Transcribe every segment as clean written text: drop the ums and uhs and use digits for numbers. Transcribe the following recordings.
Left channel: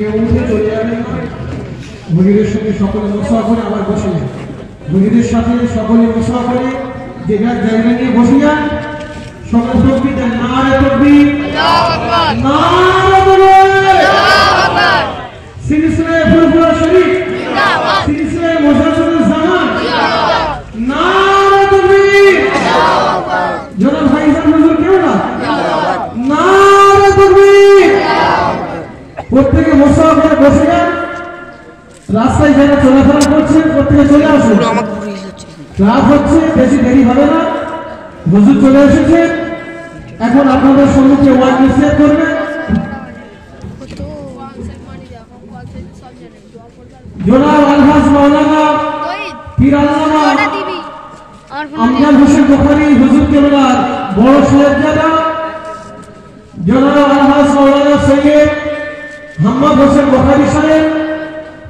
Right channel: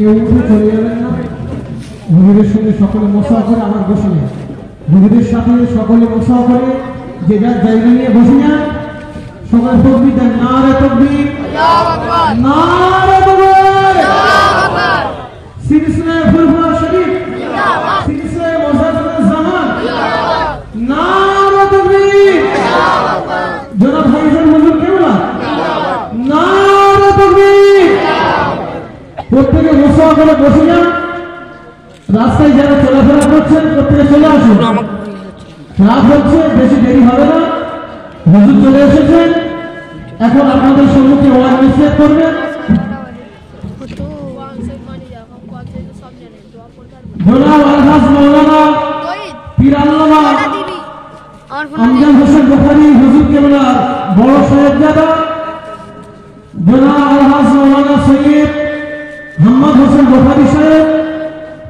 কেউ উঠে চলে যাবেন না। ভগীরের সঙ্গে সকলে মোশা করে আবার বসে যান। ভগীরের সাথে সকলে মোশা করে যে যার জায়গা নিয়ে বসে যান। সকলে তকবীর দেন, নারে তকবীর, নারে তাকবীর, সিলসিলায়ে ফুরফুরা শরীফ জিন্দাবাদ, সিলসিলায়ে মুজাদ্দিদুল জামান জিন্দাবাদ, নারে তকবীর, জিন্দাবাদ, জনাব ভাইজান হুজুর কেবলা জিন্দাবাদ, নারে তকবীর। প্রত্যেকে মোশা করে বসে যান। রাস্তায় যারা চলাফেরা করছেন প্রত্যেকে চলে আসুন। রাত হচ্ছে, বেশি দেরি হবে না। হুজুর চলে এসেছেন। এখন আপনাদের সম্মুখে ওয়াজ নসিহত করবেন জনাব আলহাজ মাওলানা পীর আল্লামা আমজাদ হোসেন গফারি হুজুর কেবলার বড় সাহেবজাদা জনাব আলহাজ মাওলানা সৈয়দ মোহাম্মদ হোসেন গফারি সাহেব,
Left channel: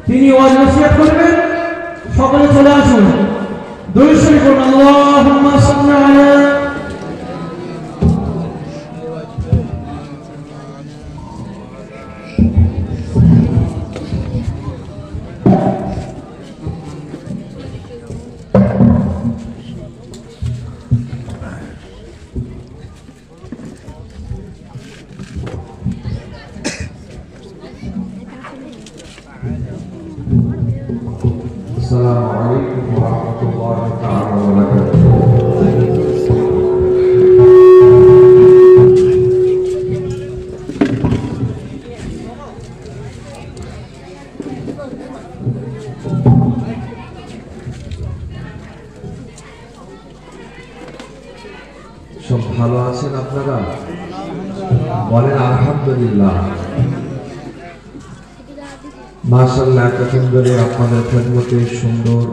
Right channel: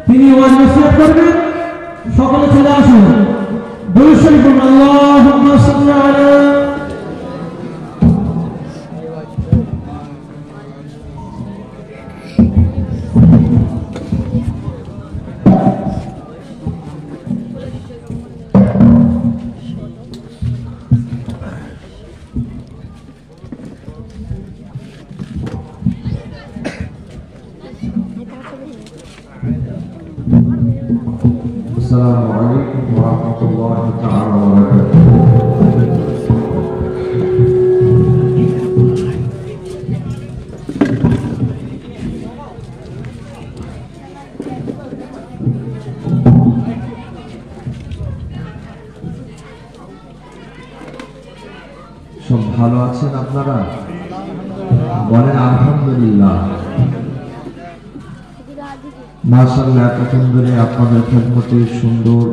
তিনি ওয়াজ নসিহত করবেন। সকলে চলে আসুন। দুরূদ শরীফ আল্লাহুম্মা সাল্লি আলাইহি। السلام عليكم ورحمة الله تعالى وبركاته. সব ভালো আছেন আপনারা? বলেন আলহামদুলিল্লাহ। মাশাআল্লাহ, এতক্ষণ ধরে আপনাদের খেদমতে সুন্দর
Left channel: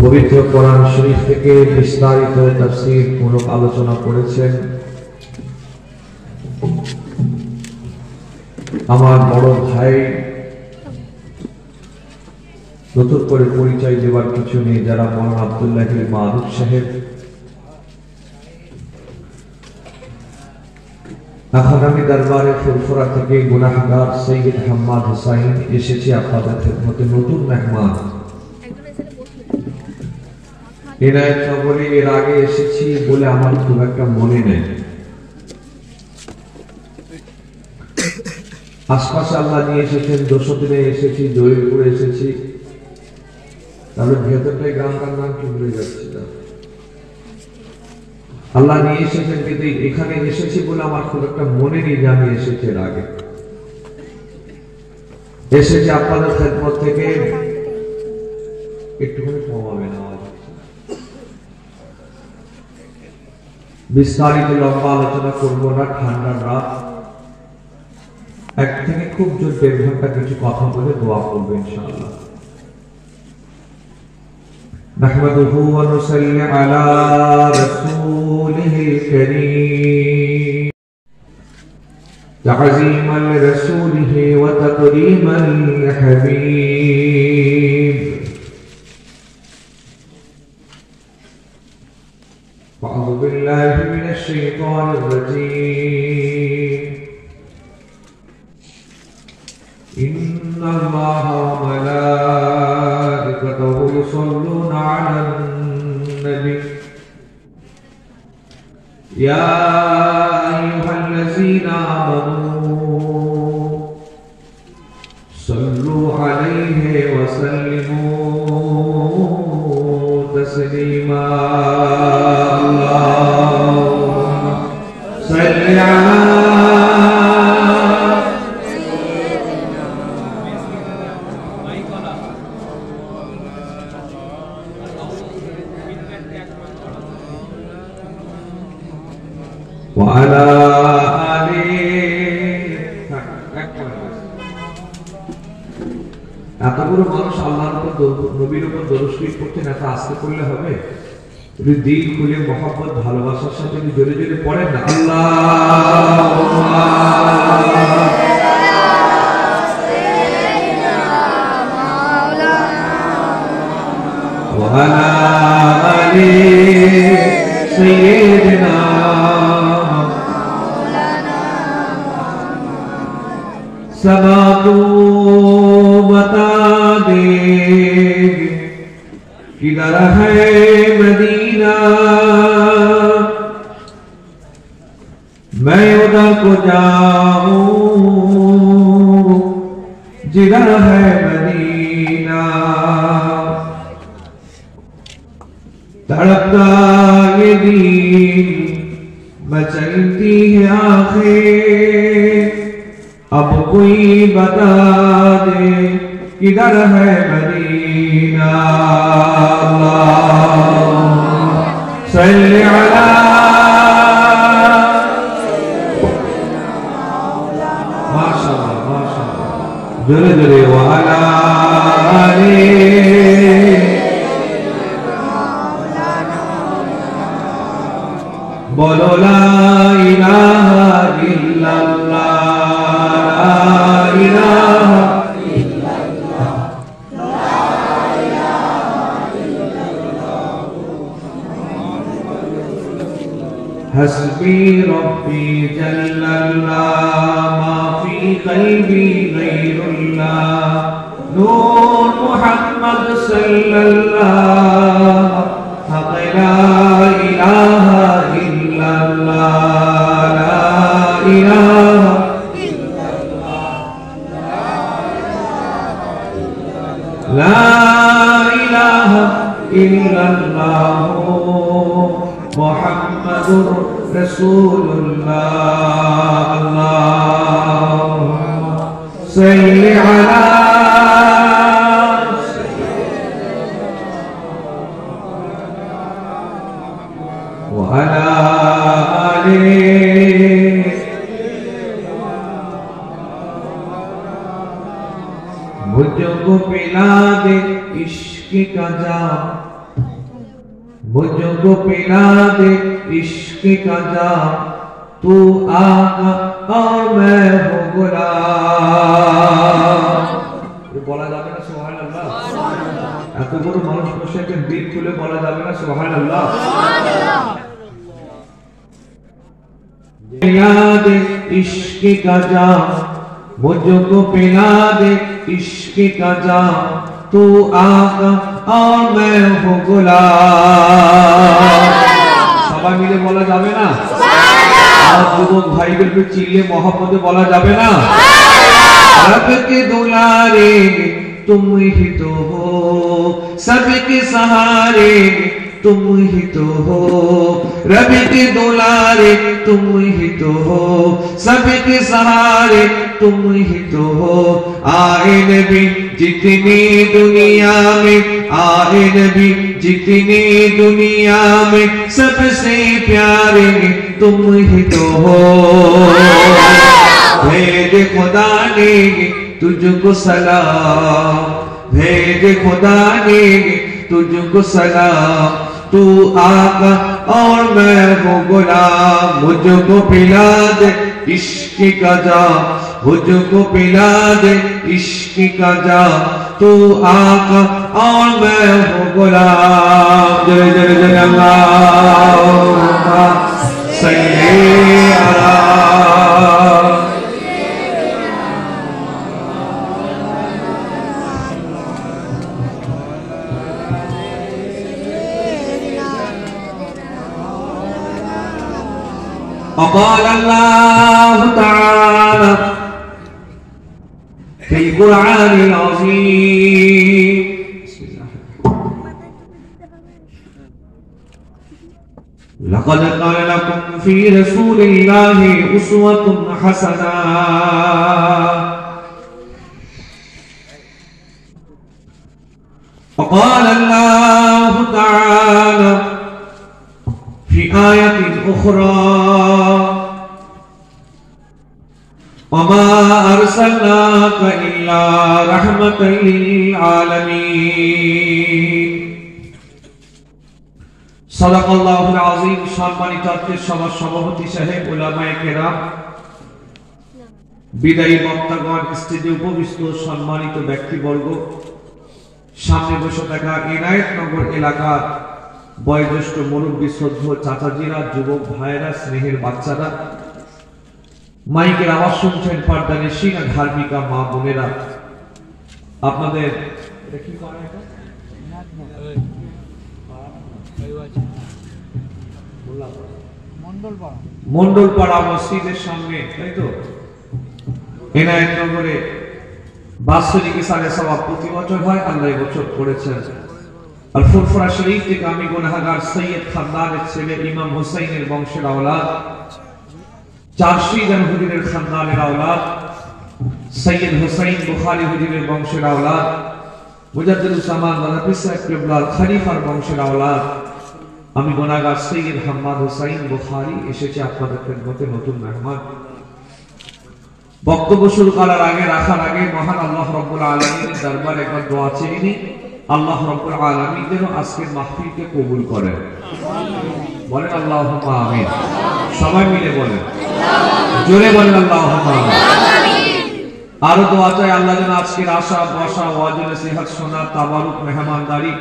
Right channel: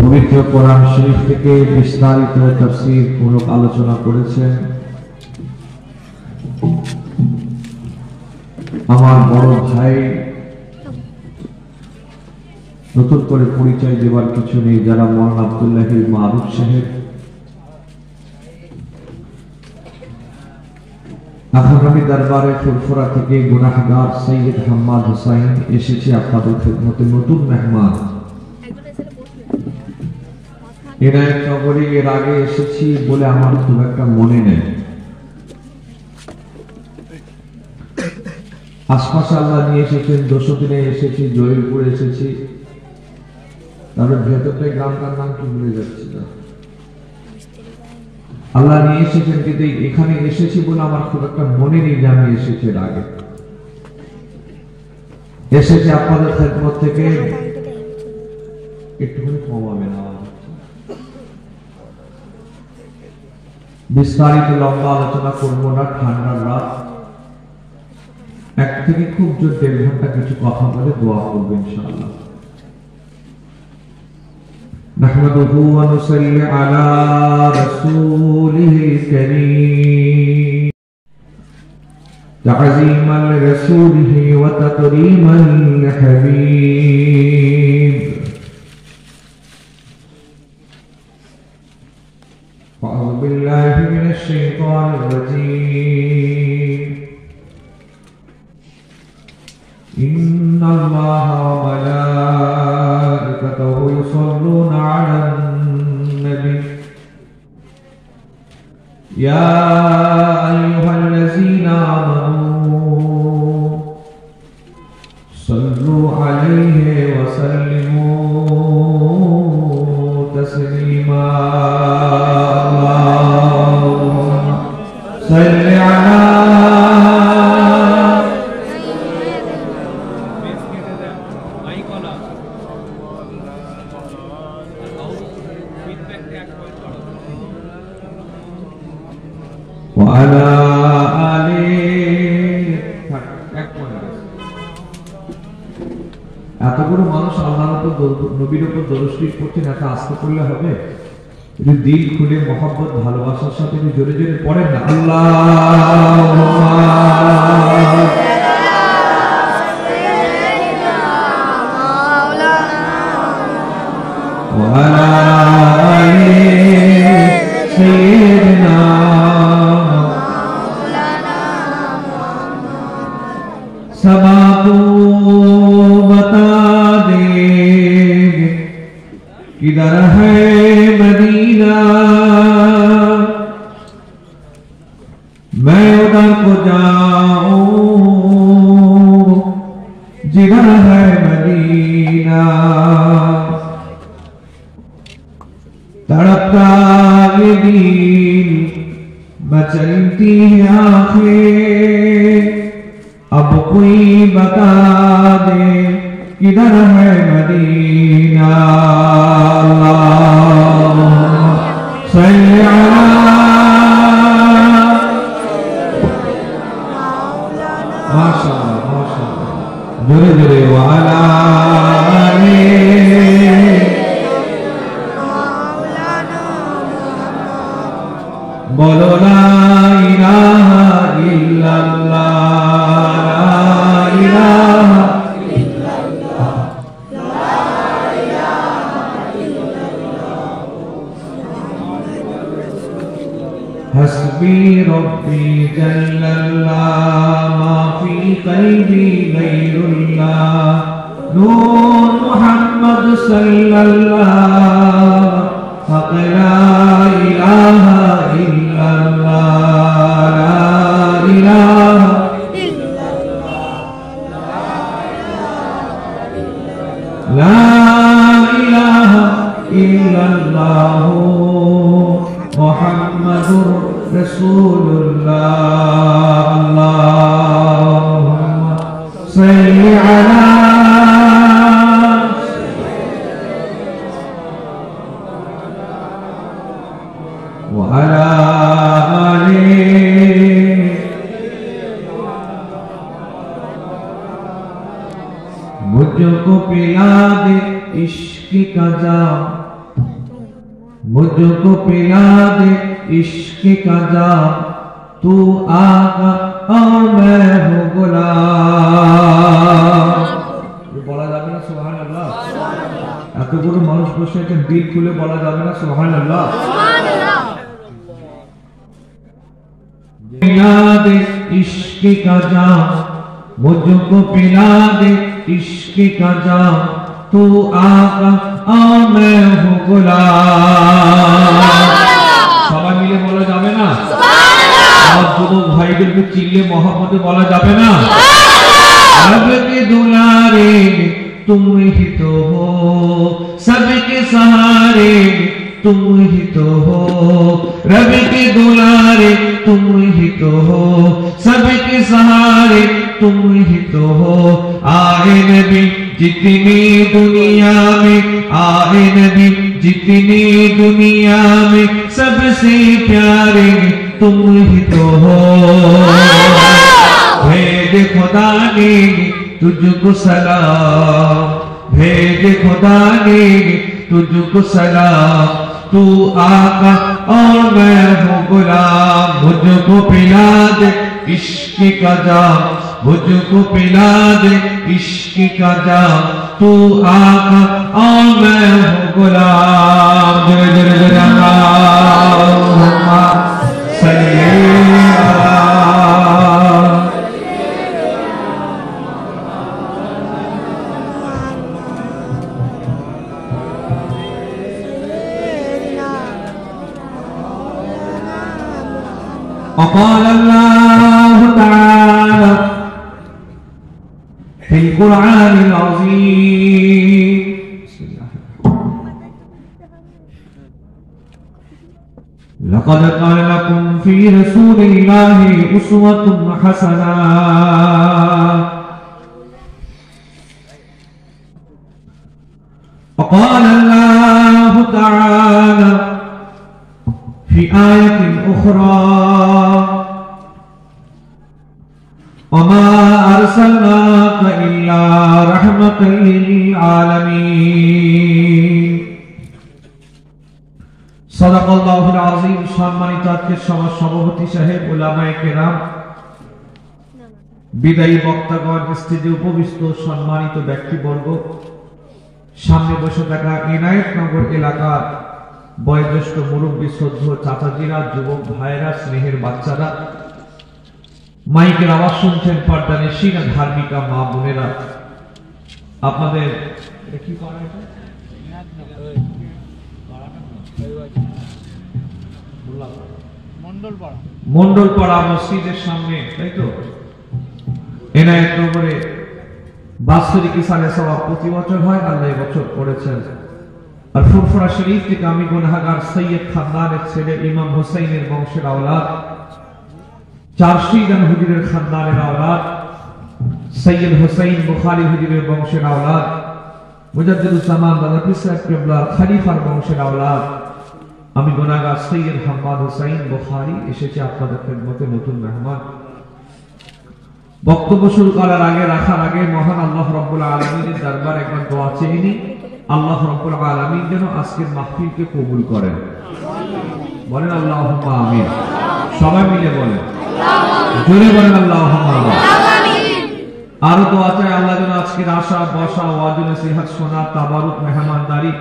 পবিত্র কোরআন শরীফ থেকে বিস্তারিত তাফসীর মূলক আলোচনা করেছেন আমার বড় ভাই। নতুন করে পরিচয় দেওয়ার কিছু নেই, যারা মৌলানা আব্দুল্লাহ মারুফ সাহেব আখানামী দরবারে ফুরফুরা থেকে গুনাহগার সৈয়দ হাম্মাদ হুসাইন এসেছি আপনাদের খেদমতে নতুন মেহমান। এনায়েত নগরে এর আগে এসেছি বলে আমার খুব একটা মনে নেই। আশপাশে আল্লাহ নিয়ে এসেছেন, দোষদিনে এসেছি, জয়পুরে এসেছি, তারপরে ভেতরটাই গ্রামটার নাম কি ভুলে যাচ্ছি না। আল্লাহ নিয়ে এসেছেন, কিন্তু এখানে এসেছি বলে আমার খুব একটা মনে নেই যে আমি এসেছি এর আগে। এসেছি আপনাদের খেদমত থেকে। একটুখানি কমাবেন আওয়াজ। বিস্তারিত লম্বা আলোচনা করবো না, ঠান্ডার রাত। এক থেকে খুব জোর 1.5 ঘন্টা কিছু কথা বলে দোয়া করবো ইনশাআল্লাহ। نحمده ونصلي على رسوله الكريم تعظيما لرسوله وتكريما لحبيب. أعوذ بالله من الشيطان الرجيم. إن الله وملائكته يصلون على النبي يا أيها الذين آمنوا صلوا عليه وسلموا تسليما. اللهم صل على وعلى آله. এত করে মানুষ আল্লাহর উপর নবীর উপর দরুদ শরীফ পড়ছেন, এত আস্তে পড়লে হবে? দিল খুলে মহব্বত ভালোবাসার সাথে জোরে জোরে পড়েন না, আল্লাহুম্মা وعلى آل سيدنا सदा तू बता दे किधर है मदीना, मैं उधर को जाऊं जिधर है मदीना। तड़पता ये दिल बचती है आंखें, अब कोई बता दे किधर है मदीना। सल्ली अला माशाअल्लाह माशाअल्लाह जुरे जुरे वाला बोलो ला इलाहा इल्लल्लाह, ला इलाहा इल्लल्लाह, ला इलाहा इल्लल्लाह। हस्बी रब्बी जल्लल्लाह, मा फी क़ल्बी गैरुल्लाह, नूर मुहम्मद सल्लल्लाह, हक़ ला इलाहा इल्लल्लाह, ला इलाहा इल्लल्लाह, ला इलाहा इल्लल्लाह, मुहम्मदुर रसूलुल्लाह। अल्लाहुम्मा सल्ली अला मुझको पिला दे इश्क का जाम, मुझको पिला दे इश्क का जाम, तू आका और मैं हूँ गुलाम। বলা যাবে না সুবহানাল্লাহ? এত বড় মানুষ বসে একটা দিল খুলে বলা যাবে না সুবহানাল্লাহ? पिला दे इश्क का जाम, मुझको पिला दे इश्क का जाम, तू आका और मैं हूँ गुलाम। সবাই মিলে বলা যাবে না? আর যুবক ভাইদেরকে চিল্লে মহব্বতে বলা যাবে না? रब के दुलारे तुम ही तो हो, सबके सहारे तुम ही तो हो, रब के दुलारे तुम ही तो हो, सबके सहारे तुम ही तो हो। आए नबी जितनी दुनिया में, आए नबी जितनी दुनिया में, सबसे प्यारे तुम ही तो हो। भेज खुदा ने तुझको सलाम, भेज खुदा ने तुझको सलाम, तू आका और मैं हूँ गुलाम। मुझको पिला दे इश्क का जाम, मुझको पिला दे इश्क का जाम, तू आका और मैं हूँ गुलाम। जय जय जय अल्लाहुम्मा सल्ली अला وقال الله تعالى في القرآن العظيم لقد كان لكم في رسول الله أسوة حسنة وقال الله تعالى في آية أخرى وما أرسلناك إلا رحمة للعالمين صدق الله العظيم। সম্মানিত আজকের সভা সভাপতি সাহেব, উলামায়ে কেরাম, বিদায়ী বক্তাগণ, স্টেজে উপবিষ্ট সম্মানিত ব্যক্তিবর্গ, সামনে বসে থাকা ইনায়েতনগর এলাকার বয়োজ্যেষ্ঠ মুরব্বী, শ্রদ্ধেয় চাচাজিরা, যুবক ভাইরা, স্নেহের বাচ্চারা, মাইকের আওয়াজ শুনছেন, পর্দা নিশিনা ধার্মিকা মা বোনেরা, আপনাদের এটা কি পাড়া, এটা মন্ডলপাড়া মসজিদের সামনে, তাই তো? এনায়েত নগরে বাৎসরিক ইসালে সওয়াব প্রতি বছর হয়, আল্লাহ বছর করেছেন। আর ফুরফুরা শরীফ থেকে আমি গুনাহগার সৈয়দ খানদানের ছেলে ইমাম হোসেনের বংশের আওলাদ, চারশি জন হুজুরের খানদানের আওলাদ, সৈয়দ হোসেন বুখারী হুজুরের বংশের আওলাদ, মুজাদ্দিদুজ্জামান দাদা পিসা কিবলার খলিফার বংশের আওলাদ, আমি গুনাহগার সৈয়দ হাম্মাদ হোসেন বুখারী এসেছে আপনাদের খেদমতে নতুন মেহমান। বক্তব্য শুরু করার আগে, রাখার আগে মহান আল্লাহ রাব্বুল আলামিনের দরবারে একবার দোয়া চেয়ে নিই। আল্লাহ রাব্বুল আলামিন যেন আজকের মাহফিলকে কবুল করেন, বলেন আল্লাহুম্মা আমিন। সবাই মিলে বলেন, জোরে বলেন আল্লাহুম্মা আমিন। আরো দোয়া চাই আল্লাহ যেন আজকের আশা বসা ওয়াজ নসিহত শোনা তাবারুক মেহমানদারি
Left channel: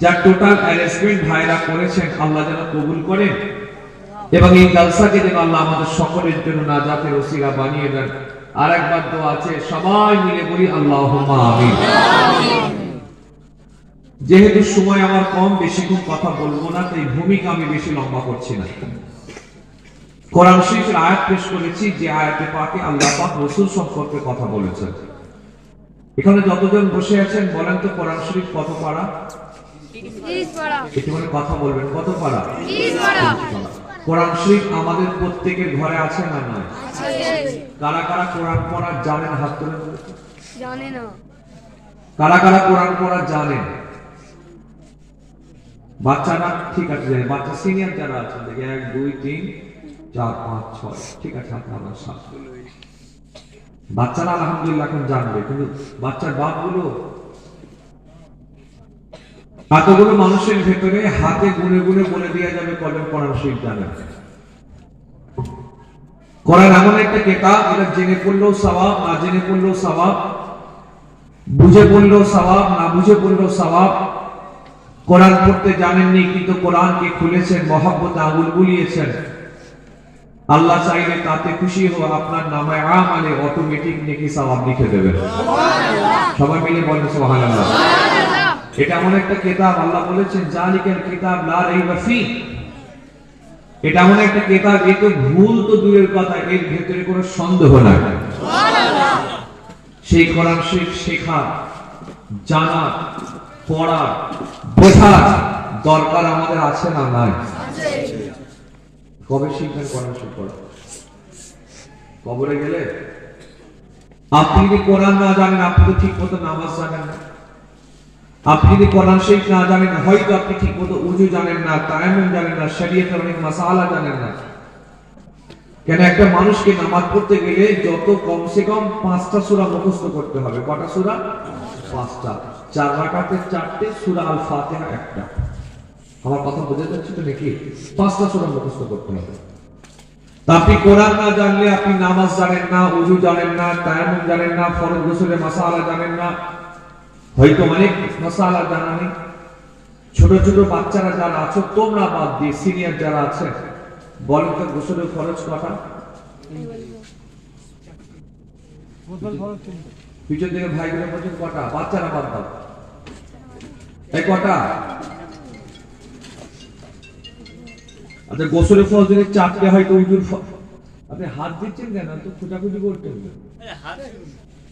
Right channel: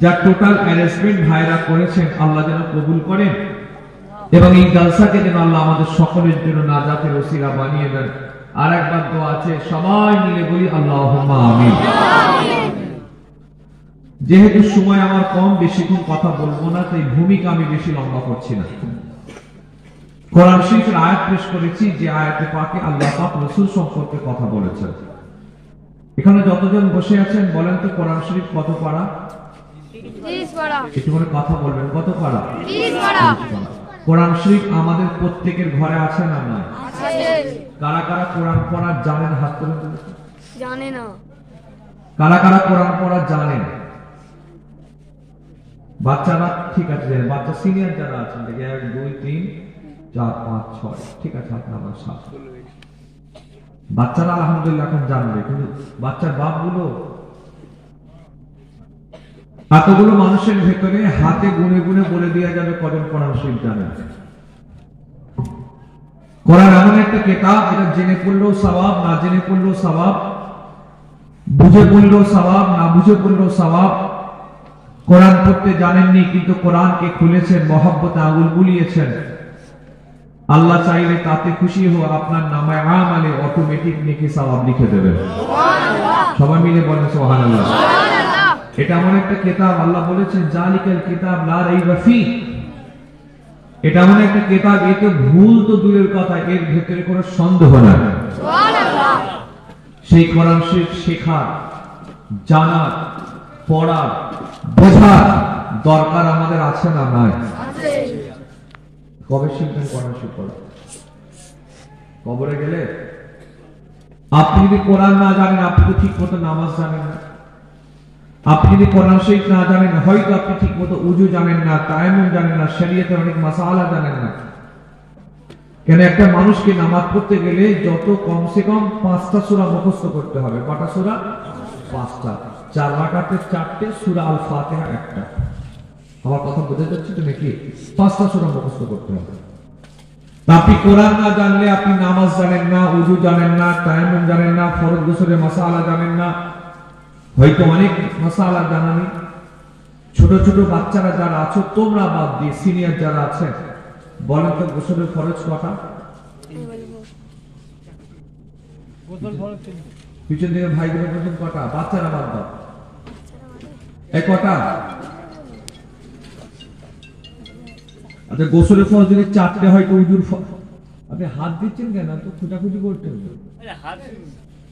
যা টোটাল অ্যারেঞ্জমেন্ট ভাইরা করেছেন আল্লাহ যেন কবুল করেন, এবং এই জলসাকে যেন আল্লাহ আমাদের সকলের জন্য নাজাতের ওসিলা বানিয়ে দেন। আর একবার দোয়া আছে, সবাই মিলে বলি আল্লাহুম্মা আমিন। যেহেতু সময় আমার কম, বেশিক্ষণ কথা বলবো না, তাই ভূমিকা আমি বেশি লম্বা করছি না। কোরআন শরীফের আয়াত পেশ করেছি, যে আয়াতে পাকে আল্লাহ পাক রাসূল সম্পর্কে কথা বলেছেন। এখানে যতজন বসে আছেন বলেন তো কোরআন শরীফ কত পারা? 30 পারা। একটু করে কথা বলবেন, কত পারা? 30 পারা। কোরআন শরীফ আমাদের প্রত্যেকের ঘরে আছে না নয়? আছে। কারা কারা কোরআন পড়া জানেন হাত তুলে বলুন। জানে না। কারা কারা কোরআন পড়া জানেন? বাচ্চারা ঠিক আছে, বাচ্চা সিনিয়র যারা আছেন দেখে 1 2 3 4 5 6, ঠিক আছে আপনার সাথে। বাচ্চারা আলহামদুলিল্লাহ এখন জানবে, কিন্তু বাচ্চার বাপগুলো, এতগুলো মানুষের ভেতরে হাতে গুনে গুনে বলে দেওয়া যাবে কজন কোরআন শরীফ জানেন। কোরআন এমন একটা কিতাব, এটা জেনে পড়লেও সওয়াব, না জেনে পড়লেও সওয়াব, বুঝে পড়লেও সওয়াব, না বুঝে পড়লেও সওয়াব। কোরআন পড়তে জানেননি কিন্তু কোরআনকে খুলেছেন, মহব্বতে আঙুল বুলিয়েছেন, আল্লাহ চাইলে তাতে খুশি হওয়া আপনার নামায় আমালে অটোমেটিক নেকি সওয়াব লিখে দেবেন। সবাই মিলে বলেন সুবহানাল্লাহ। এটা এমন একটা কিতাব, আল্লাহ বলেছেন জালিকাল কিতাব লা রাইবা ফি। এটা এমন একটা কিতাব, এতে ভুল তো দূরের কথা, এর ভেতরে কোনো সন্দেহ নাই। সেই কোরআন শরীফ শেখার, জানার, পড়ার, বোঝার দরকার আমাদের আছে না নয়? কবে শিখবেন কোরআন শরীফ পড়া? কবরে গেলে? আপনি যদি কোরআন না জানেন, আপনি তো ঠিক মতো নামাজ জানেন না। আপনি যদি কোরআন শরীফ না জানেন, হয়তো আপনি ঠিক মতো উযু জানেন না, তায়াম্মুম জানেন না, শরীয়তের অনেক মাসালা জানেন না। কেন একটা মানুষকে নামাজ পড়তে গেলে যত কমসে কম 5টা সূরা মুখস্থ করতে হবে। কটা সূরা? 5টা। 4 রাকাতে 4টে, সূরা আল ফাতিহা একটা। আমার কথা বুঝে যাচ্ছে তো নাকি? 5টা সূরা মুখস্থ করতে হবে। আপনি কোরআন না জানলে আপনি নামাজ জানেন না, উযু জানেন না, তায়াম্মুম জানেন না, ফরজ গোসলের মাসালা জানেন না, হয়তো অনেক মাসালা জানা নেই। ছোট ছোট বাচ্চারা যারা আছো তোমরা বাদ দিয়ে সিনিয়র যারা আছেন বলেন তো গোসলের ফরজ কটা? গোসল ফরজ পিছন দিকে ভাইগুলো বলছেন কটা? বাচ্চারা বাদ দাও, এই কটা? আচ্ছা গোসলের ফরজ যদি 4টে হয় তো উযুর আপনি হাত দিচ্ছেন কেন? তো খোঁজাখুঁজি করতে হবে।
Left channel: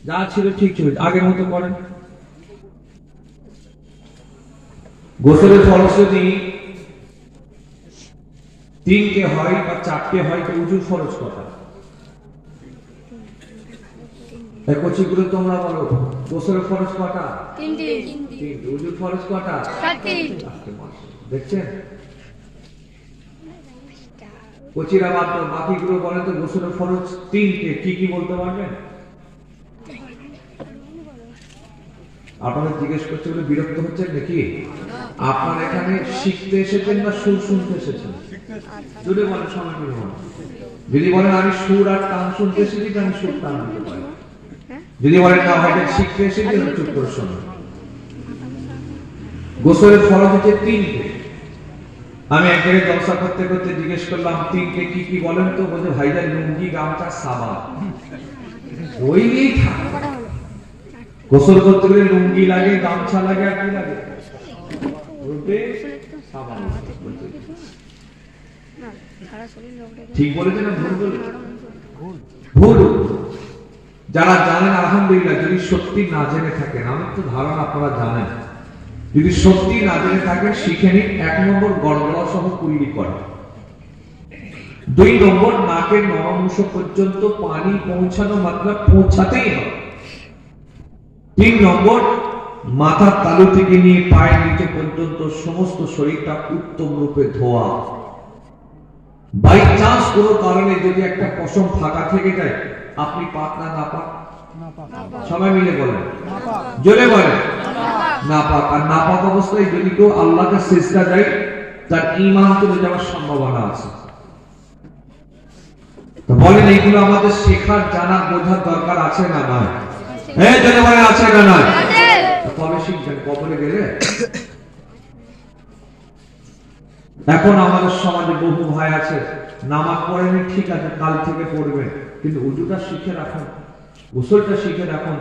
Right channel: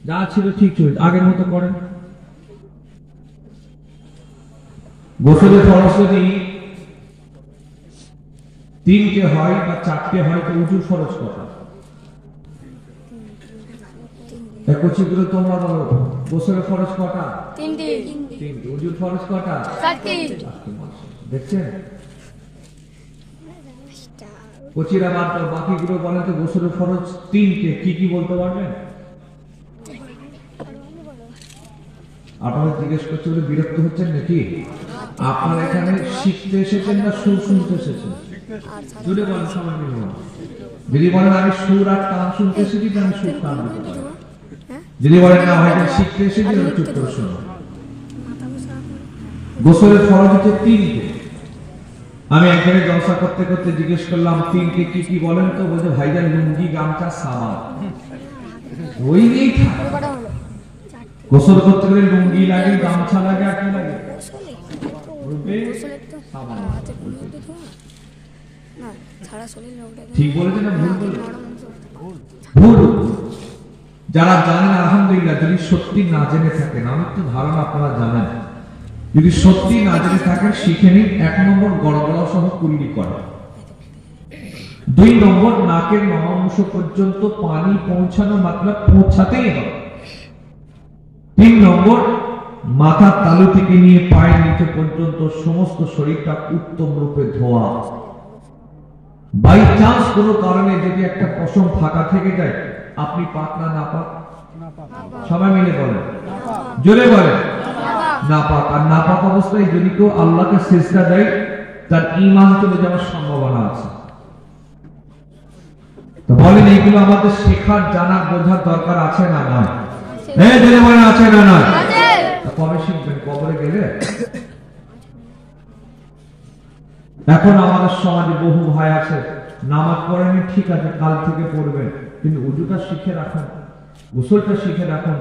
যা ছিল ঠিক ছিল, আগের মতো করেন। গোসলের ফরজ যদি 3টে হয় বা 4টে হয় তো উযুর ফরজ কটা? এই কোচিগুলো তোমরা বলো, গোসলের ফরজ কটা? 3টে। উযুর ফরজ কটা? 4টে। দেখছেন? কোচিরা বাদ দাও, বাকিগুলো বলেন তো গোসলের ফরজ 3টে, কি কি বলতে পারবেন? আপনারা জিজ্ঞেস করতে বলে বিরক্ত হচ্ছেন নাকি? আপনারা এখানে শিখতে এসেছেন না সুর শুনতে এসেছেন? দুটো বলেন সবাই মিলে বলেন। যদি বলেন আমি সুর আর তান শুনতে এসেছি, আমি সুর তান দিতে পারি। যদি বলেন না ভাই শিখতে এসেছি, চুপ করে শোনো। গোসলের ফরজ হচ্ছে 3টে। আমি একদিন জলসা করতে করতে জিজ্ঞেস করলাম তিনটে কি কি বলেন তো, বলছে ভাইজান লুঙ্গি গামছা সাবান ওই নিয়েই থাকে। গোসল করতে গেলে লুঙ্গি লাগে, গামছা লাগে, আর কি লাগে বলবে সাবান। ঠিক বলেছে না ভুল বলে? ভুল। যারা জানেন আলহামদুলিল্লাহ, যদি সত্যি না জেনে থাকেন, আমার তো ধারণা আপনারা জানেন, যদি সত্যি না জেনে থাকেন শিখে নিন। 1 নম্বর গড়গড়া সহ কুল্লি করা। 2 নম্বর নাকের নবাংশ পর্যন্ত পানি পৌঁছানো, মাত্রা পৌঁছাতেই হবে। 3 নম্বর মাথার তালু থেকে নিয়ে পায়ের নিচে পর্যন্ত সমস্ত শরীরটা উত্তম রূপে ধোয়া। বাই চান্স কোনো কারণে যদি একটা পশম ফাঁকা থেকে যায়, আপনি পাক না নাপাক? সবাই মিলে বলেন, জোরে বলেন নাপাক। আর নাপাক অবস্থায় যদি কেউ আল্লাহকে সিজদা দেয়, তার ঈমান চলে যাওয়ার সম্ভাবনা আছে। তো বলেন, এইগুলো আমাদের শেখার, জানার, বোঝার দরকার আছে না নাই? হ্যাঁ জোরে বলেন, আছে না নাই? কবে শিখবেন? কবরে গেলে? এখন আমাদের সমাজে বহু ভাই আছে, নামাজ পড়েনি ঠিক আছে, কাল থেকে পড়বেন, কিন্তু উজুটা শিখে রাখুন, গোসলটা শিখে রাখুন,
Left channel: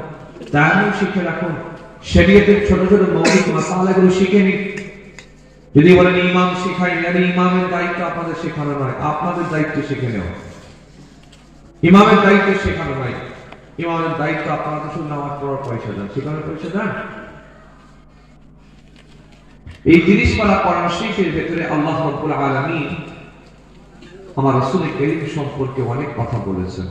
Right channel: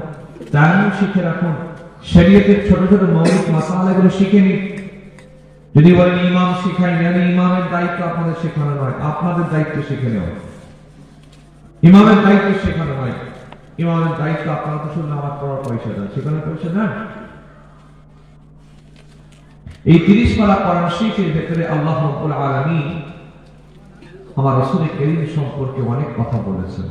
তায়াম্মুম শিখে রাখুন, শরীয়তের ছোট ছোট মৌলিক মাসালাগুলো শিখে নিন। যদি বলেন ইমাম শিখাই না, ইমামের দায়িত্ব আপনাদের শেখানো নয়, আপনাদের দায়িত্ব শিখে নেওয়া। ইমামের দায়িত্ব শেখানো নয়, ইমামের দায়িত্ব আপনারা তো শুধু নামাজ পড়ার পয়সা দেন, সেখানে পয়সা দেন। এই 30 পারা কোরআন শরীফের ভেতরে আল্লাহ রাব্বুল আলামিন আমার রাসূল করিম সম্পর্কে অনেক কথা বলেছেন।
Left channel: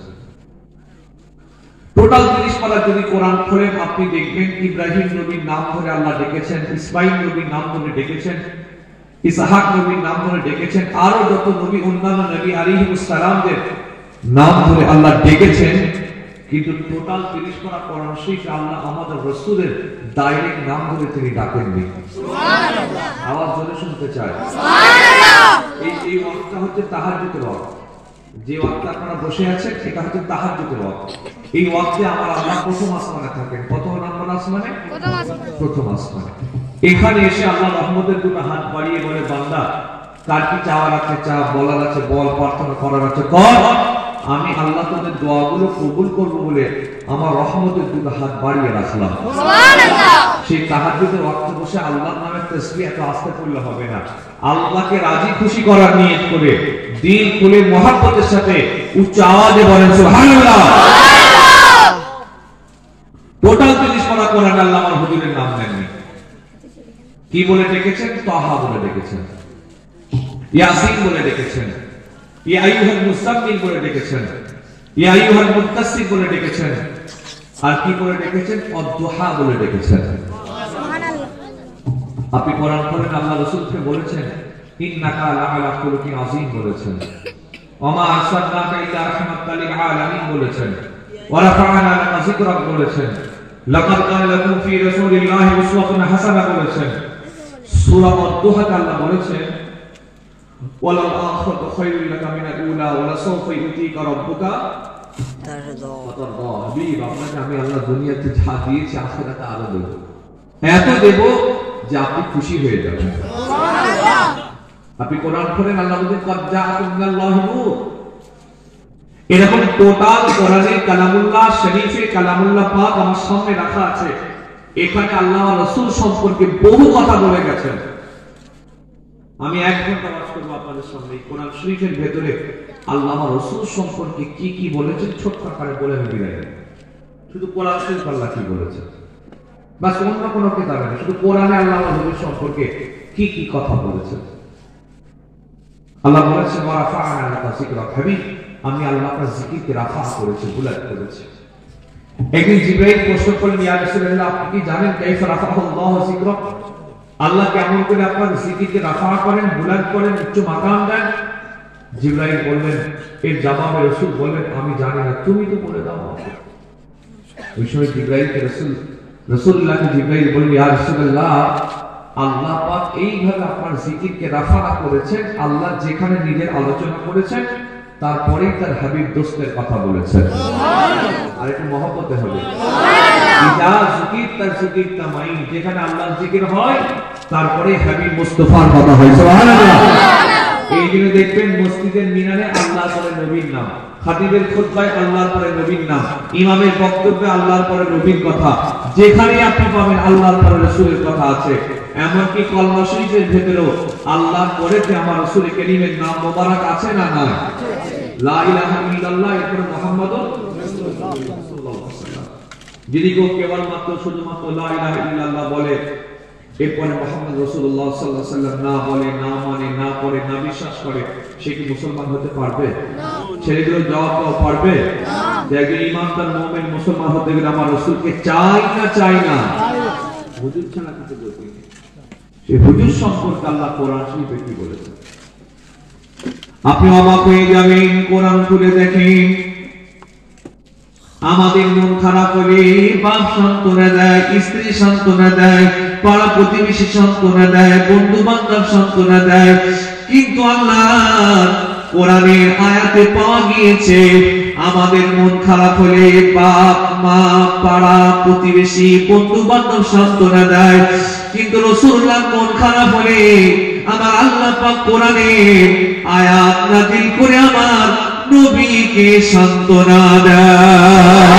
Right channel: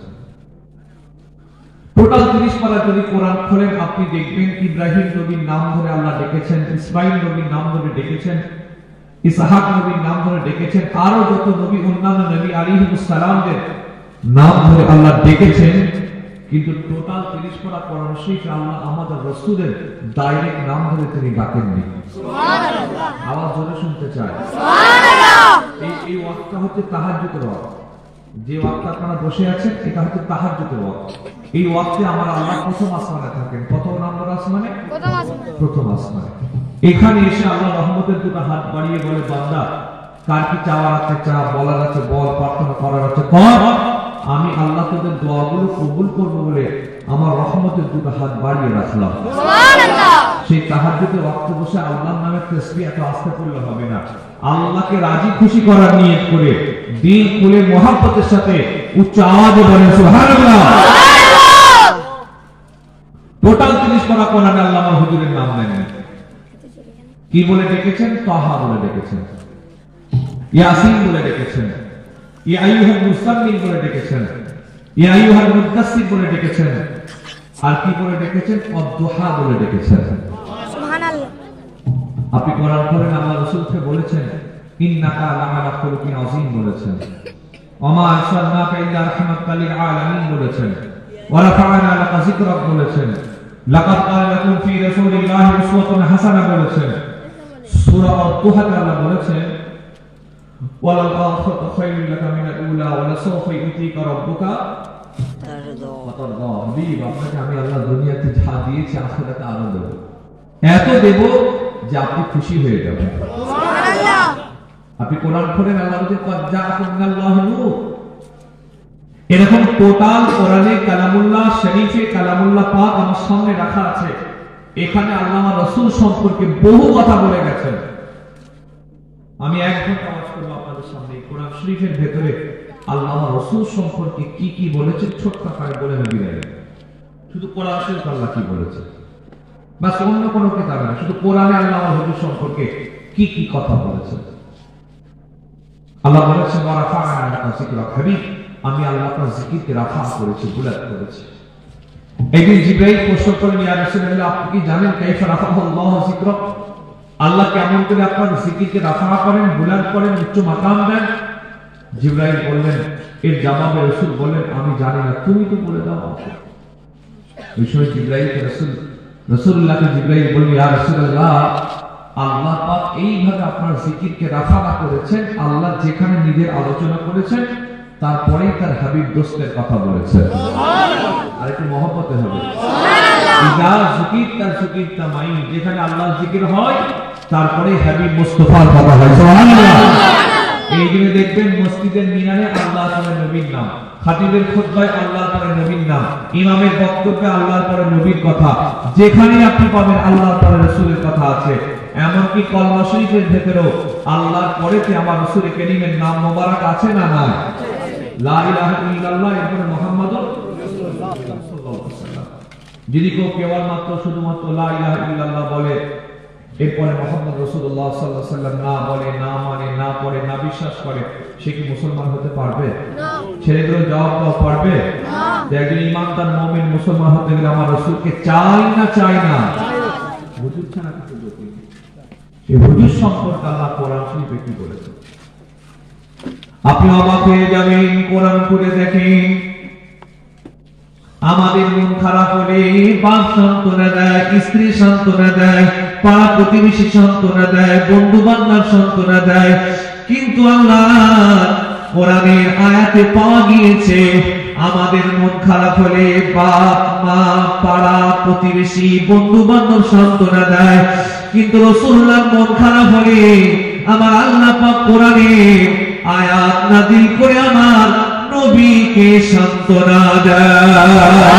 টোটাল 30 পারা যদি কোরআন খোলেন, আপনি দেখবেন ইব্রাহিম নবীর নাম ধরে আল্লাহ ডেকেছেন, ইসমাঈল নবীর নাম ধরে ডেকেছেন, ইসহাক নবীর নাম ধরে ডেকেছেন, আরো যত নবী, অন্যান্য নবী আলাইহিস সালামদের নাম ধরে আল্লাহ ডেকেছেন। কিন্তু টোটাল 30 পারা কোরআন শরীফে আল্লাহ আমাদের রাসূলের ডাইরেক্ট নাম ধরে তিনি ডাকেননি। সুবহানাল্লাহ। আওয়াজ জোরে শুনতে চাই। সুবহানাল্লাহ। এই ওয়াক্তটা হচ্ছে তাহাজ্জুদের ওয়াক্ত। যে ওয়াক্তে আপনারা বসে আছেন, এটা হচ্ছে তাহাজ্জুদের ওয়াক্ত। এই ওয়াক্তে আমার আল্লাহ প্রথম আসমানে থাকেন। কত নম্বর আসমানে? প্রথম আসমানে। এখানে এসে আল্লাহ রহমতের দুটো হাত বাড়িয়ে বলে, বান্দা কার কি চাওয়ার আছে চা, বলার আছে বল, প্রার্থনা করার আছে কর। আমি আল্লাহ তোদের দোয়াগুলো কবুল করব বলে আমার রহমতের দুটো হাত বাড়িয়ে রাখলাম। সুবহানাল্লাহ। সেই তাহাজ্জুদের ওয়াক্তে বসে আল্লাহর নামে তাসবিহ এত আস্তে পড়লে হবে না। আল্লাহকে রাজি খুশি করার নিয়ত করে, দিল খুলে মহব্বতের সাথে উচ্চ আওয়াজে বলেন সুবহানাল্লাহ। সুবহানাল্লাহ। টোটাল 30 পারা কোরআনে আল্লাহ আমার হুজুরের নাম নেননি। কি বলে ডেকেছেন? তাহা বলে ডেকেছেন, ইয়াসিন বলে ডেকেছেন, ইয়া আইয়ুহাল মুসাম্মিল বলে ডেকেছেন, ইয়া আইয়ুহাল মুদাসসির বলে ডেকেছেন, আর কি করে ডেকেছেন? অদ-দুহা বলে ডেকেছেন। সুবহানাল্লাহ। আপনি কোরআন পড়েন, আল্লাহ রাসূলকে বলেছেন ইন্নাকা লাআলা খুলুকিন আযীম বলেছেন, ওমা আরসালনাকা ইল্লা রাহমাতাল লিল আলামিন বলেছেন, ওয়া রাফা'না লাকা যিকরাক বলেছেন, লাকাদ কানা লাকুম ফি রাসূলিল্লাহি উসওয়াতুন হাসানাহ বলেছেন। সূরা অদ-দুহাতে আল্লাহ বলেছেন ওয়ালাল আখিরাতু খায়রুল লাকা মিনাল উলা ওয়া লাসাওফা ইউতিকা রাব্বুকা তারদা। হাবিব, আপনাকে আমি আল্লাহ দুনিয়াতে যা দিয়েছি, আখিরাতে আরো দেব, এত দেব যে আপনি খুশি হয়ে যাবেন। সুবহানাল্লাহ। আপনি কোরআন পড়েন, আল্লাহ বলেন কাদ জাআকুম মিনাল্লাহি নূর। এরকম টোটাল কোরআনে কালামুল্লাহ শরীফে কালামুল্লাহ পাক আমার সামনে রাখা আছে। এখানে আল্লাহ রাসূল সম্পর্কে বহু কথা বলে গেছেন। আমি এক ঘন্টা ওয়াজ করব আপনাদের সামনে। কোরআন শরীফের ভেতরে আল্লাহ রাসূল সম্পর্কে কি কি বলেছেন ছোট্ট করে বলে আমি বিদায় নেব। শুধু কোরআন শরীফ আল্লাহ কি বলেছে, বাস অন্য কোনো কিতাবে না, শুধু কোরআনে আল্লাহ রাসূল সম্পর্কে কি কি কথা বলেছেন। আল্লাহ বলেছেন ওয়া রাফা'না লাকা যিকরাক। হাবিব, আমি আল্লাহ আপনার জিকিরকে রাফা করেছি, বুলাদ করেছি। একদিন জিবরাইল প্রশ্ন করলেন, ইয়া রাসূলুল্লাহ, আপনি কি জানেন কাইফা রাফা'আল্লাহু যিকরাক? আল্লাহ কেমন করে আপনার জিকিরকে রাফা করেন, বুলাদ করেন, উচ্চ মাকাম দেন? জিবরাইল বললেন, এর জবাবে রাসূল বললেন, আমি জানি না, তুমি তো বলে দাও আমাকে। ওই সময় জিবরাইলকে রাসূলুল্লাহকে জিবরাইল বললেন, ইয়া রাসূলুল্লাহ, আল্লাহ পাক এইভাবে আপনার জিকিরকে রাফা করেছেন, আল্লাহ যেখানে নিজের আলোচনা করেছেন তারপরেই তার হাবিব দোস্তের কথা বলেছেন। সুবহানাল্লাহ। আর একটু মহব্বতে হবে। সুবহানাল্লাহ। ইজা যিকিরতা যিকিরতা মাই, যেখানে আল্লাহর জিকির হয় তারপরে হাবিব মুস্তাফার কথা হয়। সুবহানাল্লাহ। এই দিনে দেখবেন মসজিদের মিনারে আল্লাহর পরে নবীর নাম, খাতিবের খুতবায় আল্লাহর পরে নবীর নাম, ইমামের বক্তব্যে আল্লাহর পরে নবীর কথা, যেখানে আপনি পাবেন আল্লাহর পরে রাসূলের কথা আছে। এমনকি কলমা শরীফের ভেতরেও আল্লাহর পরে কি আমার রাসূল কারীমের নাম মোবারক আছে না নাই? লা ইলাহা ইল্লাল্লাহ, এরপরে মুহাম্মাদুর রাসূলুল্লাহ সাল্লাল্লাহু আলাইহি ওয়াসাল্লাম। যদি কেউ কেবলমাত্র শুধুমাত্র লা ইলাহা ইল্লাল্লাহ বলে, এরপরে মুহাম্মদ রাসূলুল্লাহ সাল্লাল্লাহু আলাইহি ওয়াসাল্লাম না বলে, না মানে, না পড়ে, না বিশ্বাস করে, সে কি মুসলমান হতে পারবে? ছেলেগুলো জবাব দাও, পারবে? যে একজন ইমানদার মুমিন মুসলমান হতে গেলে আমার রাসূলকে চাই না চাই না? হুজুর ছাড়া কিছু করতে নেই। এই হুজুর সম্পর্কে আল্লাহ কোরআন শরীফে কি বলেছে? আপনি অবাক হয়ে যাবেন, কোরআন খুলে দেখেন। আমাদের মন খারাপ হলে বাপ সান্ত্বনা দেয়, স্ত্রী সান্ত্বনা দেয়, পাড়া প্রতিবেশী সান্ত্বনা দেয়, বন্ধু বান্ধব সান্ত্বনা দেয়, কিন্তু আল্লাহ কোরআনের আয়াতে পাওয়া গিয়েছে আমাদের মন খারাপ হলে বাপ মা পাড়া প্রতিবেশী বন্ধু বান্ধব সান্ত্বনা দেয়, কিন্তু রাসূলুল্লাহ মন খারাপ হলে আমার আল্লাহ পাক কোরআনের আয়াত নাযিল করে আমার নবীকে সান্ত্বনা দেয়।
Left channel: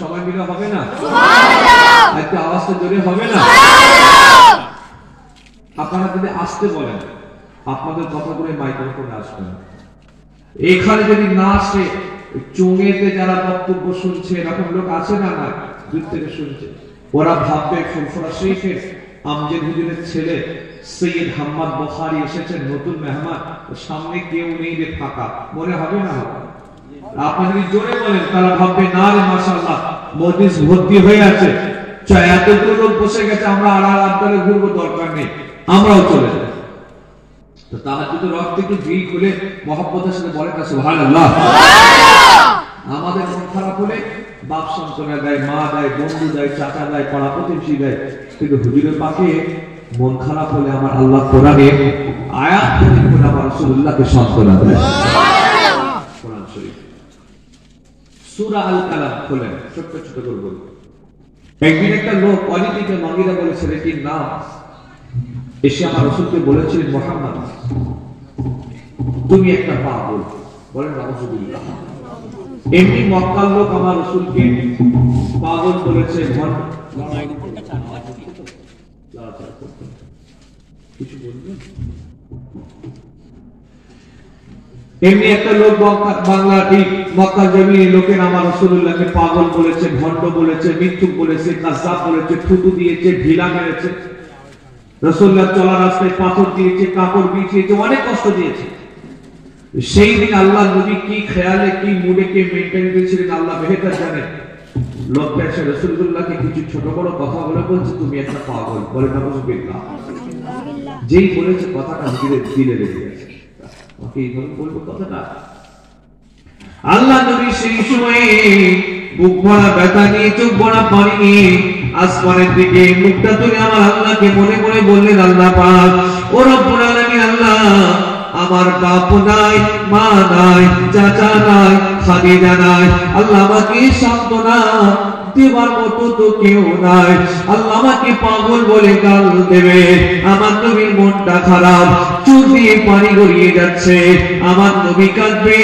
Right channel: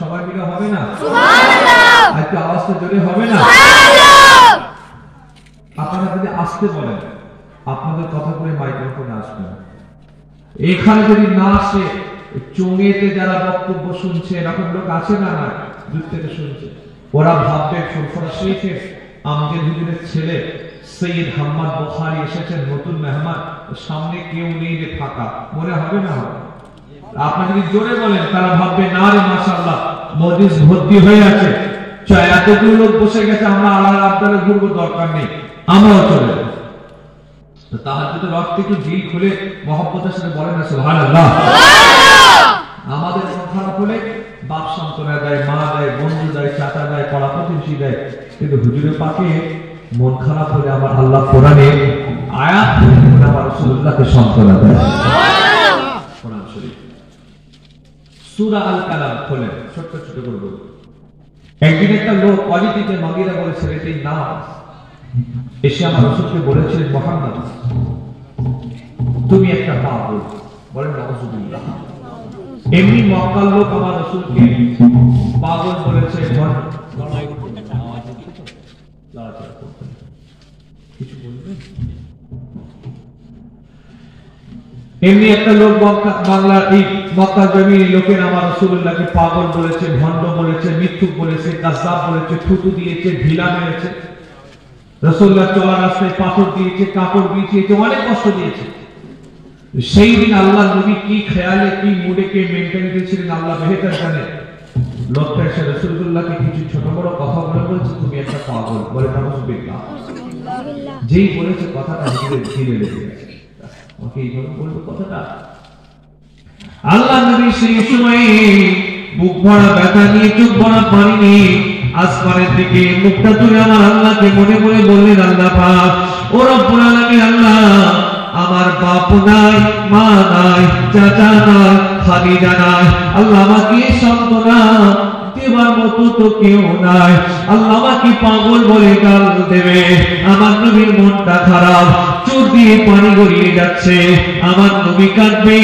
সবাই মিলে হবে না? সুবহানাল্লাহ। একটু আওয়াজটা জোরে হবে না? সুবহানাল্লাহ। আপনারা যদি আসতে বলেন, আপনাদের কথাগুলো মাইক্রোফোনে আসবে না। এখানে যদি না আসে, চোঙেতে যারা বক্তব্য শুনছে এরকম লোক আছে না? না, দূর থেকে শুনছে, ওরা ভাববে ফুরফুরা শরীফের আমজদ হুজুরের ছেলে সৈয়দ হাম্মাদ বুখারী এসেছেন, নতুন মেহমান, সামনে কেউ নেই, যে ফাঁকা, মনে হবে না? আপনি যদি জোরে বলেন তারা ভাববে না রে মাশাআল্লাহ মজলিস ভর্তি হয়ে আছে, এতগুলো লোক বসে গেছে, আমরা আড়াল আবদালে ঘুরবো, দরকার নেই, আমরাও চলে যাই। তো তাহাজ্জুদের ওয়াক্তে একটু দিল খুলে মহব্বতের সাথে বলেন না সুবহানাল্লাহ। আমাদের মন খারাপ হলে বাপ সান্ত্বনা দেয়, মা দেয়, বন্ধু দেয়, চাচা দেয়, পাড়া প্রতিবেশী দেয়, কিন্তু হুজুরের পাকে মন খারাপ হলে আমার আল্লাহ কোরআনে আয়াত করে আমার রাসূলুল্লাহকে সান্ত্বনা দেয়। কোরআন শরীফ সূরা আল কালাম খোলেন, ছোট ছোট করে বলি। একদিন একটা লোক কোয়ালিটিতে মগিরা বলে ছেলেটির নাম, এসে আমার রাসূলকে বলেছিলেন, মুহাম্মদ তুমি একটা পাগল। বলেন নাউযুবিল্লাহ। এমনি মক্কার লোক আমার রাসূলকে পাগল বলেছে, কিছু বলবেন? এমনি একটা লোক বাংলা এই মক্কা জমির লোকের আমার রাসূলুল্লাহকে পাগল বলেছে, ভণ্ড বলেছে, মিথ্যুক বলেছে, কাযযাব বলেছে, থুতু দিয়েছে, ঢিলা মেরেছে, রাসূলুল্লাহ চলার রাস্তায় পাথর দিয়েছে, কাপড় বিছিয়েছে, অনেক কষ্ট দিয়েছে। সেই দিন আল্লাহ নবী কি খেয়ালে, কি মুডে, কে মেন্টালিটি ছিলেন আল্লাহ বেহতর জানেন। লোকটা এসে রাসূলুল্লাহকে কিছু ছোট বড় কথা বলছে, তুমি একটা পাগল। বলে নাউযুবিল্লাহ। যেই বলেছে কথাটা ধীরে ধীরে লেগে গেছে, ওকে এইভাবে বলবো কথাটা। আল্লাহ নবী সেই সময়ে বুক ভরা ব্যথা নিয়ে, চোখ ভরা পানি নিয়ে আসমানের দিকে মুখটা তুলে আমার আল্লাহকে মনে মনে বললেন, আল্লাহ পাক ও রব্বুল আলামিন, আল্লাহ আমার বাপ নাই, মা নাই, চাচা নাই, খাদিজা নাই, আল্লাহ আমাকে সান্ত্বনা দেবার মতো তো কেউ নাই, আল্লাহ আমাকে পাগল বলে গাল দেবে। আমার নবীর মনটা খারাপ, চোখ দিয়ে পানি গড়িয়ে যাচ্ছে, আমার নবী কাঁদবে,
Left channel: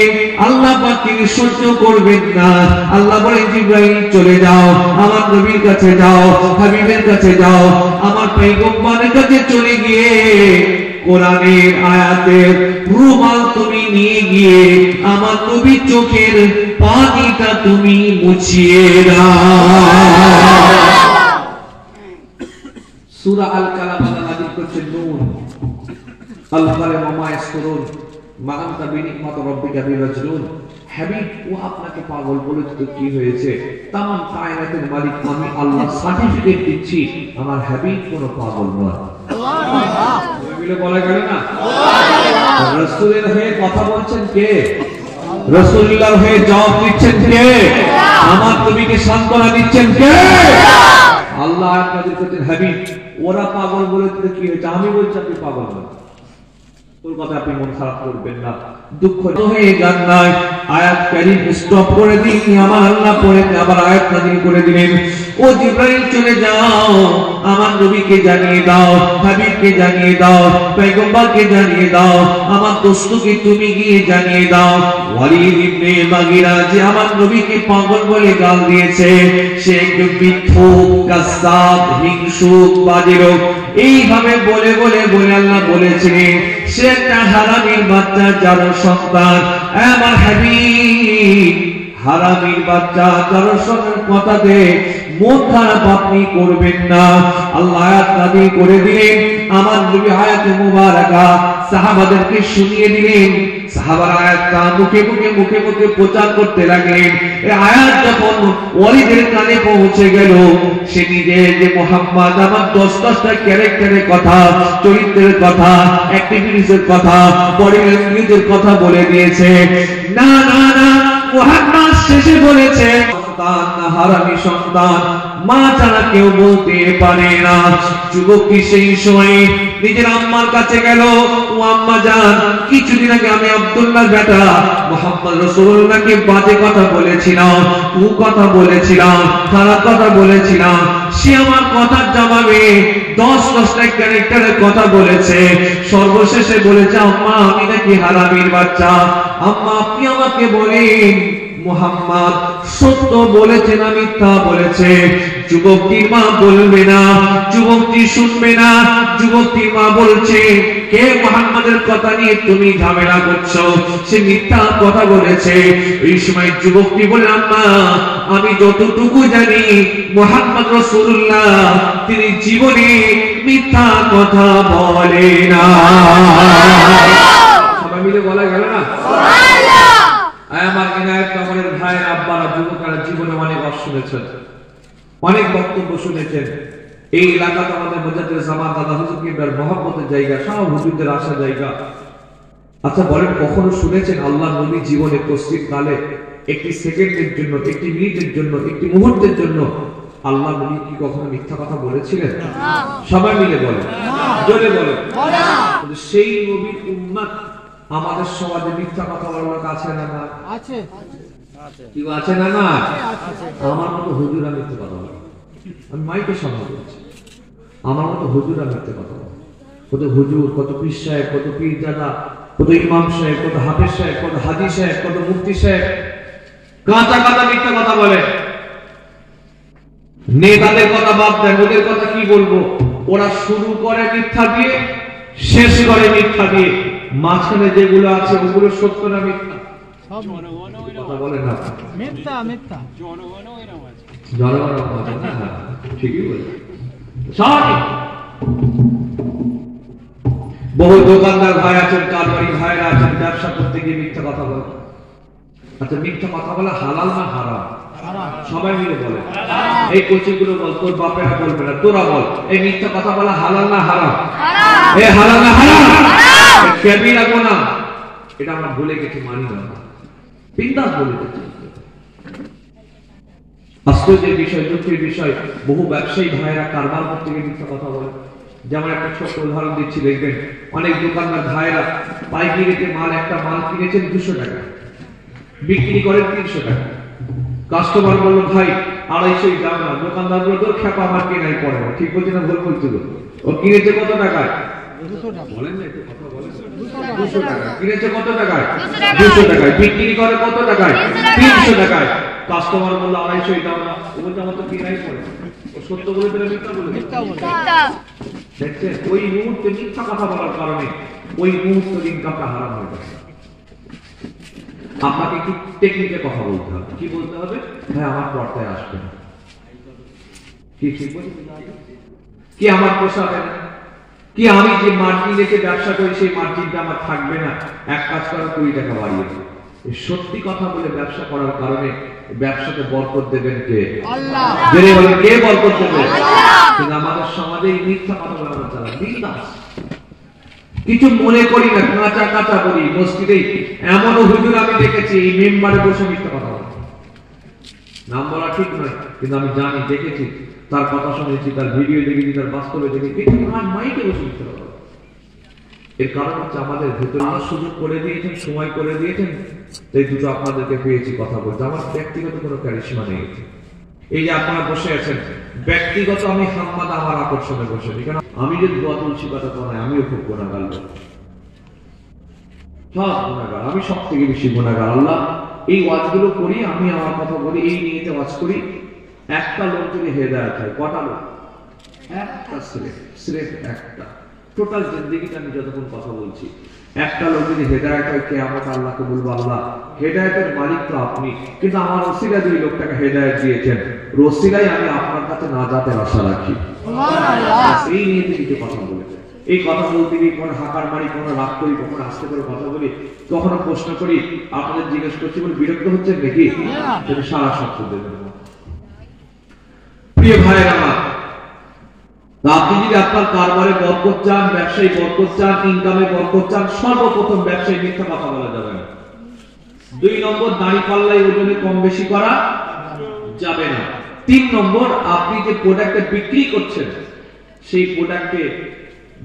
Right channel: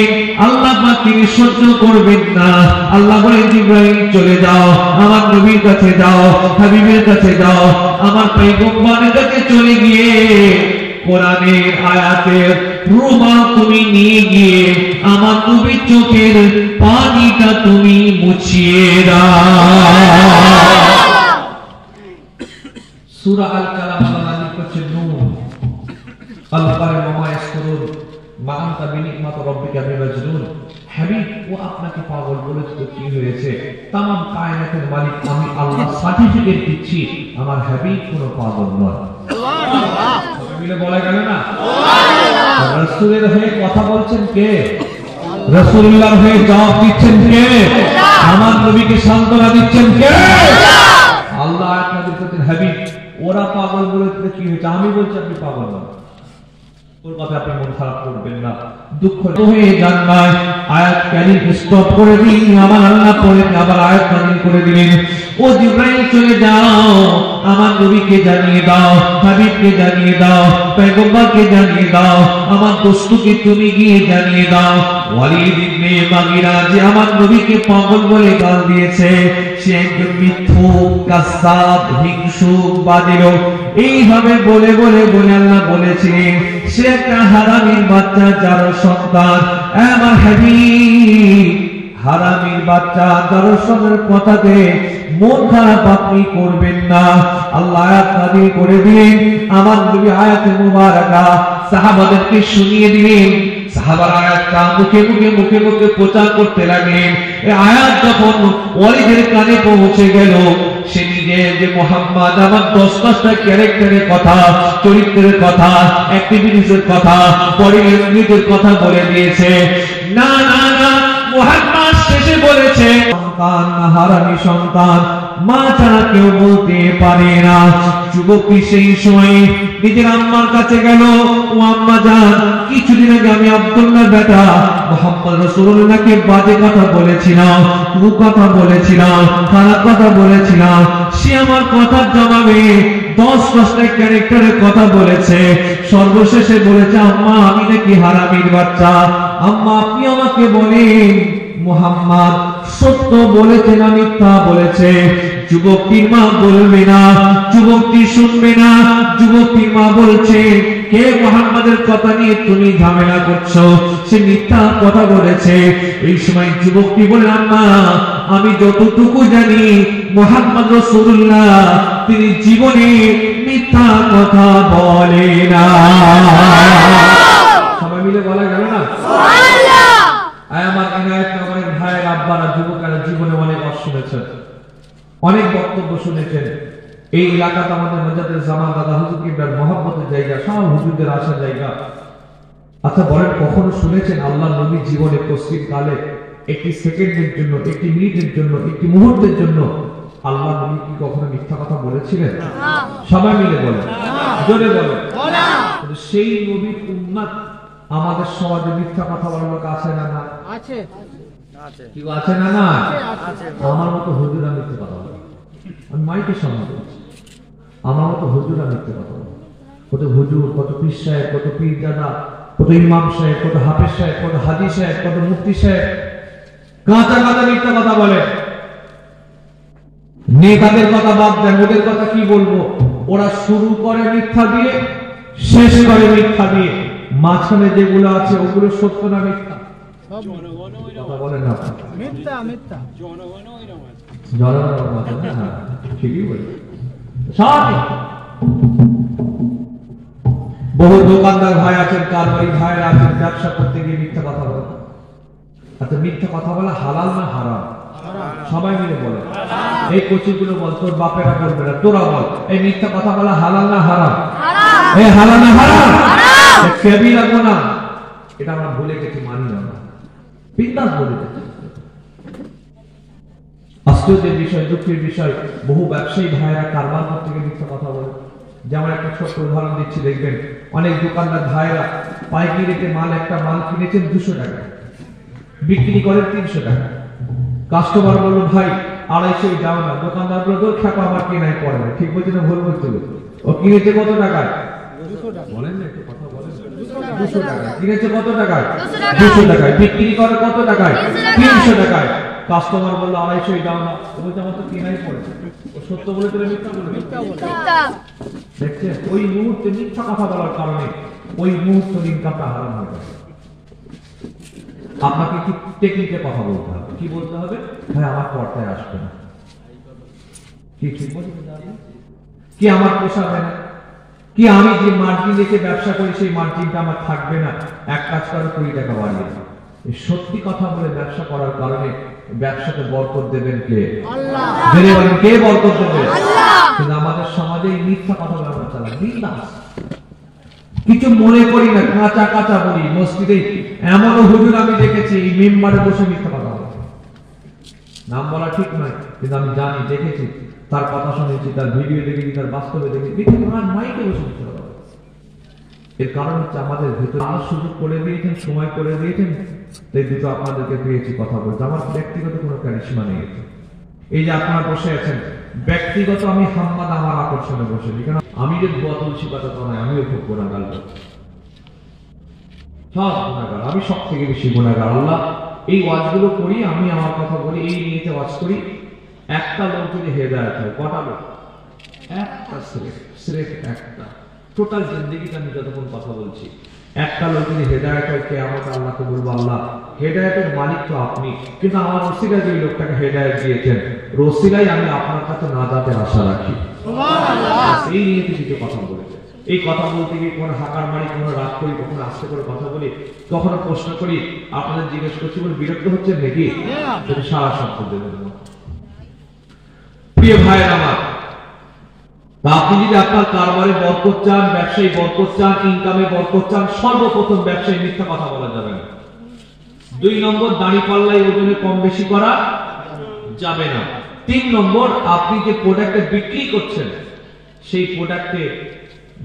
আল্লাহ পাক তিনি সহ্য করবেন না। আল্লাহ বলেন, জিবরাইল চলে যাও, আমার নবীর কাছে যাও, হাবিবের কাছে যাও, আমার পয়গম্বরের কাছে চলে গিয়ে কোরআনের আয়াতের প্রমাণ তুমি নিয়ে গিয়ে আমার নবীর চোখের পানিটা তুমি মুছিয়ে দাও। সূরা আল কালাম নাযিল করছে নূর। আল্লাহ বলে, মামা ইয়াসকুরুন মা আনতা বিনিকমাত রাব্বিকা বিমাজনুন। হাবিব, ও আপনাকে পাগল বলেছে তো কি হয়েছে? तमाम কায়নাতের মালিক আমি আল্লাহ সার্টিফিকেট দিচ্ছি, আমার হাবিব কোনো পাগল নয়। সুবহানাল্লাহ। মিলে বলা গেল না? সুবহানাল্লাহ। রাসূলের হয়ে কথা বলছেন কে? রাসূলুল্লাহর হয়ে জবাব দিচ্ছেন কে? আমার নবীকে সান্ত্বনা দিচ্ছেন কে? আল্লাহ আয়াত নাযিল করেছেন, হাবিব ওরা পাগল বলেছে কি হয়েছে? আমি বলছি আপনি পাগল নয়। ওর কথা আপনি মন খারাপ করবেন না, দুঃখ হয়ে যান না। আয়াত কারীম স্টপ করে দিন, আমার আল্লাহ পরে আবার আয়াত নাযিল করে দিলেন, ও জিবরাইল চলে যাও, আমার নবীকে জানিয়ে দাও, হাবিবকে জানিয়ে দাও, পয়গম্বরকে জানিয়ে দাও, আমার দোস্তকে তুমি গিয়ে জানিয়ে দাও, ওয়ালিদ ইবনে মুগীরা যে আমার নবীকে পাগল বলে গাল দিয়েছে, সে একজন মিথ্যুক, কাযযাব, হিংসুক, বাদিরক, এইভাবে বলে বলে বলে আল্লাহ বলেছিলেন সে একটা হারামির বাচ্চা, যার সন্তান। আমার হাবিব, হারামির বাচ্চা দর্শনের কথাতে মন খারাপ আপনি করবেন না। আল্লাহ আয়াত নাযিল করে দিলেন, আমার নবী আয়াতে মুবারাকা সাহাবাদেরকে শুনিয়ে দিলেন, সাহাবারা আয়াতটা মুখে মুখে প্রচার করতে লাগলেন। এই আয়াত যখন ওয়ালিদের কানে পৌঁছে গেল, সে নিজে যে মুহাম্মদ আমার 10টা ক্যারেক্টারের কথা, চরিত্রের কথা, অ্যাক্টিভিটিসের কথা, বডি ল্যাঙ্গুয়েজের কথা বলে দিয়েছে। না না না, মুহাম্মদ শেষে বলেছে সন্তান না হারামি সন্তান, মা ছাড়া কেউ বলতে পারে না। যুবকটি সেই সময় নিজের আম্মার কাছে গেল, ও আম্মা জান, কিছুদিন আগে আমি আব্দুল্লাহ বেটা মুহাম্মদ রাসূলুল্লাহকে বাজে কথা বলেছিলাম, কু কথা বলেছিলাম, খারাপ কথা বলেছিলাম। সে আমার কথার জবাবে 10টা ক্যারেক্টারের কথা বলেছে। সর্বশেষে বলেছে, আম্মা আমি নাকি হারামির বাচ্চা। আম্মা আপনি আমাকে বলেন মুহাম্মদ সত্য বলেছে না মিথ্যা বলেছে? যুবকটির মা বলবে না, যুবকটি শুনবে না। যুবকটির মা বলছে, কে মুহাম্মাদের কথা নিয়ে তুমি ঝামেলা করছো? সে মিথ্যা কথা বলেছে। এই সময় যুবকটি বলে, আম্মা আমি যতটুকু জানি মুহাম্মদ রাসূলুল্লাহ তিনি জীবনে মিথ্যা কথা বলে না। সবাই মিলে বলা গেল না? আমার ইনায়েত নগরের ভাইয়ের আব্বারা, যুবকেরা জীবনে অনেক ওয়াজ শুনেছেন, অনেক বক্তব্য শুনেছেন। এই এলাকাতে আমাদের মুজাদ্দিদ জামান দাদা হুজুর কিবলার মহব্বতের জায়গা, সব হুজুরদের আসার জায়গা। আচ্ছা বলেন, কখনো শুনেছেন আল্লাহ নবী জীবনে তসলিম কালে একটি সেকেন্ডের জন্য, একটি মিনিটের জন্য, একটি মুহূর্তের জন্য আল্লাহ নবী কি কখনো মিথ্যা কথা বলেছিলেন? সবাই মিলে বলেন, জোরে বলেন। সেই নবীর উম্মত আমাদের সমাজে মিথ্যা কথা বলার কাছে না না আছে, কি আছে না না? আমার মতো হুজুরা মিথ্যে কথা বলে, আমি মাইকের সামনে বলছি, আমার মতো হুজুরা মিথ্যে কথা বলে। কত হুজুর, কত পীর সাহেব, কত পীর দাদা, কত ইমাম সাহেব, কত হাফেজ সাহেব, কত হাজি সাহেব, কত মুফতি সাহেব কাঁচা কাঁচা মিথ্যা কথা বলে। নেতাদের কথা বাদ দেন, ওদের কথা কি বলবো? ওরা শুরু করে মিথ্যা দিয়ে, শেষ করে মিথ্যা দিয়ে, মাঝখানে যেগুলো আছে ওগুলো সত্য না মিথ্যা? কথা বলেন না, মিথ্যা মিথ্যা জনগণ মাঝে না, ঠিকই বলে। বহু দোকানদার ভাই আছেন, কারবারি ভাইরা আছেন, ব্যবসা করতে গিয়ে মিথ্যা কথা বলে। আচ্ছা মিথ্যা কথা বলা হালাল না হারাম? সবাই মিলে বলে। এই কোচিগুলো বল, তোর বাপেরা বলবে না, তোরা বল, এই মিথ্যা কথা বলা হালাল না হারাম? এ হালাল না হারাম? কবিরা গুনাহ, এটা আমরা ভুলে গেছি, মানি না, বিন্দাস বলে দিচ্ছি। আশ্চর্যের বিষয়, দুঃখের বিষয়, বহু ব্যবসায়ী ভাইরা কারবার করতে গিয়ে মিথ্যা কথা বলে। যেমন একটা ছোট্ট উদাহরণ দিচ্ছি, দেখবেন অনেক দোকানদার ভাইরা পাইকারি রেটে মাল, একটা মাল কিনেছেন 200 টাকা, বিক্রি করেন 300 টাকা। কাস্টমার বললো, ভাই 250 দাও না। দোকানদার বললো, তোর খেপা আমার কেনাই পড়ে না। ঠিক বলছে না ভুল বলছে? ও কিনেছে কত টাকায়? 200 টাকা। বলেন না, একটু কথা বলেন। 200 টাকা কিনেছে, কত টাকায়? 200 টাকায়। বিক্রি করে কত টাকায়? 300 টাকায়। কাস্টমার বললো 250 দাও না। ও বলছে আমার তো কেনাই পড়ে। ও সত্য বলে দিলে মিথ্যা বলে? মিথ্যা বলে। দেখছেন, ওই মুহূর্তে মিথ্যা কথা বলার কারণে ওই মুহূর্তে ইনকামটা হারাম হয়ে গেছে। আপনাকে কি টেকনিকে কথা বলতে হবে? কি বলতে হবে? হ্যাঁ আমার পর্দায় আসবে না, কি ঠিক বলতে হবে? কি আমার পোষাবে না? কি আমি যে মার্জিন রেখে ব্যবসা করি সেই মার্জিনটা আমার থাকবে না? এক কাজ করে 20 টাকা বাড়িয়ে দেবে। সত্যি কথা বলে ব্যবসা করার কারণে ব্যবসাতে বরকত দেবেন কে? আল্লাহ। জেনে বলেন, কে বরকত দেবে? কিন্তু আমাদের সমাজে এই মিথ্যা কথা বলে আমরা চালাই, বিন্দাস, কিছু মনে করি না, কাঁচা কাঁচা বলি। মসজিদে এমনও হুজুর আমি দেখেছি এই মেম্বারে বসে মিথ্যা কথা বলে। নাম বলা ঠিক নয়, কিন্তু আমি জানি, দেখেছি, তার কথা শুনেছি, তার ভিডিও দেখেছি, তার বাস্তবে দেখেছি, আমার মাইকে বসে মিথ্যা কথা বলে। এর কারণ হচ্ছে আমাদের ভেতরে সুযোগ করে দিয়েছেন, সময় করে দিয়েছেন, তাই দুটো আপনাদেরকে পেয়েছি কথা বলতে। আমার ব্যক্তিগত কোনো ক্যারিশমা নেই। এই যে আপনারা বসে আছেন, ব্যক্তিগত আমি হাম্মাদ আমার আকর্ষণে বসেছি, কারণ আমি যে দোয়া তুলছি কথা তো নয়, আমিও খুব গুণাগার লোক, সব গুণাগার, আমি সব থেকে বেশি গুণাগার। আল্লাহ এই ওয়াজগুলো করি, আমি আমার কথা বলি, এই নিয়েতে ওয়াজ করি। একটা লোক যদি হেদায়েত হয়, কটা লোক? একটা, স্রেফ একটা। টোটাল জিন্দেগিতে আমি যতক্ষণ কথা বলছি, একটা লোক যদি হেদায়েত হয়, কিয়ামত আল্লাহকে বলবো, আল্লাহ হেদায়েতের মালিক তো আপনি, কিন্তু আমার ওসিলা যে লোকটাকে হেদায়েত দিয়েছেন, ওসিলাই আমি আপনার কাছে নাজাতের আশা রাখি। এই নিয়ে কিছু কথা বলেছে। এই কথা বলতে গিয়ে কোনো হাকার মারি, কোনো রাগ করি, কখনো আস্তে করে কথা বলি, কখনো প্রশ্ন করি, আপনাদের জিজ্ঞেস করছি বলে বিরক্ত হচ্ছেন নাকি? সেটা সারা শব্দ দেবেন। প্রিয় ভাই আমার, আপনি যদি আপনার কারবারে বরকত চান, ব্যবসায়ী বরকত চান, ইনকামে বরকত চান, সর্বপ্রথম ব্যবসায়ী মিথ্যা কথা বলা যাবে না। 2 নম্বর, দাড়ি পাল্লায় ওজনে কম বেশি করা যাবে না। 3 নম্বর, আপনি যে প্রোডাক্টে বিক্রি করছেন, সেই প্রোডাক্টে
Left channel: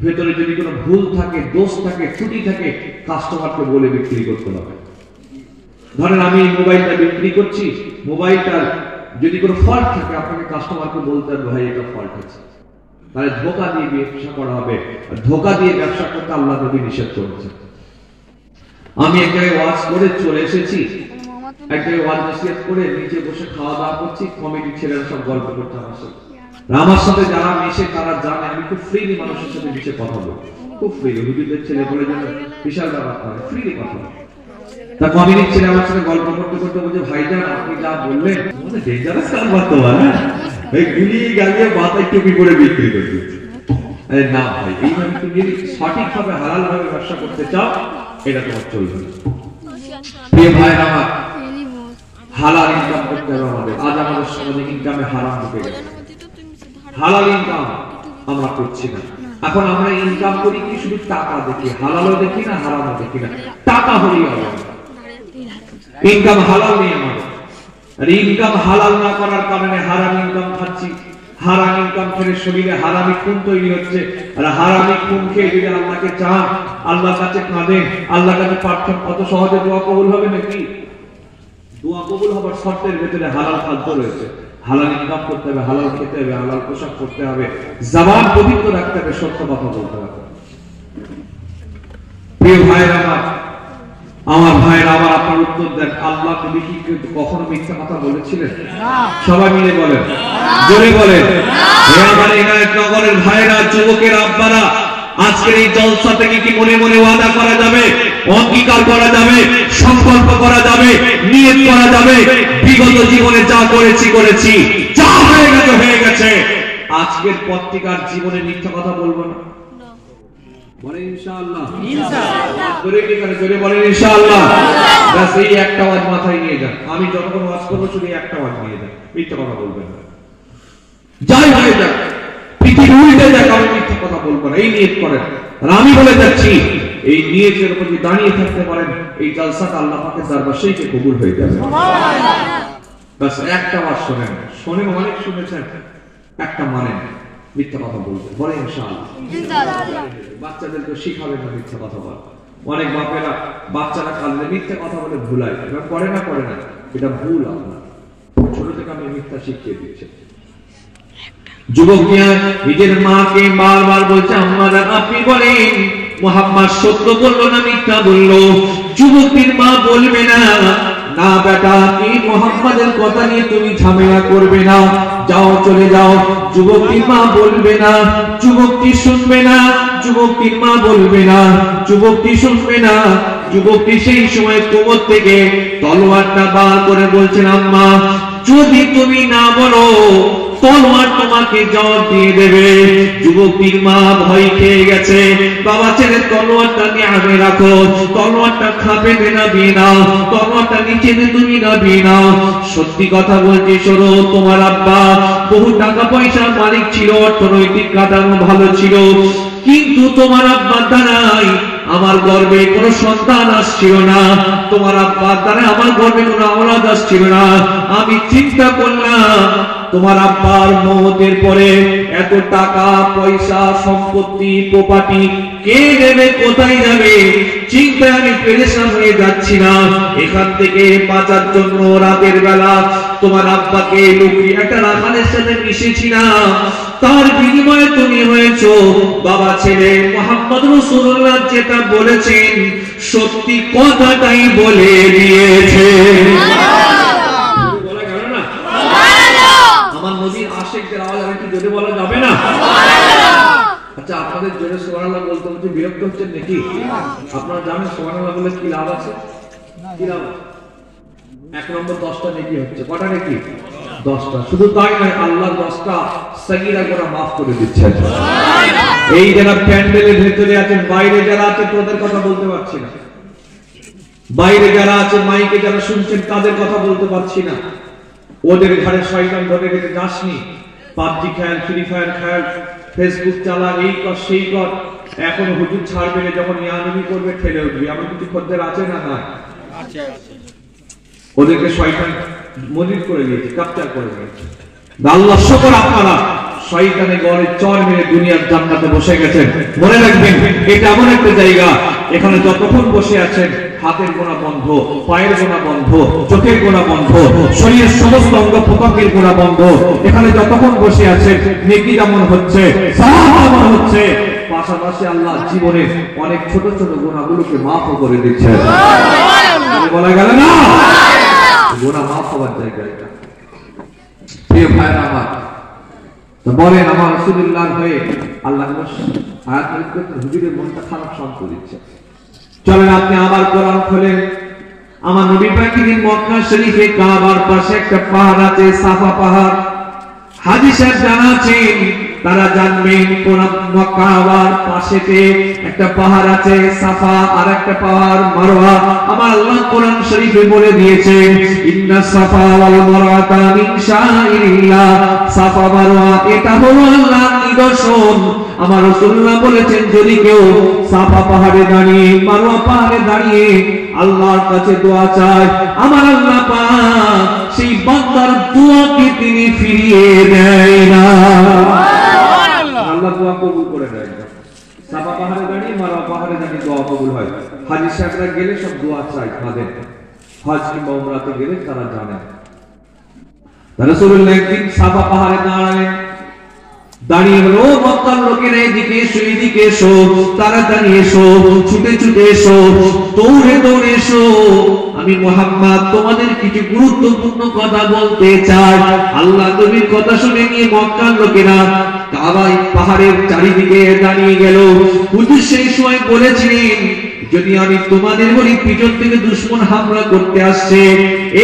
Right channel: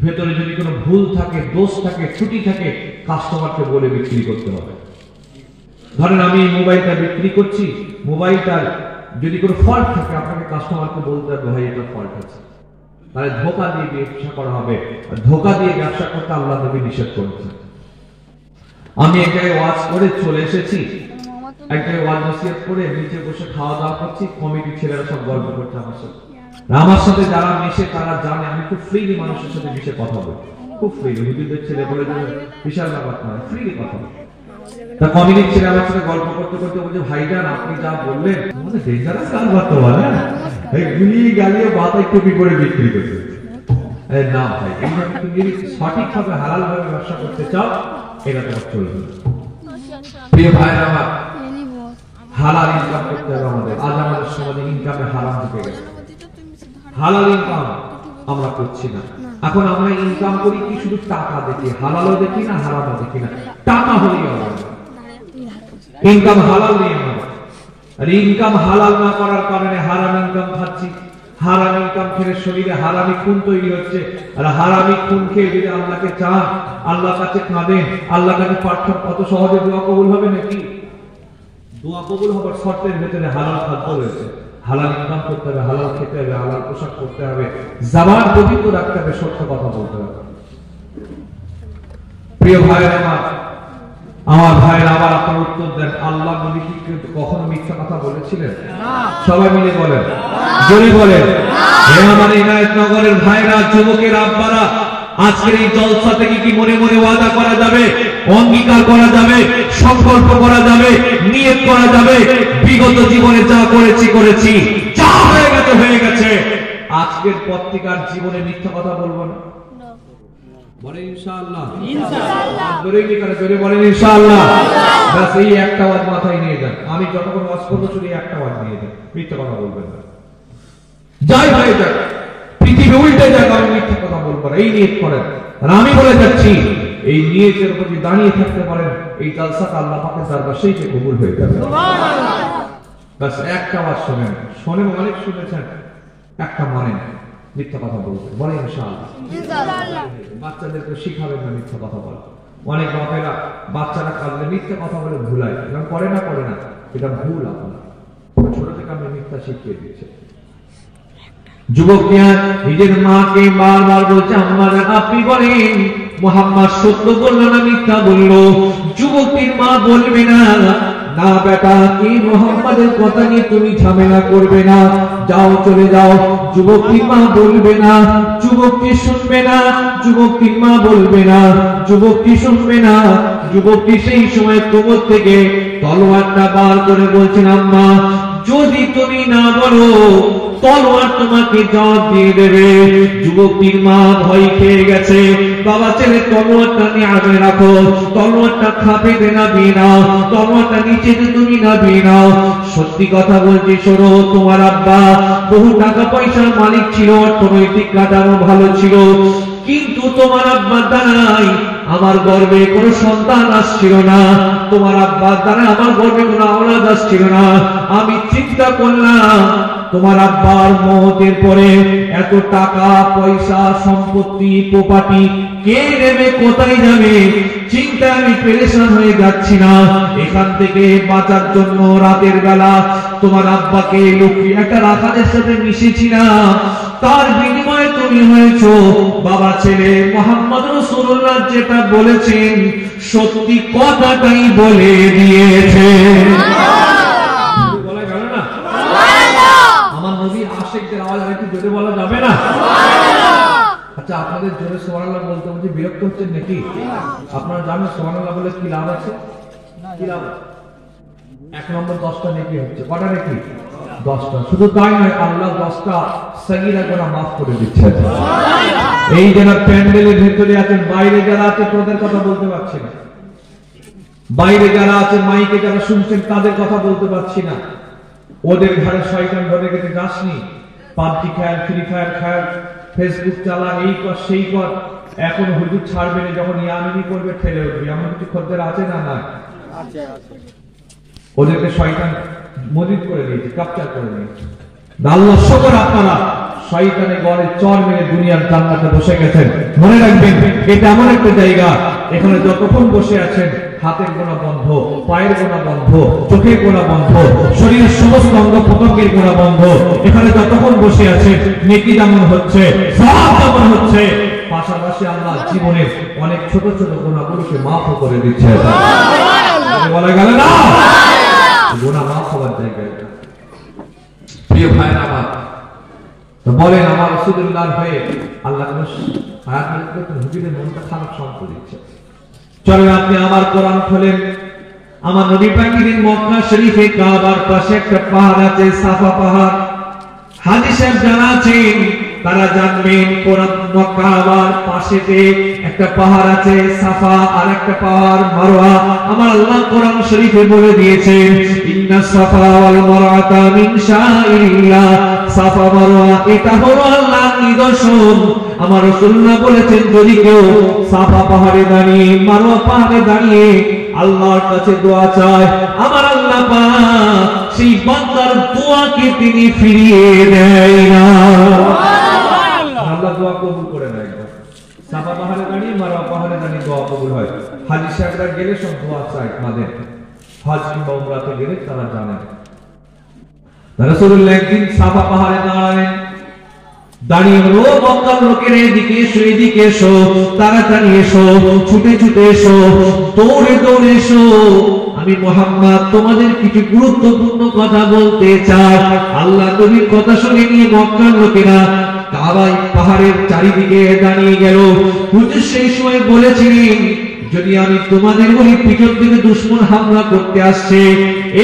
ভেতরে যদি কোনো ভুল থাকে, দোষ থাকে, ত্রুটি থাকে, কাস্টমারকে বলে বিক্রি করতে হবে। ধরেন আমি এই মোবাইলটা বিক্রি করছি, মোবাইলটার যদি কোনো ফল্ট থাকে, আপনাকে কাস্টমারকে বলতে হবে, ভাই এটা ফল্ট আছে। তাহলে ধোঁকা দিয়ে ব্যবসা করা হবে, ধোঁকা দিয়ে ব্যবসা করতে আল্লাহ নবী নিষেধ করেছেন। আমি এক জায়গায় ওয়াজ করে চলে এসেছি, এক জায়গায় ওয়াজ নসিহত করে নিচে বসে খাওয়া দাওয়া করছি, কমিটির ছেলেরা সব গল্প করছে আমার সাথে যারা মিশে তারা জানে আমি খুব ফ্রিলি মানুষের সাথে মিশে কথা বলি, খুব ফ্রিলি। হুজুরদের ছেলে বলে যেন বিশাল ব্যাপার করে, ফ্রিলি কথা বলি। তা কমিটির ছেলে আমার সাথে গল্প করতে করতে বলছে, ভাইজান আপনি যা বললেন ডেঞ্জারাস কারবার তো, এই গুলি গালিয়ে মাথায় টুপি করে বিক্রি করছে। না ভাই, এইভাবে তুমি যদি সঠিকভাবে হালাল ভাবে ব্যবসা করতে চাও, এটা তোমার চলবে না। প্রিয় ভাইরা আমার, হালাল ইনকাম করতে হবে আমাদের। আজ আমাদের সমাজে ইনকামে হারাম ঢুকে গেছে, হালাল ইনকাম আমরা করছি না। এখন আমরা ইনকাম করি কি শুধু টাকা দেখি, হালালও দেখি না, হারামও দেখি না, টাকা হলেই হবে। ইনকাম হালাল নেই আমাদের, আর ইনকাম হালাল না করার কারণে হারাম ইনকাম খাচ্ছি। হারাম ইনকাম খেলে শরীরে হারামি খুন তৈরি হচ্ছে, আর হারামি খুন খেয়ে যদি আল্লাহকে চান, আল্লাহর কাছে কাঁদেন, আল্লাহর কাছে প্রার্থনা, কত সহজে দোয়া কবুল হবে নাকি? দোয়া কবুল হবার শর্তের ভেতরে হালাল খাদ্য রয়েছে, হালাল ইনকাম করতে হবে, হালাল খেতে হবে, হালাল পোশাক করতে হবে, জবান পবিত্র রাখতে হবে, সত্য কথা বলতে হবে। প্রিয় ভাইরা আমার ভাইরা আবার আপনার উত্তর দেন, আল্লাহ নবী কি কখনো মিথ্যা কথা বলেছিলেন? সবাই মিলে বলেন, জোরে বলেন। হে আমার ইনায়েতনগরের ভাইরা, যুবকের আব্বারা, আজকের এই জলসা থেকে কি মনে মনে ওয়াদা করা যাবে, অঙ্গীকার করা যাবে, সংকল্প করা যাবে, নিয়ত করা যাবে, বিগত জীবনে যা করেছি, যা হয়ে গেছে, আজকের পর থেকে আর জীবনে মিথ্যা কথা বলবো না? বলেন ইনশাআল্লাহ। ইনশাআল্লাহ জোরে বলেন ইনশাআল্লাহ। বাস এই একটা ওয়াজ মাথায় নিয়ে যান, আমি যতক্ষণ ওয়াজ করবো শুধু একটা ওয়াজ নিয়ে যান, মিথ্যা কথা বলবেন না। যাই হয়ে যাক, পৃথিবী উল্টে যাক, আমি মিথ্যা কথা বলবো না, এই নিয়ত করেন। আর আমি বলে যাচ্ছি, এই নিয়তের উপর যদি দাঁড়িয়ে থাকতে পারেন, এই জালসাটা আল্লাহ পাকের দরবারে সেই কবুল হয়ে যাবে। সুবহানাল্লাহ। বাস একটা ওয়াজ শোনেন, অনেক শুনেছেন, একটা মানেন, মিথ্যা কথা বলতে বলেন ইনশাআল্লাহ। বাচ্চাদেরকে শিখাবেন না মিথ্যা কথা বলা। অনেক বাপেরা বাচ্চারা কাঁদলে মিথ্যা কথা বলে ভুলায়, করে না, এটা ভুল। আপনার ছোট থেকে আমি মিথ্যা শিখিয়ে দিচ্ছি। যুবক নিজের মাকে বারবার বলছে, আম্মা জান আপনি বলেন মুহাম্মদ সত্য বললো না মিথ্যা বললো? যুবকের মা বলবে না, না বেটা, এই মুহাম্মাদের কথা নিয়ে তুমি ঝামেলা করবে না, যাও চলে যাও। যুবকের মা বলবে না, যুবকটি শুনবে না, যুবকের মা বলবে না, যুবকটি শুনবে না। যুবকটি সেই সময় কোমর থেকে তলোয়ারটা বার করে বলছেন, আম্মা যদি তুমি না বলো তলোয়ার তোমাকে জবাব দিয়ে দেবে। যুবকের মা ভয় খেয়ে গেছে, বাবা ছেলে তলোয়ারটা নিয়ে আগে রাখো, তলোয়ারটা খাবে না দিয়ে নাও, তলোয়ারটা নিচে তুমি না দিয়ে নাও। সত্যি কথা বলছি, শোনো, তোমার আব্বা বহু টাকা পয়সার মালিক ছিল, অর্থনৈতিক কাঠামো ভালো ছিল, কিন্তু তোমার আব্বা দ্বারাই আমার গর্ভে কোনো সন্তান আসছিল না, তোমার আব্বার দ্বারা আমার গর্ভে কোনো আওলাদ আসছিল না। আমি চিন্তা করলাম তোমার আব্বার মওতের পরে এত টাকা পয়সা সম্পত্তি প্রপার্টি কে নেবে, কোথায় যাবে, চিন্তায় আমি পেরেশান হয়ে যাচ্ছি না। এখান থেকে বাঁচার জন্য রাতের বেলা তোমার আব্বাকে লক্ষ্মী একটা রাখালের সাথে মিশেছি না, তার বিনিময়ে তুমি হয়েছো বাবা ছেলে। মুহাম্মদ রাসূলুল্লাহ যেটা বলেছেন সত্যি কথাটাই বলে দিয়েছে। বলা গেল না? আমার নবীর আশিকদের আওয়াজ আর কি জোরে বলা যাবে না? আচ্ছা, আপনাদের জোরে সুবহানাল্লাহ বলতে বলতে বিরক্ত হচ্ছেন নাকি? আপনারা জানেন সুবহানাল্লাহ বলে কি লাভ আছে? কি লাভ? এক নম্বর 10টা নেকি হচ্ছে। কটা নেকি? 10টা। শুধু তাই নয়, আল্লাহ 10টা সগীরা গুনাহ maaf করে দিচ্ছেন। এই যারা প্যান্ডেলের ভেতরে আছেন, বাইরে যারা আছে তাদের কথা বলতে পারছি না, বাইরে যারা আছে মাইকে যারা শুনছেন তাদের কথা বলতে পারছি না। ওদের ঘরে শয়তান ধরে রেখে যাসনি, পাবজি খেল, ফ্রি ফায়ার খেল, ফেসবুক চালা, এই কর সেই কর। এখন হুজুর ছাড়বে, যখন ইয়ানুমি করবে ঠেলে উঠবে। এমন কিছু খদ্দের আছে না? না আছে। ওদেরকে শয়তান মজিদ করে দিয়েছে, ক্যাপচার করে দিয়েছে। আল্লাহ শুকর, আপনারা শয়তানের গড়ে চর মেরে দুনিয়ার জান্নাতে বসে গেছেন। মনে রাখবেন, এটা এমন একটা জায়গা, এখানে যতক্ষণ বসে আছেন হাতের গোনা বন্ধ, পায়ের গোনা বন্ধ, চোখের গোনা বন্ধ, শরীরের সমস্ত অঙ্গ প্রত্যঙ্গের গোনা বন্ধ। এখানে যতক্ষণ বসে আছেন নেকি যেমন হচ্ছে, সওয়াব যেমন হচ্ছে, পাশাপাশি আল্লাহ জীবনে অনেক ছোট ছোট গুনাহগুলোকে মাফ করে দিচ্ছেন। বলা গেল না? গুনাহ মাফ হওয়ার জায়গা এটা। প্রিয় ভাইরা আমার, তো বলেন আমার রাসূলুল্লাহর হয়ে আল্লাহ আয়াত করতে হুজুরের মনটা খারাপ শান্ত দিচ্ছে। চলেন আপনি আমার কোরআন খোলেন। আমার নবী পাকের মক্কা শরীফে কাবার পাশে একটা পাহাড় আছে, সাফা পাহাড়। হাজী সাহেব যারা আছেন তারা জানবেন কোরআন কাবার পাশেতে একটা পাহাড় আছে সাফা, আর একটা পাহাড় মারওয়া। আমার আল্লাহ কোরআন শরীফে বলে দিয়েছেন ইন্না সাফা ওয়াল মারওয়াতা মিন শাআইরিল্লাহ। সাফা মারওয়া এটা হলো আল্লাহর নিদর্শন। আমার রাসূলুল্লাহ বলেছেন যদি কেউ সাফা পাহাড়ে দাঁড়িয়ে মারওয়া পাহাড়ে দাঁড়িয়ে আল্লাহর কাছে দোয়া চায়, আমার আল্লাহ পাক সেই বান্দার দোয়াকে তিনি ফিরিয়ে দেয় না। আল্লাহ দোয়া কবুল করে দেয়। সাফা পাহাড়ে দাঁড়িয়ে মারওয়া পাহাড়ে দাঁড়িয়ে দোয়া কবুল হয়। হাজী সাহেবরা গেলে সব দোয়া চায়, তাদের হজ কিংবা উমরাতে গেলে তারা জানে। রাসূলুল্লাহ একদিন সাফা পাহাড়ে দাঁড়ালেন, দাঁড়িয়ে বলল ও মক্কার লোকেরা এদিকে এসো, এদিকে এসো, তাড়াতাড়ি এসো, ছুটে ছুটে এসো, দৌড়ে দৌড়ে এসো। আমি মুহাম্মদ তোমাদের কিছু গুরুত্বপূর্ণ কথা বলতে চাই। আল্লাহ নবীর কথা শুনে নিয়ে মক্কার লোকেরা কাবা পাহাড়ের চারিদিকে দাঁড়িয়ে গেল। হুজুর সেই সময় বলেছিলেন যদি আমি তোমাদের বলি পিছন থেকে দুশমন হামলা করতে আসছে,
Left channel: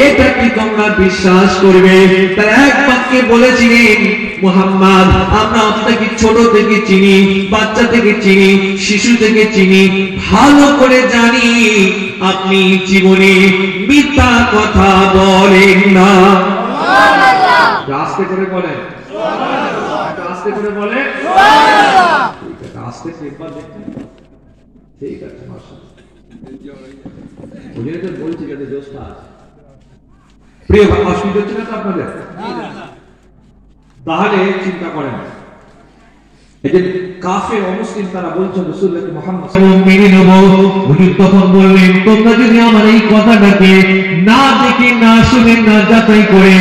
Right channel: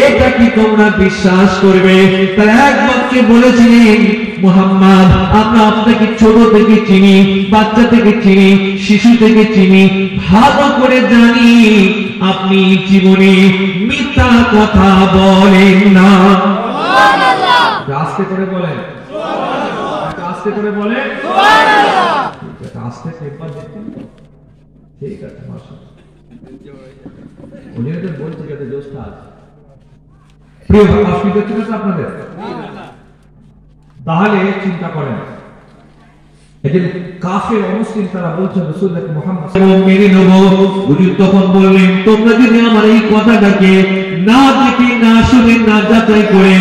এটা কি তোমরা বিশ্বাস করবে? তারা এক বাক্যে বলেছিলেন মুহাম্মদ আমরা আপনাকে ছোট থেকে চিনি, বাচ্চা থেকে চিনি, শিশু থেকে চিনি, ভালো করে জানি আপনি জীবনে মিথ্যা কথা বলেন না। আস্তে করে বলেন, আস্তে করে বলেন, আস্তে একবার দেখতেন। ঠিক আছে, বলছি যাতে জোশটা আছে। প্রিয় অসুবিধা হচ্ছে না আপনাদের? তাহলে চিন্তা করেন, এই যে কাফের অমুসলিম তারা বলছে রাসূলুল্লাহ মুহাম্মদ মেনে নেব। হুজুর তখন বললেন তোমরা যদি আমার এই কথাটাকে না দেখে না শুনে না যাচাই করে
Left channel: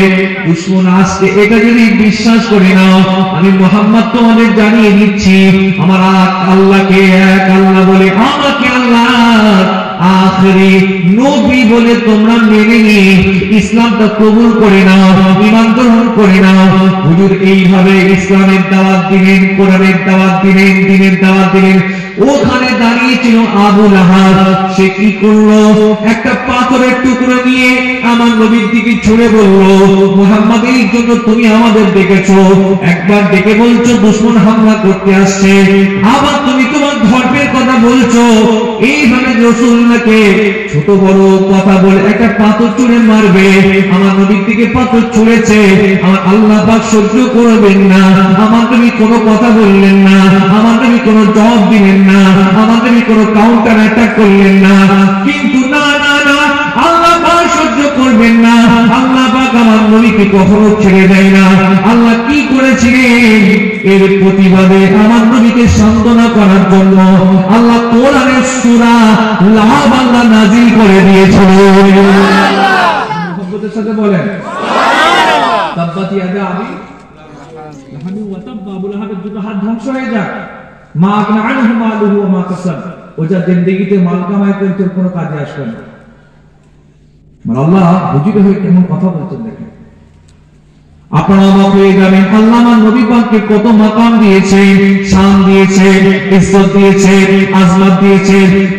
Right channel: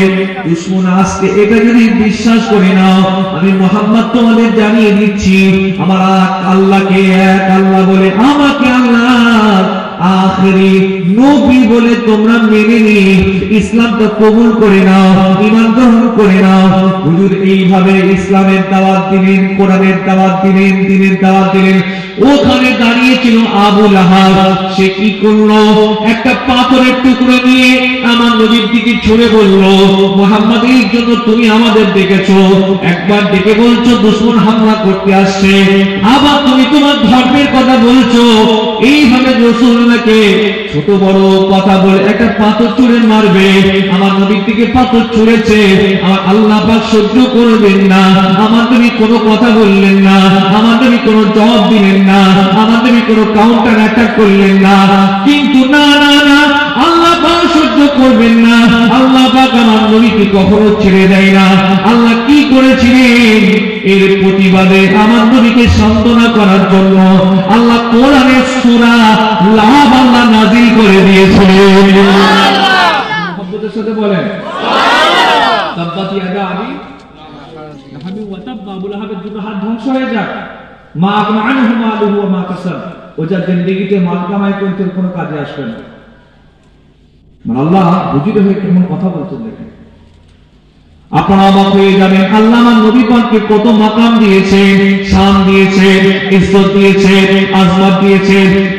দুশমন আসছে এটা যদি বিশ্বাস করে নাও, আমি মুহাম্মদ তোমাদের জানিয়ে দিচ্ছি আমার আল্লাহকে এক আল্লাহ বলে, আমাকে আল্লাহ আখেরি নবী বলে তোমরা মেনে নিয়ে ইসলামটা কবুল করে নাও, ঈমান গ্রহণ করে নাও। হুজুর এইভাবে ইসলামের দাওয়াত দিলেন, কোরআনের দাওয়াত দিলেন, দ্বীনের দাওয়াত দিলেন। ওখানে দাঁড়িয়ে ছিল আবু লাহাব। সে কি করলো? একটা পাথরের টুকরো নিয়ে আমার নবীর দিকে ছুঁড়ে বলল মুহাম্মদ এর জন্য তুমি আমাদের ডেকেছো, একবার ডেকে বলছো দুশমন হামলা করতে আসছে, আবার তুমি তোমার ধর্মের কথা বলছো বলছো এইভাবে রাসূলকে ছোট বড় কথা বলে একটা পাথর ছুঁড়ে মারবে, আমার নবীর দিকে পাথর ছুঁড়েছে, আমার আল্লাহ পাক সহ্য করবেন না। আমার নবী কোনো কথা বললেন না, আমার নবী কোনো জবাব দিলেন না, আমার নবী কোনো কাউন্টার অ্যাটাক করলেন না। কিন্তু না না না, আল্লাহ পাক সহ্য করবেন না, আল্লাহ পাক আমার নবীকে কখনো ছেড়ে দেয় না। আল্লাহ কি করেছিলেন? এর প্রতিবাদে আমার নবীকে সান্ত্বনা করার জন্য আল্লাহ কোরআনের সূরা লাহাব আল্লাহ নাযিল করে দিয়েছিলেন। মুহাম্মদের সাথে বলেন তাব্বাত ইয়াদা আবি লাহাবি ওয়া তাব্বা, আবু লাহাবের দুটো হাত ধ্বংস হয়ে যাক, মা আগনা আনহু মালুহু ওয়া মা কাসাব, ও যা জিন্দেগিতে মাল কামাই করতে কোনো কাজে আসবে না। আল্লাহ বুঝিত হয়ে কেমন কথা বলছেন দেখেন। আপনারা অবাক হয়ে যাবেন, আল্লাহ আমার নবী পাককে কত মাকাম দিয়েছে, শান দিয়েছে, ইজ্জত দিয়েছে, আজমাত দিয়েছে,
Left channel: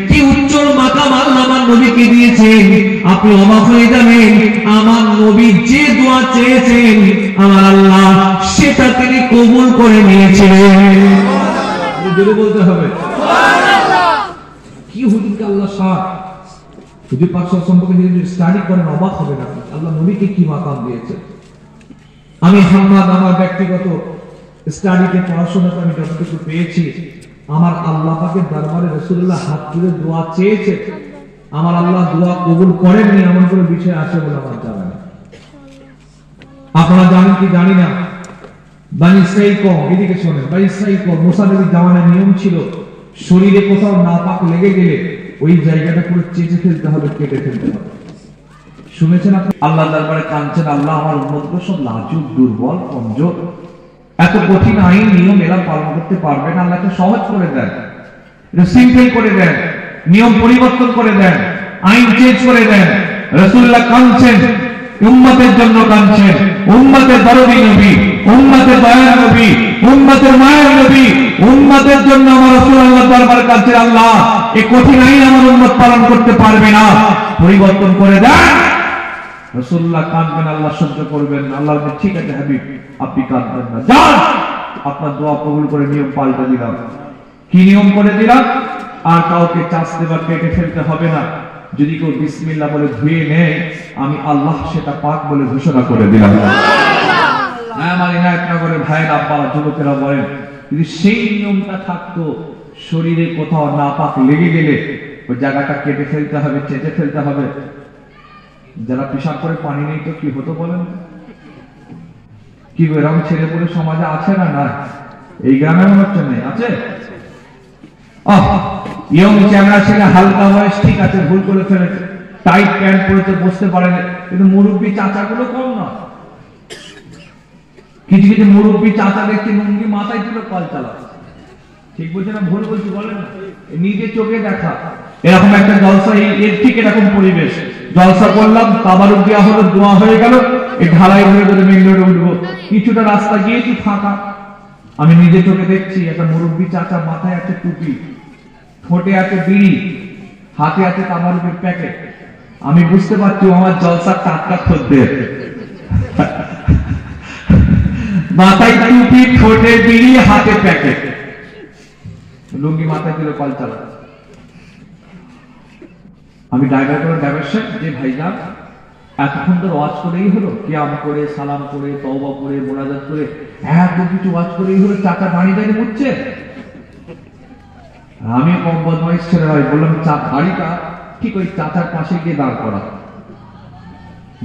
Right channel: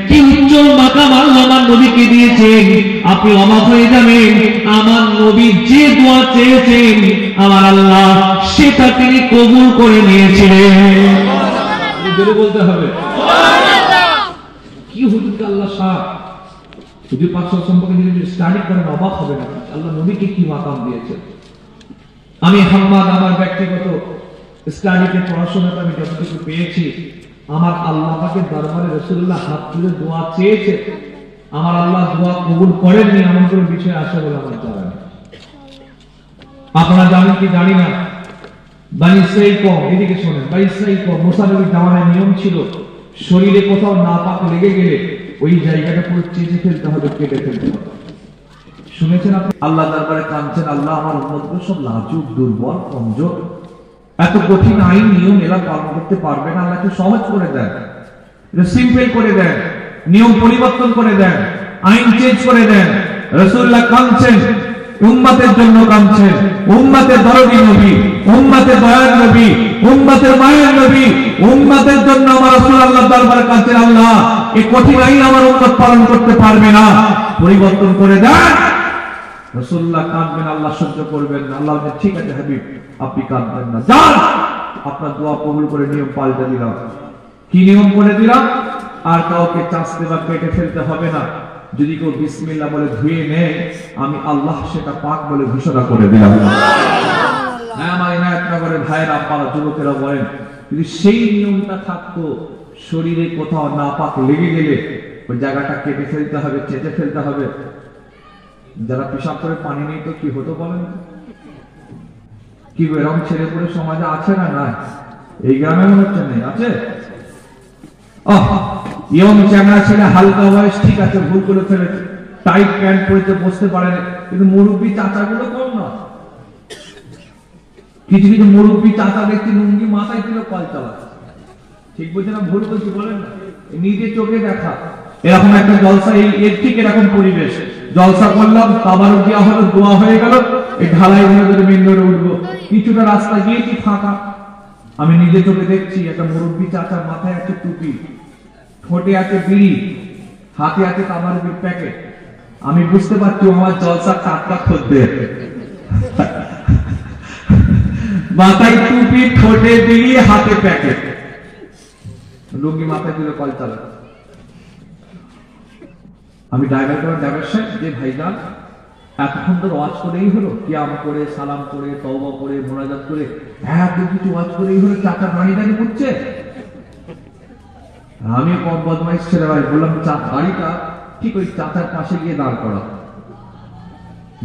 কি উজ্জ্বল মাকাম আল্লাহ আমার নবীকে দিয়েছেন। আপনি অবাক হয়ে যাবেন, আমার নবী যে দোয়া চেয়েছেন আমার আল্লাহ সেটা তিনি কবুল করে নিয়েছিলেন। জোরে বলতে হবে সুবহানাল্লাহ। কি হুজুরকে আল্লাহ শাহ, হুজুর পাক সম্পর্কে যদি স্টাডি করেন অবাক হবে না, আল্লাহ নবীকে কি মাকাম দিয়েছে। আমি হাম্মাদ আমার ব্যক্তিগত স্টাডিতে পড়াশোনাতে আমি যতটুকু পেয়েছি, আমার আল্লাহ পাকের দরবারে রাসূলুল্লাহ হাত তুলে দোয়া চেয়েছে, আমার আল্লাহ দোয়া কবুল করেননি এমন কোনো বিষয় আছে বলে আমার জানা নেই। আপনারা জানেন কি জানি না, বনি ইসরাঈল কওম, এদিকে শোনেন, বনি ইসরাঈল কওম মুসা নবীর জামানায় নিয়ম ছিল শরীরে কোথাও নাপাক লেগে গেলে ওই জায়গাটা পুরো চেঁচে ফেলতে হবে, কেটে ফেলতে হবে। শুনেছেন আপনি? আল্লাহ দরবারে কাঁদছেন, আল্লাহ আমার উম্মতগুলো সব লাজুক, দুর্বল, কমজোর, এত কঠিন আইন নিয়ম এরা পালন করতে পারবে না, আল্লাহকে সহজ করে দেন, এটা সিম্পল করে দেন, নিয়ম পরিবর্তন করে দেন, আইন চেঞ্জ করে দেন। রাসূলুল্লাহ কাঁদছেন, উম্মতের জন্য কাঁদছেন, উম্মতের দরদি নবী, উম্মতের দয়ার নবী, উম্মতের মায়ের নবী, উম্মতের জন্য আমার রাসূল আল্লাহর দরবারে কাঁদছেন, আল্লাহ এই কঠিন আইন আমার উম্মত পালন করতে পারবে না, পরিবর্তন করে দেন। রাসূলুল্লাহ কাঁদবেন, আল্লাহ সহ্য করবেন না, আল্লাহ বলেন ঠিক আছে হাবিব আপনি কাঁদবেন না, যান আপনার দোয়া কবুল করে নিয়ম পাল্টে দিলাম। কি নিয়ম করে দিলাম? আর কাউকে চাচতে বা কেটে ফেলতে হবে না, যদি কেউ বিসমিল্লাহ বলে ধুয়ে নেয় আমি আল্লাহ সেটা পাক বলে ঘোষণা করে দিলাম। আমার এনায়েতনগরের ভাইয়েরা, আব্বারা, যুবকেরা বলেন, যদি সেই নিয়মটা থাকতো শরীরে কোথাও নাপাক লেগে গেলে ওই জায়গাটা কেটে ফেলতে হবে, চেঁচে ফেলতে হবে। যারা পেশাব করে পানি নেই তো কি হতো বলেন? কি এরকম ছেলে পুলে সমাজে আছে না? না, এই গ্রামে মনে হচ্ছে নেই, আছে। ইয়ং চ্যাংড়া ছেলে, হালকা বয়স, ঠিক আছে, ভুল করে ফেলেছে, টাইট প্যান্ট পরেছে, বসতে পারেনি, কিন্তু মুরব্বী চাচাগুলো কম না। কিছু কিছু মুরব্বী চাচা দেখছি লুঙ্গি মাথায় ছিল, কল চালাচ্ছে। ঠিক বলছে না ভুল বলছি বলেন না? নিজে চোখে দেখা এরকম একটা জলসা, এর ঠিক এরকম পরিবেশ, জলসা করলাম, তাবারুক দেওয়া হলো, দোয়া হয়ে গেল, এই ঢালাই হয়ে যদি মেন রোডে উঠবো, কিছুটা রাস্তা গিয়েছি ফাঁকা, আমি নিজে চোখে দেখছি একটা মুরব্বী চাচা, মাথায় আছে টুপি, ঠোঁটে আছে বিড়ি, হাতে আছে তাবারুকের প্যাকেট। আমি বুঝতে পারছি আমার জলসা টাটকা খদ্দের, মাথায় টুপি, ঠোঁটে বিড়ি, হাতে প্যাকেট, লুঙ্গি মাথায় দিলে কল চালা। আমি ড্রাইভার সাহেব, যে ভাইজান এতক্ষণ তো ওয়াজ করেই হলো, কিয়াম করে, সালাম করে, তওবা করে, মোনাজাত করে, এত কিছু ওয়াজ করেই হলো, চাচা দাঁড়িয়ে দাঁড়িয়ে উঠছে। আমি কম বদমাইশ ছেলে ভাই, বললাম গাড়িটা ঠিক ওই চাচার পাশে গিয়ে দাঁড় করা,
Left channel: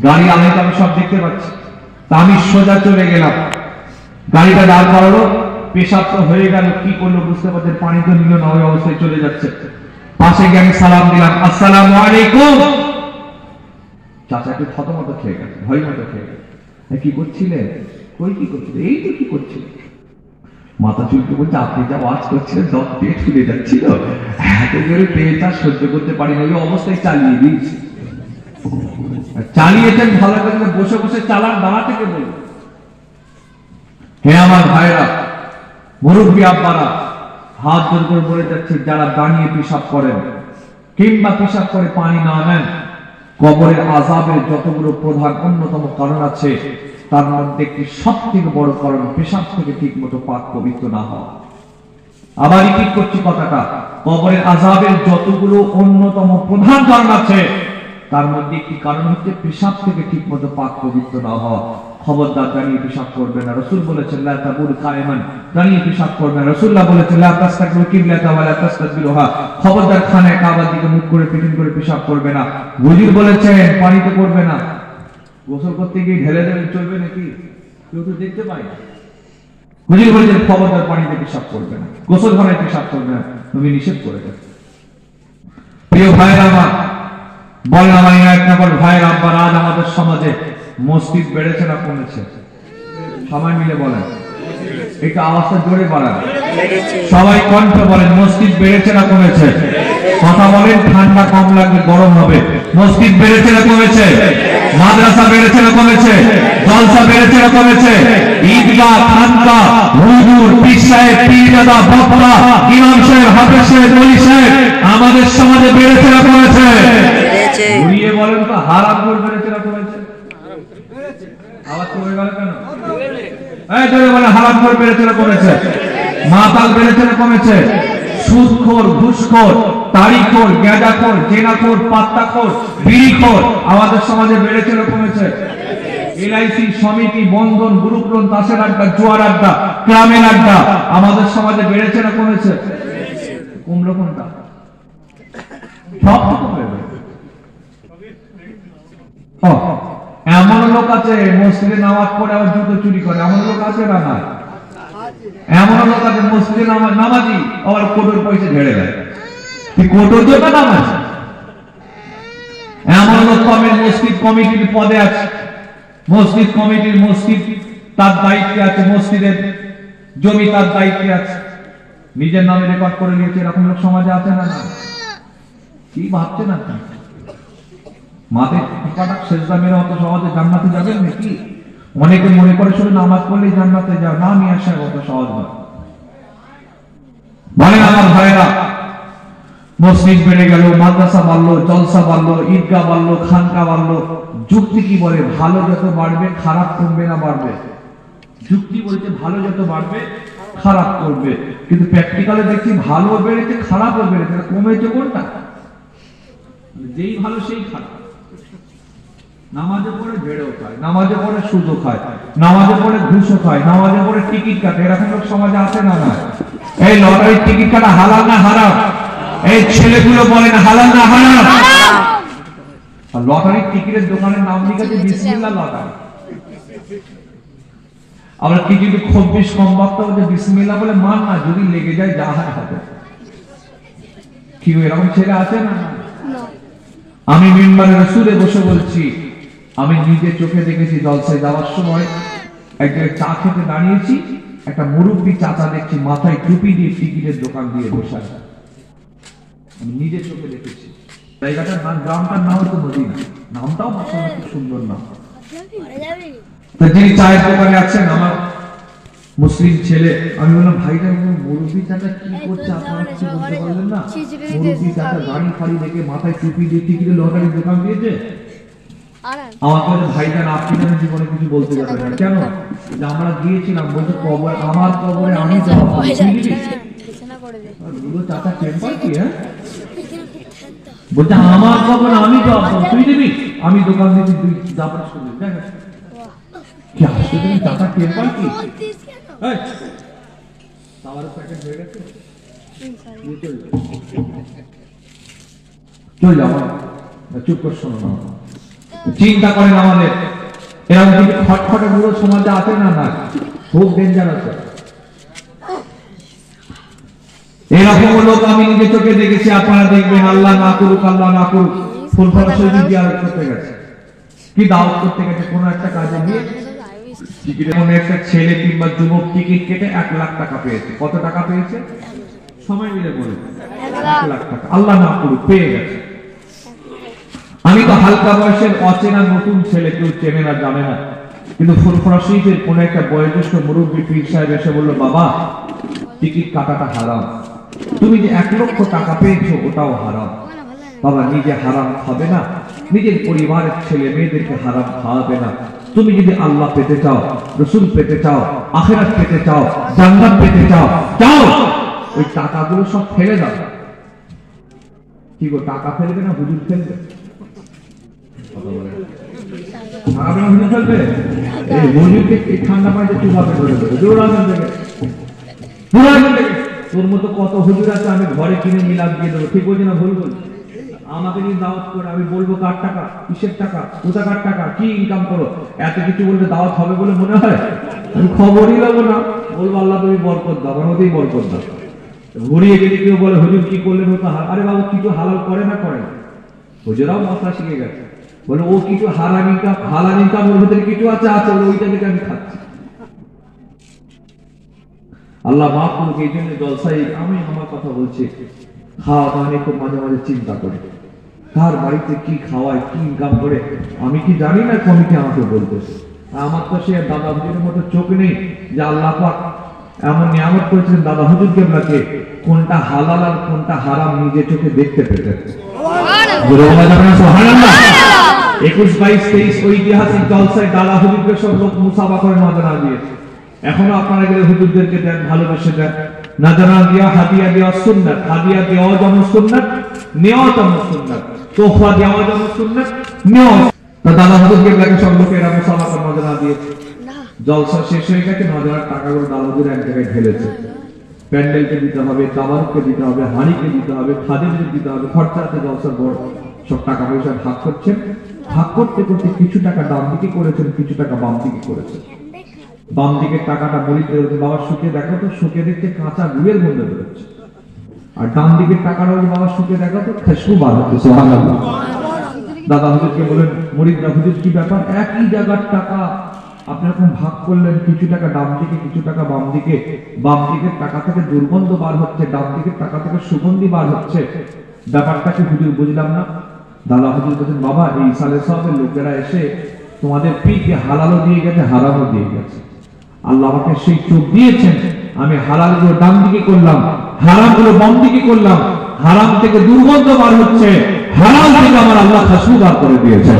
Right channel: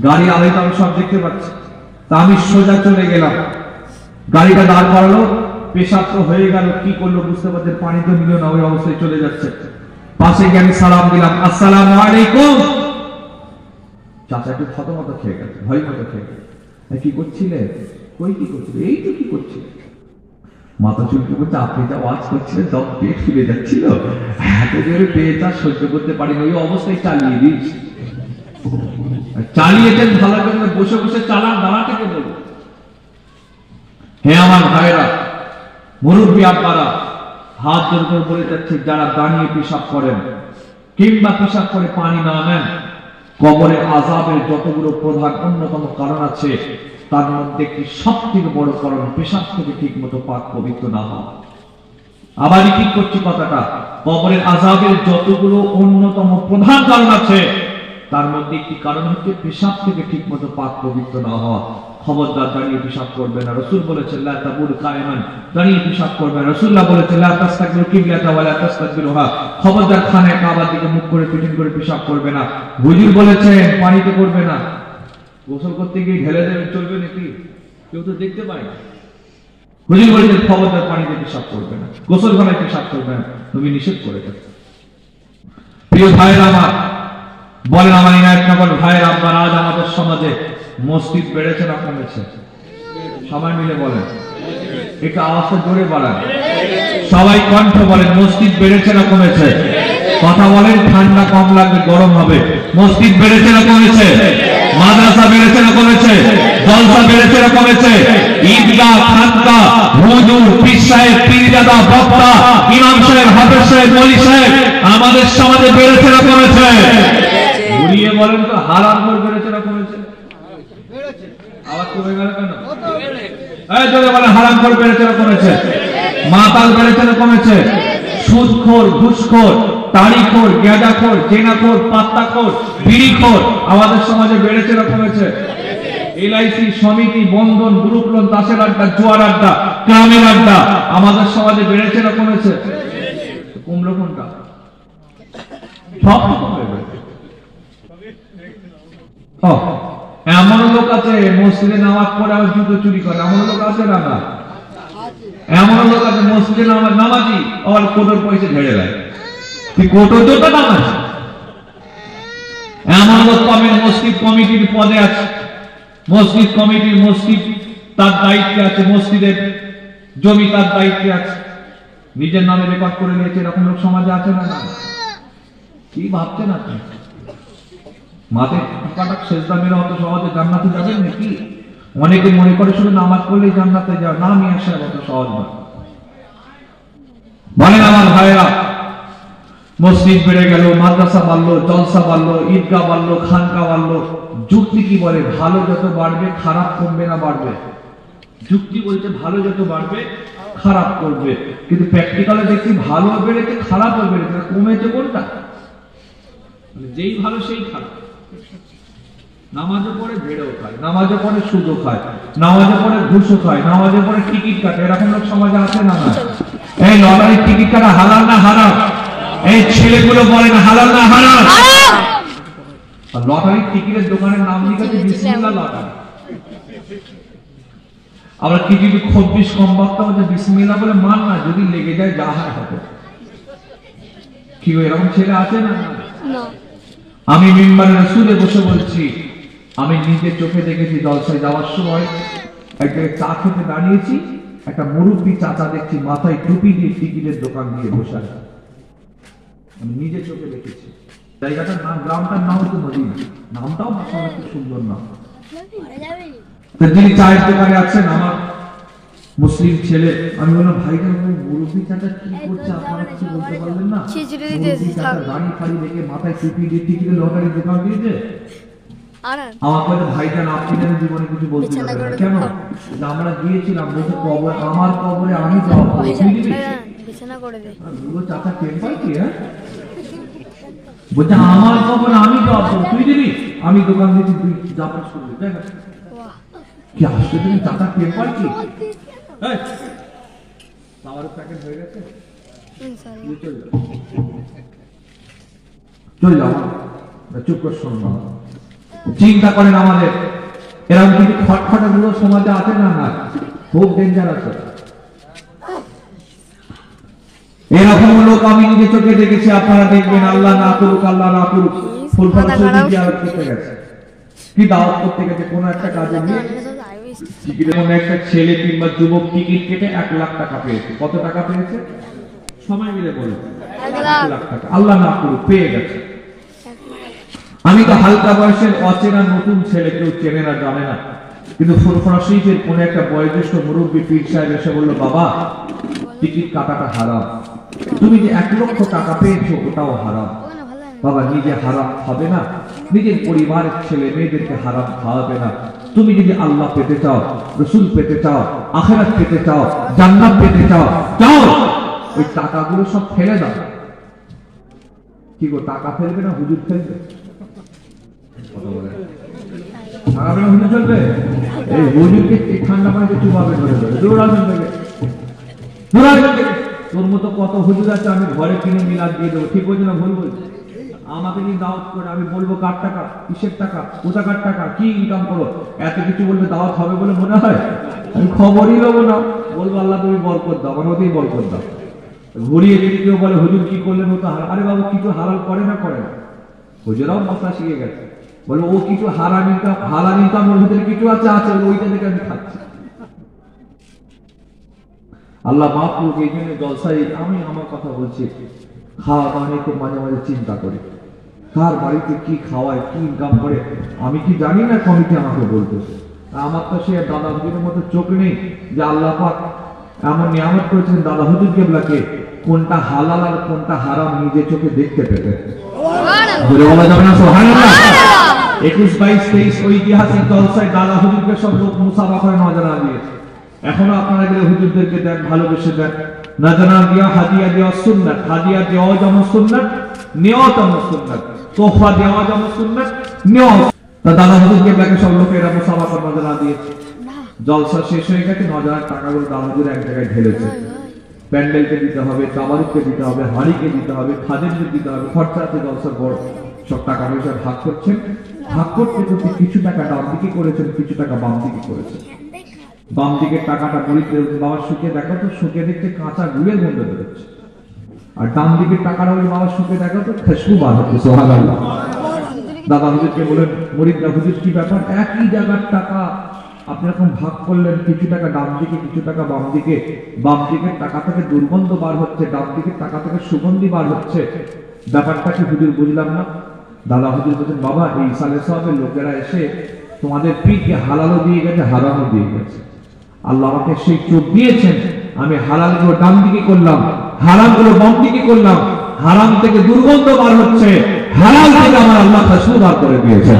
গাড়ি আলাইতে আমি সব দেখতে পাচ্ছি। তা আমি সোজা চলে গেলাম, গাড়িটা দাঁড় করালো, পেশাব তো হয়ে গেল, কি করলো বুঝতে পারছে, পানি তো নিল না, ওই অবস্থায় চলে যাচ্ছে। পাশে গিয়ে আমি সালাম দিলাম, আসসালামু আলাইকুম। চাচাকে থতমত খেয়ে গেছে, ভয় মতো খেয়ে গেছে। কি করছিলে? কই কি করছিলে? এই তো কি করছিলে? মাথা চুলকে বলছে, আপনি যা ওয়াজ করছিলেন দম পেট ফুলে যাচ্ছিল, এত জোরে পেট আর সহ্য করতে পারিনি, ওই অবস্থায় চালিয়ে দিয়েছি। চালিয়েছেন ভালো করে, বসে বসে চালান, দাঁড়া থেকে বলবো। হে আমার ভাইরা, মুরব্বী আব্বারা, হাত জোর করে বলে যাচ্ছে, যারা দাঁড়িয়ে পেশাব করেন কিংবা পেশাব করে পানি না নেন, কবরের আযাবের যতগুলো প্রধান অন্যতম কারণ আছে, তার মধ্যে একটি সবথেকে বড় কারণ পেশাব থেকে ঠিক মতো পাক পবিত্র না হওয়া। আবারই ঠিক করছি কথাটা, কবরের আযাবের যতগুলো অন্যতম প্রধান কারণ আছে তার মধ্যে একটি কারণ হচ্ছে পেশাব থেকে ঠিকমতো পাক পবিত্র না হওয়া। খবরদার দাঁড়িয়ে পেশাব করবে না, রাসূল বলেছেন লা তাবুল কায়মান, দাঁড়িয়ে পেশাব করবে না। রাসূলুল্লাহ বলেছেন লা তাসতাকবিরু কিবলাতা ওয়া লা তাসতাকবিরুহা, খবরদার খানায় কাবার দিকে মুখ করে পিটিন করে পেশাব করবে না। হুজুর বলেছেন পানিতে করবে না, গোসল করতে গিয়ে ঢেলে দেবে চলবে নাকি? কেউ তো দেখতে পায় না। হুজুর বলেছেন খবরদার পানিতে পেশাব করবে না, গোসলখানায় পেশাব করবে না, নবী নিষেধ করে গেছেন। প্রিয় ভাইরা আমার, বলেন আমার এক নম্বর ভাইয়ের আব্বার, আজ আমাদের সমাজে মসজিদ বেড়েছে না কমেছে? সবাই মিলে বলেন, একটু আওয়াজটা জোরে বাড়ান, সবাই কণ্ঠ বলেন, মসজিদ বেড়েছে না কমেছে? কথা বলেন, ঠান্ডা কম লাগবে, গরম হবে। মসজিদ বেড়েছে না কমেছে? মাদ্রাসা বেড়েছে না কমেছে? জলসা বেড়েছে না কমেছে? ঈদগাহ, খানকা, হুজুর, পীর সাহেব, পীরজাদা, বক্তা, ইমাম সাহেব, হাফেজ সাহেব, ওলি সাহেব আমাদের সমাজে বেড়েছে না কমেছে? ঘুরিয়ে বলেন তো, হারাম করে বেড়েছে না কমেছে? আওয়াজ করে বলেন কেন? এই জোরে বলেন, হারাম করে বেড়েছে না কমেছে? মাতাল বেড়েছে না কমেছে? সুদখোর, ঘুষখোর, তাড়িখোর, গেঁদাখোর, জেনাখোর, পাত্তাখোর, বিড়িখোর আমাদের সমাজে বেড়েছে না কমেছে? এলআইসি, সমিতি, বন্ধন, গ্রুপ লোন, তাসের আড্ডা, জুয়ার আড্ডা, গ্রামের আড্ডা আমাদের সমাজে বেড়েছে না কমেছে? কমলো কোনটা? সব তো কমে গেছে। এমন লোক আছে মসজিদে নামাজ পড়ে আবার জুতো চুরি করে, এমন লোক আছে না? না, এমন লোক আছে মসজিদে নামাজি আর কোটোর পয়সা ঝেড়ে দেয়, কোটোর তো নামাজ। এমন লোক পাবেন মসজিদ কমিটির পদে আছে, মসজিদ কমিটির, মসজিদ তার দায়িত্বে আছে, মসজিদের জমি তার দায়িত্বে আছে, নিজের নামে রেকর্ড করে নিয়েছে, এরকম লোক সমাজে আছে না? না, কি ভাবছেন আপনি? মাঠে টিকাটা সেজদা মেরে অত সমাজে জান্নাতে যাবেন নাকি? অনেকে মনে করে শুধু নামাজ পড়লেই জান্নাতে যাও, না নিয়ে আসার কথা সহজ না। বলেন আমার ভাইরা, মসজিদ বেড়ে গেল, মাদ্রাসা বাড়লো, জলসা বাড়লো, ঈদগাহ বাড়লো, খানকা বাড়লো। যুক্তি কি বলে? ভালো যত বাড়বে খারাপ কমবে না বাড়বে? যুক্তি বলছে ভালো যত বাড়বে খারাপ করবে, কিন্তু প্র্যাকটিক্যালে দেখছি ভালো বেড়েছে খারাপও বেড়েছে, কমেছে কোনটা? যেই ভালো সেই খারাপ। নামাজে পড়ে ভেড়েও খায়, নামাজে পড়ে সুদও খায়, নামাজে পড়ে ঘুষও খায়, নামাজে পড়ে টিকিট কাটে, এরকম লোক সমাজে আছে না? না। এই লটারির টিকিট কাটা হালাল না হারাম? এই ছেলেগুলো বলে না হালাল না হারাম? লটারির টিকিটের দোকানের নাম লিখেছে বিসমিল্লাহ লটারি। আবার কি যদি খুব বেশ কম বক্তা হচ্ছে বিসমিল্লাহ বলে মান না, যদি লেগে যায় যা হয় হবে। কি এরকম ছেলে আছে না? আমি মিম্বারে রাসূলে বসে বলছি, আমি নিজে চোখে দেখেছি জলসায় যাওয়ার সময় এক জায়গায় চা খেতে দাঁড়িয়েছি, একটা মুরব্বী চাচা দেখছি মাথায় টুপি দিয়ে টিকিটের দোকান দিয়ে বসে আছে, আমি নিজে চোখে দেখেছি। জায়গাটার নাম, গ্রামটার নাম তো মদিনা, নামটাও মাশাআল্লাহ খুব সুন্দর নাম। যিনি চায়ের দোকানে আছেন আমার মুসলিম ছেলে, আমি বললাম ভাইটা মুরব্বী চাচা কি করছে আপনারা কিছু বলতে পারলেন না? মুরব্বী চাচা গাড়ি ফাড়ি দেখে মাথায় টুপি দিয়ে টিকিটের লটারির দোকান দিয়েছে। আমার কাছে ভাইটা আপনি যেন জীবনে কিছু বলতে পারবেন না। কেন? আমরা গিয়েছিলাম, বলতে কবর আমার কবরে আমি তো চাচা টেম্পার কি? হ্যাঁ বলছে আমার কবরে আমি তো তুই দিবি, আমি দোকান দিয়েছি তুই যা পাস করবি। কি আসতে তুমি চাচা টেম্পার কি? প্যাকেট হয়ে গেছে, চুপ করে শোনো। চিন্তা করেন আমাদের এরকম কিছু খটখটে পুরো সমাজে আছে না? না, খুব ডেঞ্জারাস। এরকম লোক আমি নিজে চোখে দেখেছি, আপনারা দেখবেন। আল্লাহ না করুক, আল্লাহ না করুক, ফুলফল শরীর জিয়ারত করতে গেছে, কি দাওয়াত করতে গেছে কোন একটা কাজে গিয়ে, এরকম একটা ছেলে কিংবা যুবক টিকিট কেটে 1 লাখ টাকা পেয়েছে। কত টাকা পেয়েছে? সবাই মিলে বলে 1 লাখ টাকা। আল্লাহ না করুক, পেয়ে গেছে। আমি তো হালকা বয়সের অচেনা নতুন ছেলে, কেউ চেনে না জানে না, কিন্তু ফুরফুরা শরীফের কোন একটা বয়োজ্যেষ্ঠ মুরব্বী পীর সাহেব এসে বলল, বাবা টিকিট কাটাটা হারাম, তুমি যে 1 লক্ষ টাকা পেয়েছো ওটাও হারাম। বাবা নিজে হারাম খাবে না, নিজের পরিবারের ছেলে মেয়েদেরকে হারাম খাওয়াবে না। তুমি যদি আল্লাহ পেতে চাও, রাসূল পেতে চাও, আখিরাত পেতে চাও, জান্নাত পেতে চাও, যাও ওই টাকাগুলো সব ফেলে দাও। কি গো, টাকা ফেলবে না হুজুর ফেলবে? হুজুর ফেলবে? এই হুজুরকে ঠান্ডা পানিতে চুবাবে করে দেবে। তোর মতো কত হুজুর আছে, আমি ঘরে কিনে মিলাদ দিয়ে দেবো। ঠিক বলছি না ভুল বলছি? আমাকে নিয়ে দাওয়াত করে আমি বলবো কার টাকা, কিসের টাকা, কোথাকার টাকা, কি ইনকাম করো, এত কিছু বলবে দাওয়াত হবে বলে মনে হয়? আমি খবরই নেবো না, বলবো আল্লাহ তুমি বরকত দাও, আমার মতেই বরকত দাও। ঘুরিয়ে যদি কেউ বলে হুজুর কি করলেন ও তো হারাম, আরে বাবু কিছু হালাল করে না করে না, হুজুরাও মশলা শিখে গেছে, বলে ও কিছু হারাম ইনকাম ওর ভিতরে কিছু আছে, ওইটা থেকে আমি খাচ্ছি। আল্লাহ মাফ করুক। এই জন্য জলসাই আমি আমার কথা বলছি, খাওয়া দাওয়া নিয়ে খুব মাঝে মাঝে চিন্তা করি, কার বাড়িতে কি খাওয়ায়, কি ইনকাম করে, আমি কি জানি না, কমিটি আমাকে বলতেছে। আমার তো সে দাদা হুজুরের মতো চোখ নেই যে আল্লাহ পাক এমন নিয়ামত করেছেন দাদা হুজুর কেবলাকে কোনটা হালাল আর কোনটা হারাম নিজে চোখে দেখতে পেতে। 21, 22, 23 ঐতিহাসিক জলসায় দাদা হুজুরকে সব লোক মুসাফা করে নজরা দিয়েছে। এখনো আপনারা গেলে হুজুরদেরকে দেন, ভালোবেসে দেন, নজরা দেওয়া, হাদিয়া দেওয়া সুন্নাত, হাদিয়া দেওয়া যেমন সুন্নাত, নেওয়া যেমন সুন্নাত, তোহফা দেওয়া যেমন সুন্নাত, নেওয়া। তো দাদা হুজুরকে দেখে সব লোকেরা মুসাফা করে নজরা দিয়েছে। জলসা শেষ হয়ে গেছে, নজরার টাকাগুলো দাদা হুজুর এক জায়গায় ঢেলেছে। প্যান্ডেলকে দিতে হবে, তাবারুককে দিতে হবে, হাড়িকে দিতে হবে, খাদেমকে দিতে হবে, খরচা আছে জলসার বড়। সব টাকা পয়সা ভাগ করছেন, ভাগ করতে করতে কিছু টাকা ডান দিকে করেছেন, কিছু টাকা বাম দিকে করেছেন। বাম দিকের টাকাটা বলিতে বাবা সুখে দেখো তো, সুখে দেখতে কাঁচা গুড়ের মধ্যে বেরোচ্ছে, আর ডান দিকের টাকাটা বাবা সুখে দেখো তো খুশবু বার হচ্ছে। সুবহানাল্লাহ। দাদা হুজুরকে বলেন, মুরিদরা হুজুর কি ব্যাপার, একই জায়গার টাকা আপনি এরকম ভাগ করলেন, কিছু টাকা ডান দিকে, কিছু টাকা বাম দিকে, বাম দিকের টাকা থেকে দুর্গন্ধ বার হচ্ছে, ডান দিকের টাকা থেকে সুগন্ধি বার হচ্ছে, ব্যাপারটা কি হুজুর বুঝলাম না। দাদা হুজুর বলছেন, বাবা এই সালে সাহেবের লোকেরা এসে তোমাদের পীরকে হালালও দিয়ে গেছে, হারামও দিয়ে গেছে। আল্লাহ আমাকে সেই চোখ দিয়েছেন, আমি হালাল গুলো ডান দিকে করলাম, হারাম গুলো বাম দিকে করলাম, হারাম থেকে দুর্গন্ধ বার হচ্ছে, হারাম থেকে আমার আল্লাহ খুশবু বার করে দিয়েছেন।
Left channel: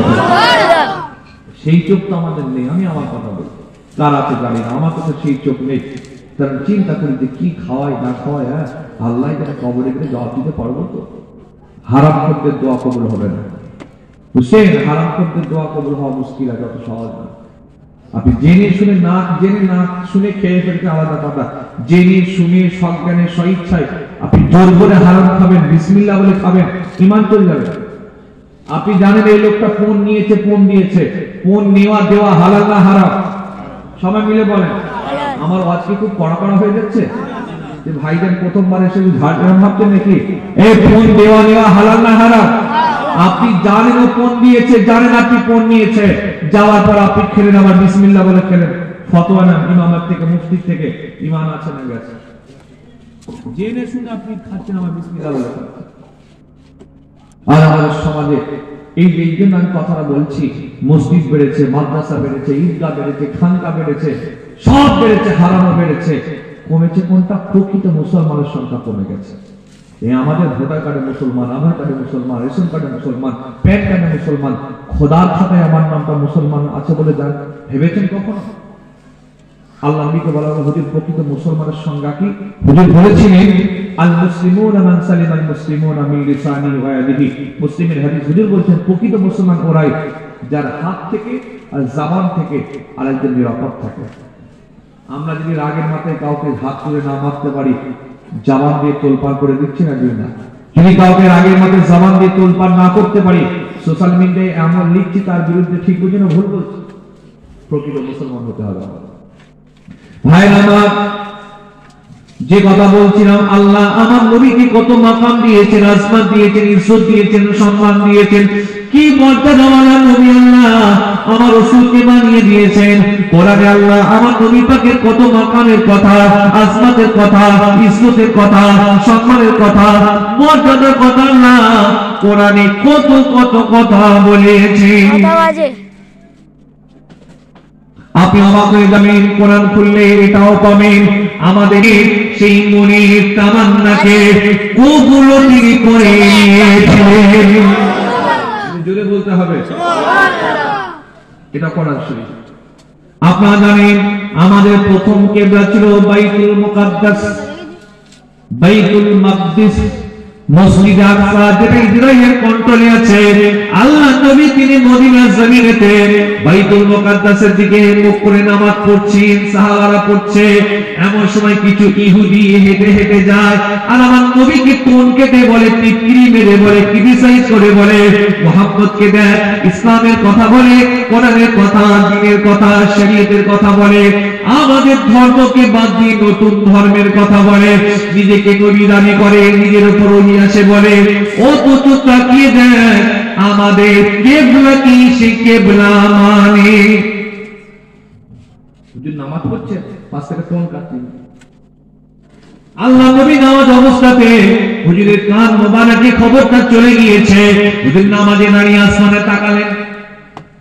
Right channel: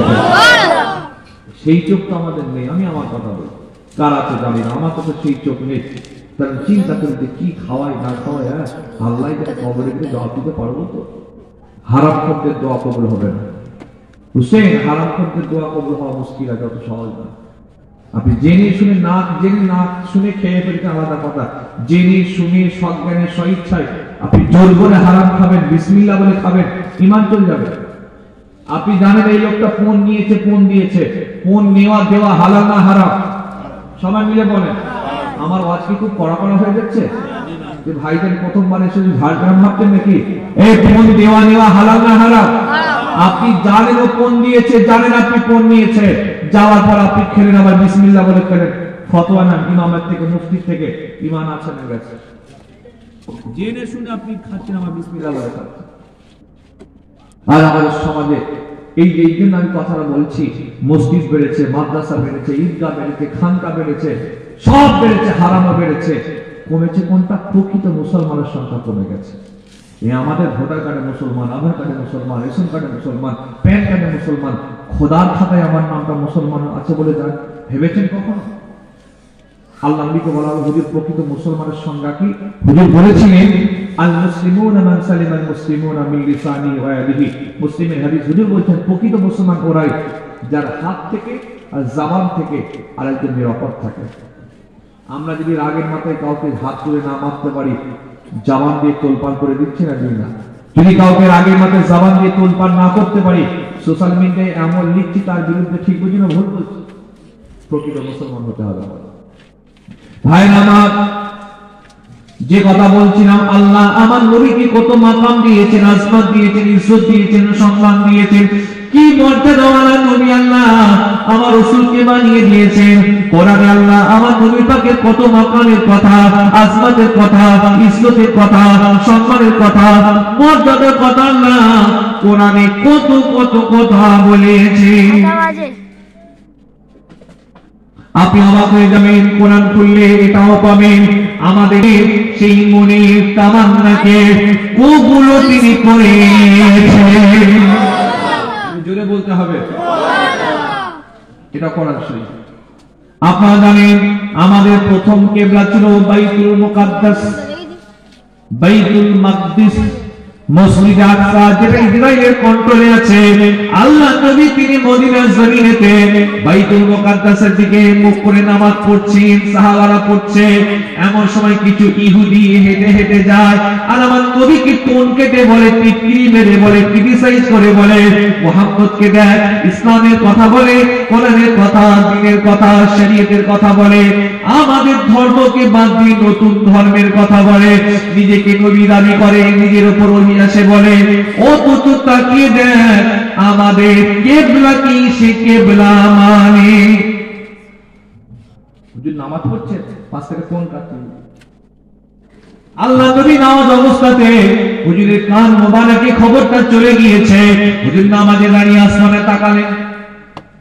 সেই চোখ তো আমাদের নেই। আমি আমার কথা বলি, কার আছে জানি না, আমার কাছে সেই চোখ নেই। কারণ চিন্তা করি যে কি খাওয়াই না খাওয়াই, হ্যাঁ আল্লাহ যেন কবরে গেলে জবাব দিতে পারবো তো। হারাম খদ্দের দোয়া কবুল হবে না হুসেন, হারাম খদ্দের দোয়া কবুল হওয়া মুশকিল আছে, অত সহজ না। আপনি জেনে শুনে না শুনে খেয়ে ফেলতে আলাদা কথা, জেনে শুনে সজ্ঞানে স্বইচ্ছায় আপনি জোর করে হারাম খাবেন, বিসমিল্লাহ বলে খাবেন, ঈমান চলে যাবে। আপনি জানেন এই লোকটা ফোন নিয়েছে, ফোন দিয়েছে, ফোন নেওয়া দেওয়া হালাল না হারাম? সবাই মিলে বলেন। আমার ওয়াজ কি খুব কড়া হয়ে যাচ্ছে? যে ভাইজান প্রথমবার এসে ঝাড়গ্রাম মারতেন নাকি? এই ফোন দেওয়া নেওয়া হালাল না হারাম? আপনি জানেন ও ফোন দিয়েছে, জানেন আপনি ফোন নিয়েছে, যাওয়ার পর আপনি খেলেন, আবার বিসমিল্লাহ বলে খেলেন, ফতোয়া নেন ইমামের থেকে, মুফতির থেকে, ঈমান আছে না গেছে? জেনে শুনে আপনি খাচ্ছেন, আবার বিসমিল্লাহ বলে খাচ্ছেন। আর আমাদের সমাজে এই জন্য আমি কথাটা বলছি, মসজিদ বেড়েছে, মাদ্রাসা বেড়েছে, ঈদগাহ বেড়েছে, খানকা বেড়েছে, সব বেড়েছে, হারামও বেড়েছে। কমেছে কোনটা? প্রকৃত মুসলমানের সংখ্যা কমে গেছে। এই আমাদের ভোটার কার্ডে মুসলমান, আধার কার্ডে মুসলমান, রেশন কার্ডে মুসলমান, প্যান কার্ডে মুসলমান, খোদার খাতায় আমার নামটা মুসলমান আছে বলে যান ভেবেছেন কখনো? আল্লাহ নবীকে বলা হলো হুজুর প্রকৃত মুসলমানের সংজ্ঞা কি? হুজুর বলেছিলেন আল মুসলিমুনা মান সালিমাল মুসলিমুনা মিন লিসানিহি ওয়া ইয়াদিহি। মুসলিমের হাদিস। হুজুর বলেছেন প্রকৃত মুসলমান ওরাই যার হাত থেকে আর জবান থেকে আরেকজন নিরাপদ থাকে। আমরা যদি রাগের মাথায় কাউকে হাত তুলে না মারতে পারি, জবান দিয়ে তোলপাড় করে দিচ্ছি না দিই না? যদি কাউকে রাগের মাথায় জবান দিয়ে তোলপাড় না করতে পারি, সোশ্যাল মিডিয়ায় এমন লিখছি তার বিরুদ্ধে ঠিক বুঝি না ভুল বলছি, প্রকৃত মুসলমান হতে হবে। ভাইরা আমার, যে কথা বলছিলাম, আল্লাহ আমার নবীকে কত মাকাম দিয়েছেন, আসমান দিয়েছেন, ইজ্জত দিয়েছেন, সম্মান দিয়েছেন, কি মর্যাদাওয়ালা নবী আল্লাহ আমার রাসূলকে বানিয়ে দিয়েছেন। কোরআনে আল্লাহ আমার নবী পাকের কত মাকামের কথা, আসমানের কথা, ইজ্জতের কথা, সম্মানের কথা, মর্যাদার কথা না কোরআনে কত কত কথা বলেছে। আপনি অবাক হয়ে যাবেন, কোরআন খুললে এটাও পাবেন আমাদের সেই মনের তামান্নাকে ওগুলো তিনি করে নিয়েছিলেন। জোরে বলতে হবে, এটা কোরআন শরীফ। আপনারা জানেন আমাদের প্রথম কিবলা ছিল বাইতুল মুকাদ্দাস। বাইতুল মাকদিস মসজিদ আকসা যেটা ইসরায়েলের কন্ট্রোলে আছে, আল্লাহ নবী তিনি মদিনার জমিনেতে বাইতুল মুকাদ্দাসের দিকে মুখ করে নামাজ পড়ছেন, সাহাবারা পড়ছে। এমন সময় কিছু ইহুদি হেঁটে হেঁটে যায়, আর আমার নবীকে টোন কেটে বলে, টিটকিরি মেরে বলে, ক্রিটিসাইজ করে বলে, মুহাম্মদকে দেখ ইসলামের কথা বলে, কোরআনের কথা, দ্বীনের কথা, শরীয়তের কথা বলে, আমাদের ধর্মকে বাদ দিয়ে নতুন ধর্মের কথা বলে, নিজেকে নবী দাবি করে, নিজের উপর ওহী আসে বলে। ও তো তাকিয়ে দেখ আমাদের কিবলা কি, সে কিবলা মানে হুজুর নামাজ পড়ছে, পাশ থেকে ফোন কাটছে। আল্লাহ নবী নামাজ অবস্থাতে হুজুরের কান মোবারকে খবরটা চলে গিয়েছে। হুজুর নামাজে দাঁড়িয়ে আসমানে তাকালেন,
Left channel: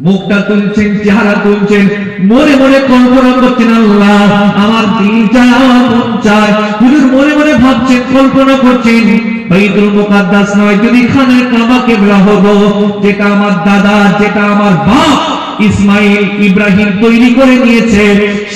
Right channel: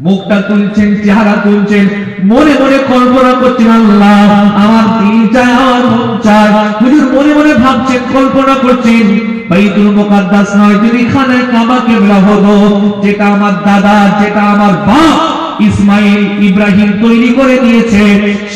মুখটা তুলছেন, চেহারা তুলছেন, মনে মনে কল্পনা করছেন, আল্লাহ আমার দিল চায়, আমার মন চায়। হুজুর মনে মনে ভাবছেন, কল্পনা করছেন, বাইতুল মুকাদ্দাস নয়, যদি খানে কাবা কিবলা হলো, যেটা আমার দাদা, যেটা আমার বাপ ইসমাইল ইব্রাহিম তৈরি করে দিয়েছে,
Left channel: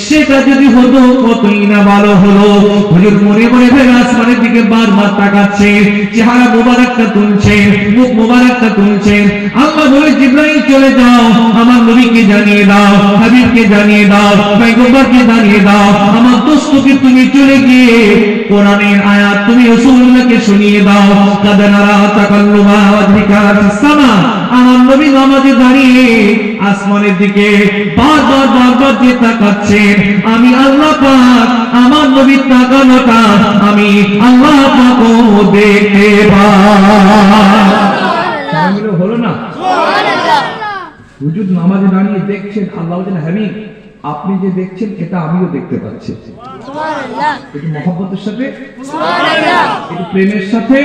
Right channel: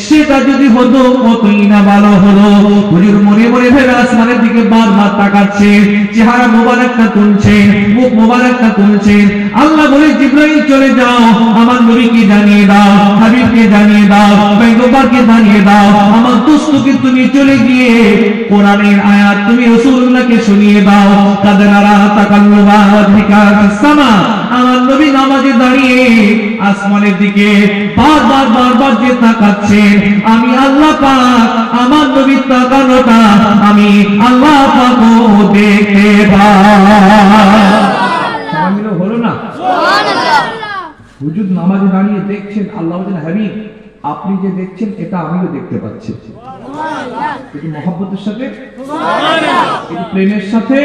সেটা যদি হতো কতই না ভালো হলো। হুজুর মনে মনে ভেবে আসমানের দিকে বারবার তাকাচ্ছেন, চেহারা মোবারকটা তুলছেন, মুখ মোবারকটা তুলছেন। আল্লাহ বলে, জিবরাইল চলে যাও, আমার নবীকে জানিয়ে দাও, হাবিবকে জানিয়ে দাও, পয়গম্বরকে জানিয়ে দাও, আমার দোস্তকে তুমি চলে গিয়ে কোরআনের আয়াত তুমি রাসূলুল্লাহকে শুনিয়ে দাও। কাদানারা তাকাল্লুবা ওয়াজহিকা ফিস সামা, আমার নবী নামাজে দাঁড়িয়ে আসমানের দিকে বারবার বারবার যে তাকাচ্ছেন, আমি আল্লাহ পাক আমার নবীর তাকানোটা আমি আল্লাহ পাকও দেখতে পাই। হলো না? হুজুর নামাজে দাঁড়িয়ে দেখছেন, আল্লাহ বলেন, হাবিব আপনি যে দেখছেন এটা আমিও দেখতে পাচ্ছি। একটু মহব্বতের সাথে, একটু প্রেমের সাথে।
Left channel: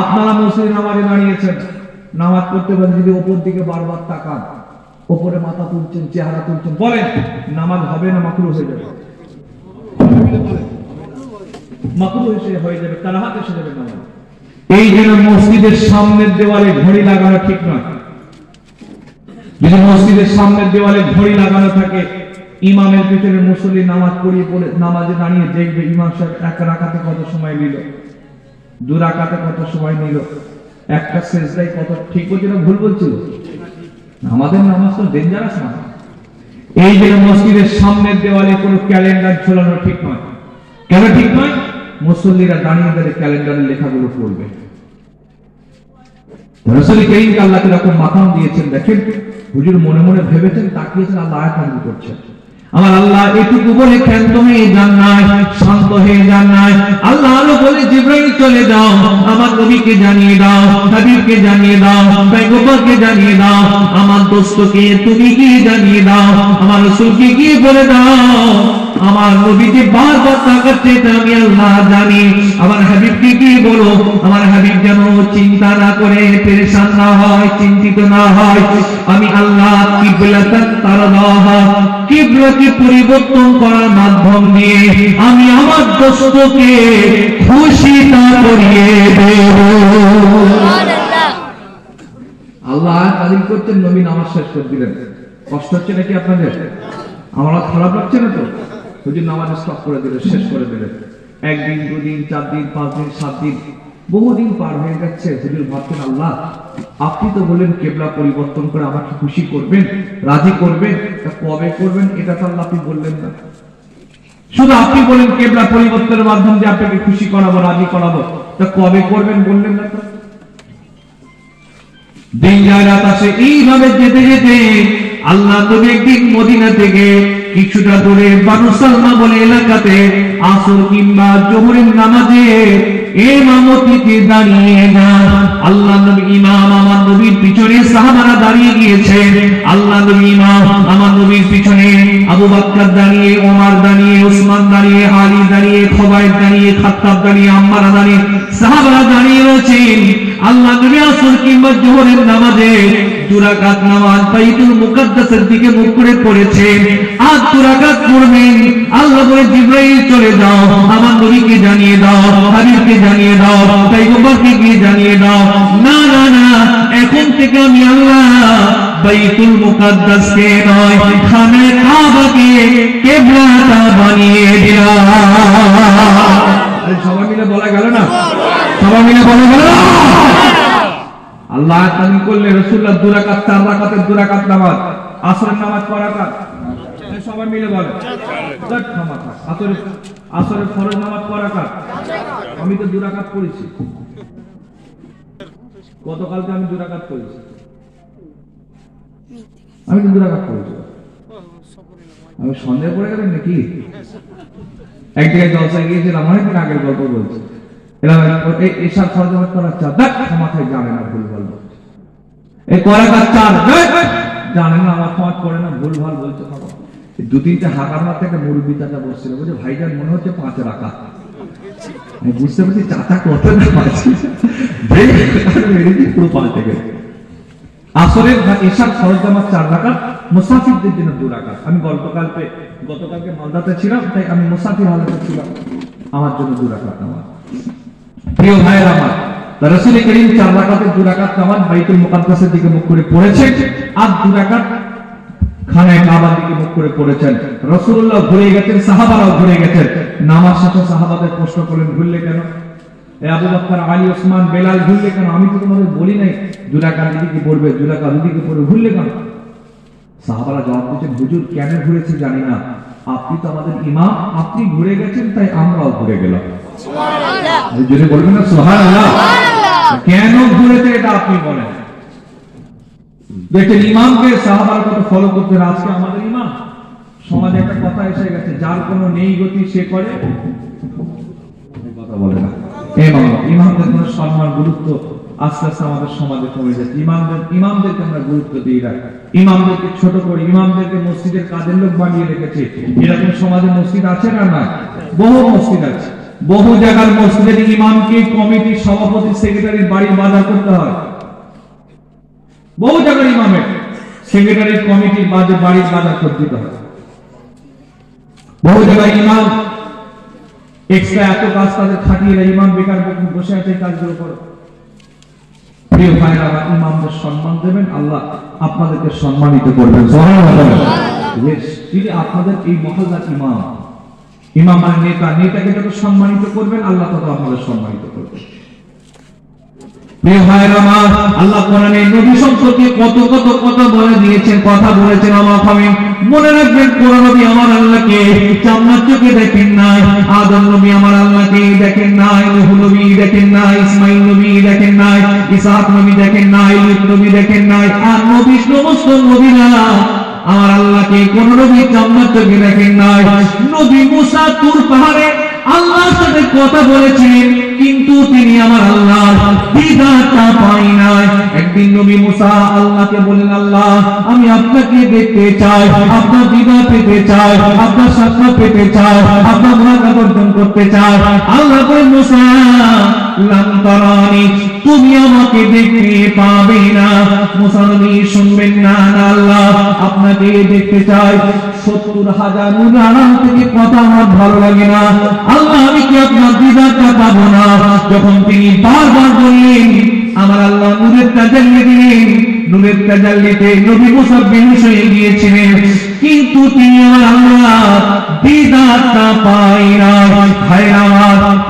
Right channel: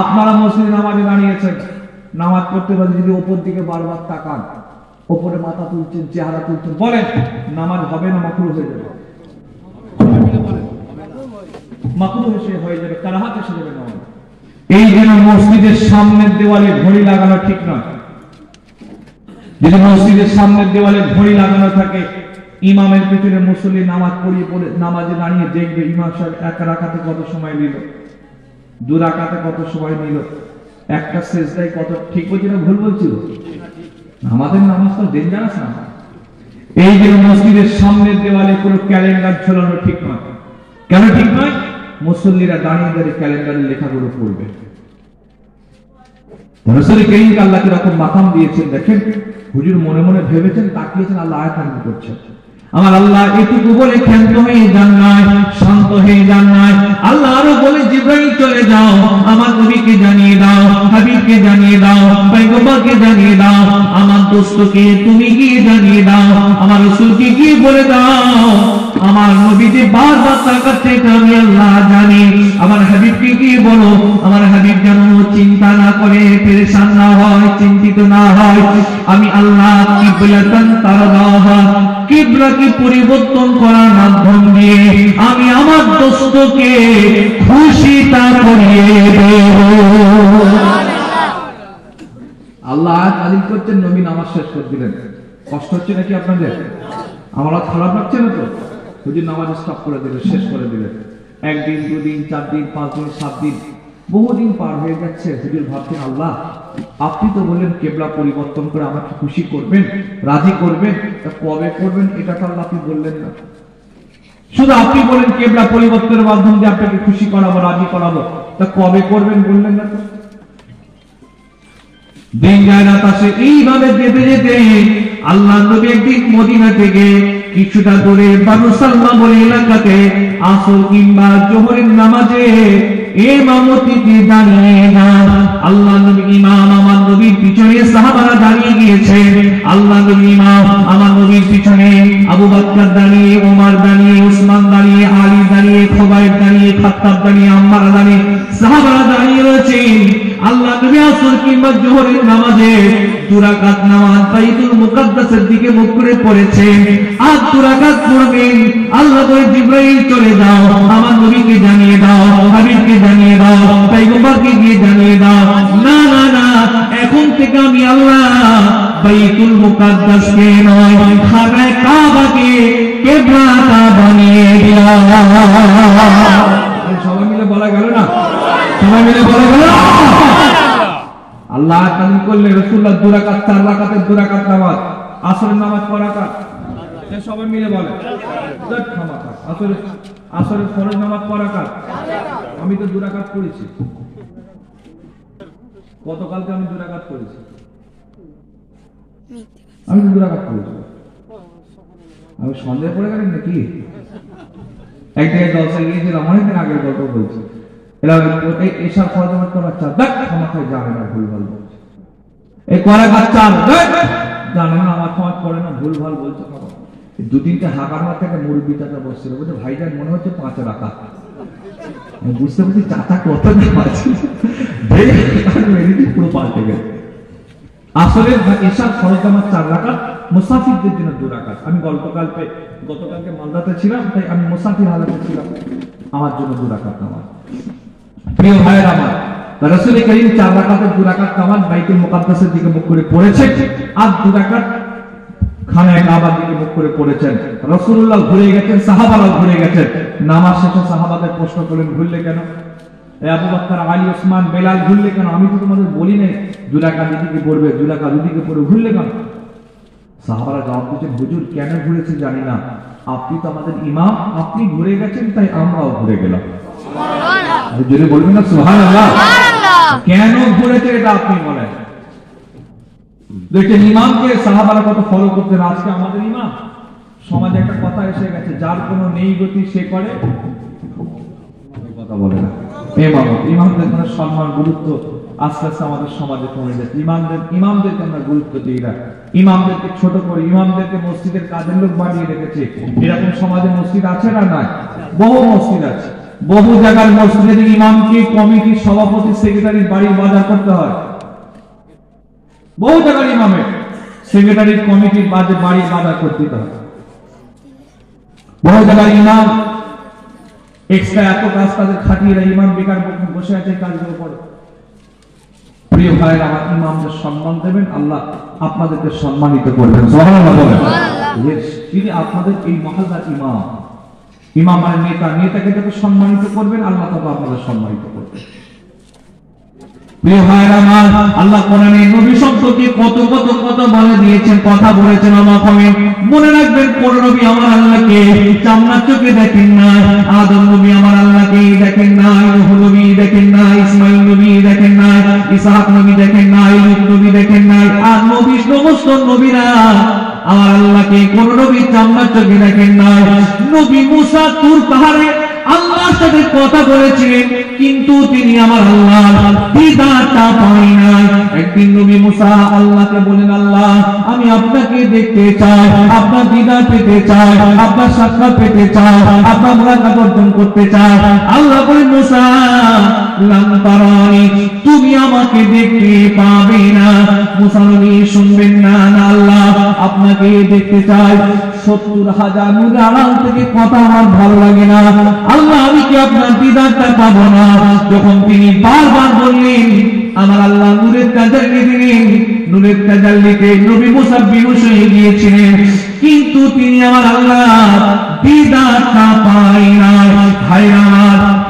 আপনারা মুসলিম নামাজে দাঁড়িয়েছেন, নামাজ পড়তে পারেন, যদি ওপর দিকে বারবার তাকান, ওপরে মাথা তুলছেন, চেহারা তুলছেন, বলেন নামাজ হবে না মাকরুহ হয়ে যাবে? মাকরুহ হয়ে যাবে, কারাহাত এসে যাবে নামাজ। এই জন্য মসজিদের সামনের দেওয়ালে ঘড়ি লাগানো ঠিক নয়। যদি মসজিদের সামনের দেওয়ালে ঘড়ি লাগানো থাকে, ইমামের পিছনে মুসল্লি নামাজ পড়িয়ে পড়ে নামাজে দাঁড়িয়ে দেখবে ইমাম সাহেব এক রাকাতে কত সময় নিল, দু রাকাতে কত সময় নিল, একটা সেজদায় কত, ঠিক বলছি না ভুল বলছিল? আমাদের নামাজ তো ডেঞ্জারাস না। এই যে মসজিদের সামনের দেওয়ালে কোনো ক্যালেন্ডার ঝোলানো ঠিক নয়। কেন ঠিক নয়? মুসল্লিরা দাঁড়িয়ে দাঁড়িয়ে ক্যালেন্ডারের লেখাগুলো পড়বে। রাসূল কারীমকে আল্লাহ এরকম মাকাম দিয়েছেন, দেখেন হুজুর মনে মনে ভেবেছেন, তাকিয়েছেন, আল্লাহ আয়াত নাযিল করছেন। আমার আল্লাহ এটুকু বলে ক্ষান্ত হয়ে যান নাই, শান্ত হয়ে যান নাই। আল্লাহ আরো বলে, জিবরাইল চলে যাও, আমার নবীকে জানিয়ে দাও, হাবিবকে জানিয়ে দাও, পয়গম্বরকে জানিয়ে দাও, আমার দোস্তকে তুমি গিয়ে জানিয়ে দাও, আমার রাসূলকে গিয়ে বলে দাও, আমার নবী যে বারবার তাকাচ্ছে এটা আমি আল্লাহ জানি। আমার হাবিবকে গিয়ে বলো, আমার হাবিব যেন চিন্তা না করে, পেরেশান না হয়, চিন্তিত না হয়। আমি আল্লাহ কিবলাতান তারদাহা, কিবলাকে পরিবর্তন করার মাধ্যম দিয়ে আমি আমার দোস্তকে খুশিতা করিয়ে দেব। আল্লাহ আয়াত নাযিল করছেন, নবী নামাজ শেষ করে দিলেন। কষ্ট হচ্ছে নাকি আপনাদের? আমরা খারাপ লাগছে না তো? হুজুর নামাজ স্টপ করে দিলেন, শেষ করে দিলেন। একদিন, দুদিন, 4 দিন, 5 দিন, 7 দিন, বহুদিন পার হয়ে যাচ্ছে। হুজুর ভাবছেন, আল্লাহ আপনি তো বলেন কেবলা পরিবর্তন করে আমাকে খুশি করবেন, রাজি করবেন, তা কবে করবেন এটা তো আপনি বললেন না। শুধু আপনি বলেন কেবলা পরিবর্তনের মাধ্যম দিয়ে আপনাকে খুশি করাবো, রাজি করাবো, তা কবে করবেন বললেন না তো। দিন যায় রাত আসে, এইভাবে যেতে যেতে আল্লাহ নবী একদিন মদিনা থেকে কিছুটা দূরে বানু সালমা বলে এলাকাতে আসর কিংবা জোহরের নামাজে ইমামতিতে দাঁড়িয়ে যান। আল্লাহ নবী ইমাম, আমার নবীর পিছনে সাহাবারা দাঁড়িয়ে গিয়েছে। আল্লাহ নবী ইমাম, আমার নবীর পিছনে আবু বকর দাঁড়িয়ে, ওমর দাঁড়িয়ে, উসমান দাঁড়িয়ে, আলী দাঁড়িয়ে, খুবাইব দাঁড়িয়ে, খাত্তাব দাঁড়িয়ে, আম্মার দাঁড়িয়ে, সাহাবারা দাঁড়িয়ে রয়েছেন। আল্লাহ নবী আসর কিংবা জোহরের নামাজে 2 রাকাত নামাজ বাইতুল মুকাদ্দাসের দিকে মুখ করে পড়েছেন। আর 2 রাকাত পড়বেন। আল্লাহ বলে, জিবরাইল চলে যাও, আমার নবীকে জানিয়ে দাও, হাবিবকে জানিয়ে দাও, পয়গম্বরকে গিয়ে জানিয়ে দাও। না না না, এখন থেকে আমি আল্লাহ বাইতুল মুকাদ্দাসকে নয়, খানায়ে কাবাকে কিবলাটা বানিয়ে দিলাম। আরে সবাই মিলে বলা গেল না, সবাই মিলে বলা গেল। আল্লাহ তাআলা করলে রাসূলুল্লাহ 2 রাকাত 4 রাকাতের 2 রাকাত নামাজ, আসরের নামাজ কয় রাকাত? সবাই মিলে বলে আসরের ফরজ নামাজ কয় রাকাত? আমি তো 2 রাকাত পড়েছি। গতকালকে আমি 2 রাকাত পড়েছি, আমি তো 2 রাকাত পড়েছি। আমি সন্দেহ পড়ে গেলেন নাকি? এক জায়গায় জলসায় গিয়েছিলাম, অনেকদিন আগের গল্প বলছি। এরা এসব ফরজ নামাজ করার চার দেখ মাথায় জানে না, ভুলভাল বলছে। এই কয় রাকাত? 4 জানেন না, আমার নামাজ পড়ে না, ভুলভাল বলছে। 2-3টে হাঁকার মার থেকে মুরব্বী চাচা বসছিল, বলছে ভাইজান মনে হচ্ছে 5 রাকাত। আমি বুঝতে পারছি চাচা কত আছে, পুরো 5 থেকে। আসরের এশার ফরজ নামাজ 4 রাকাত, মুসাফিরদের জন্য 2 রাকাত। আমি গতকালকে মালদাতে ছিলাম, তাই আমি মুসাফির হালাতে ছিলাম, আমার জন্য 2 রাকাত নামাজ। প্রিয় ভাইয়ের আমার, রাসূল করিম 4 রাকাতের 2 রাকাত নামাজ বাইতুল মুকাদ্দাসের দিকে মুখ করে পড়েছেন, আর 2 রাকাত খানায় কাবার দিকে মুখ করে পড়েছেন। রাসূলুল্লাহ ঘুরে গেছেন, সাহাবারাও ঘুরে গেছেন। নামাজ শেষে সাহাবাদের প্রশ্ন করলেন, ভুললে কেন? আবু বকর, আলী, ওসমান, বেলাল ভুললে কেন? আমি তো তোমাদের বলি নাই 2 রাকাত দিকে পড়বে, 2 রাকাত দিকে পড়বে, ভুললে কেন? সাহাবারা জবাব দিয়েছেন, হুজুর কেন ঘুরেছে জানি না, আপনি তো আমাদের ইমাম, আপনি ঘুরে গেছেন তাই আমরাও ঘুরে গেলাম। হুজুরে বলবেন না সুবহানাল্লাহ? কেন ঘুরেছে এটা আপনি বলেন। দেখেন ইমামকে সাহাবারা কত ফলো করতেন। আজকে আমাদের ইমাম, সমাজে একটা কথা এসে গেছে, যার কোনো নেই গতি সে করে কথা বলে না। ইমামদের সম্মান গুরুত্ব আস্তে আস্তে আমাদের সমাজে কমে যাচ্ছে। ইমামদেরকে আমরা গুরুত্ব দিই না, ইমামদেরকে ছোট করে, ইমামদেরকে মসজিদের কাজের লোক বানিয়ে রেখেছে। এরকম সমাজে মসজিদ আছে না? নয়, বহু মসজিদ আছে। বহু জায়গার মসজিদের ইমামকে কমিটির সভাপতি, সেক্রেটারির বাড়ির বাজার করতে হয়। বহু জায়গার ইমামের সেক্রেটারির কমিটির বাড়ির বাজার করতে হয়। বহু জায়গার ইমাম এক্সট্রা এত কাজ তাদের খাটিয়ে ইমাম বেকার বসে আছে এই কাজগুলো করে। প্রিয় ভাইরা, আমার ইমামদের সম্মান দেবেন, আল্লাহ আপনাদেরকে সম্মানিত করবেন। তিনি আপনাদের এই মহল্লার ইমাম মানে নেতাকে যত সম্মানিত করবেন, আল্লাহ তত আপনাদের সম্মানিত করবেন। প্রিয় ভাইরা আমার, আল্লাহ কোরআনে নবী সম্পর্কে কত কথা বলে দিয়েছেন, কথা বলেছেন। অবাক হবেন। মনে রাখবেন, কোন নবী আমার আল্লাহকে চামড়ার চোখে দেখেন নাই। আদম নবী আমার আল্লাহকে দেখেন নাই, নূহ নবী দেখেন নাই, ইসমাঈল নবী দেখেন নাই, ইসহাক নবী দেখেন নাই, লূত নবী দেখেন নাই। আর নবী, সমস্ত নবীরা আমার আল্লাহকে কোন নবী চামড়ার চোখে দেখেন নাই। নবী মুসা তুর পাহাড়ে আল্লাহর সাথে কথা বলেছিলেন, কিন্তু তিনি আমার আল্লাহর দিদারটা পাই নাই। একদিন নবী মুসা আল্লাহকে বলেন, আল্লাহ আমি আপনাকে দেখতে চাই, আপনার দিদার পেতে চাই, আপনার সাক্ষাৎ পেতে চাই, আপনার মুলাকাত অর্জন করতে চাই। আল্লাহ বলেন, মুসা লাম তারানি, তুমি আমাকে দেখতে পাবে না। মুসা নবী শুনবেন না, আল্লাহ আপনাকে দেখতে চাই। 70,000 নূরের আড়াল থেকে কথা আমার ভালো লাগে না, আল্লাহ আমি কি আপনার দিদারটা পাবো না? যখন তিনি বারবার বললেন, আমার আল্লাহ নূরের তাজাল্লি দিলেন। নূরের তাজাল্লিতে নবী মুসা বেহুশ হয়ে গিয়েছিলেন, কিন্তু তিনি আমার আল্লাহ দিদারটা পাই না। ভাইরা,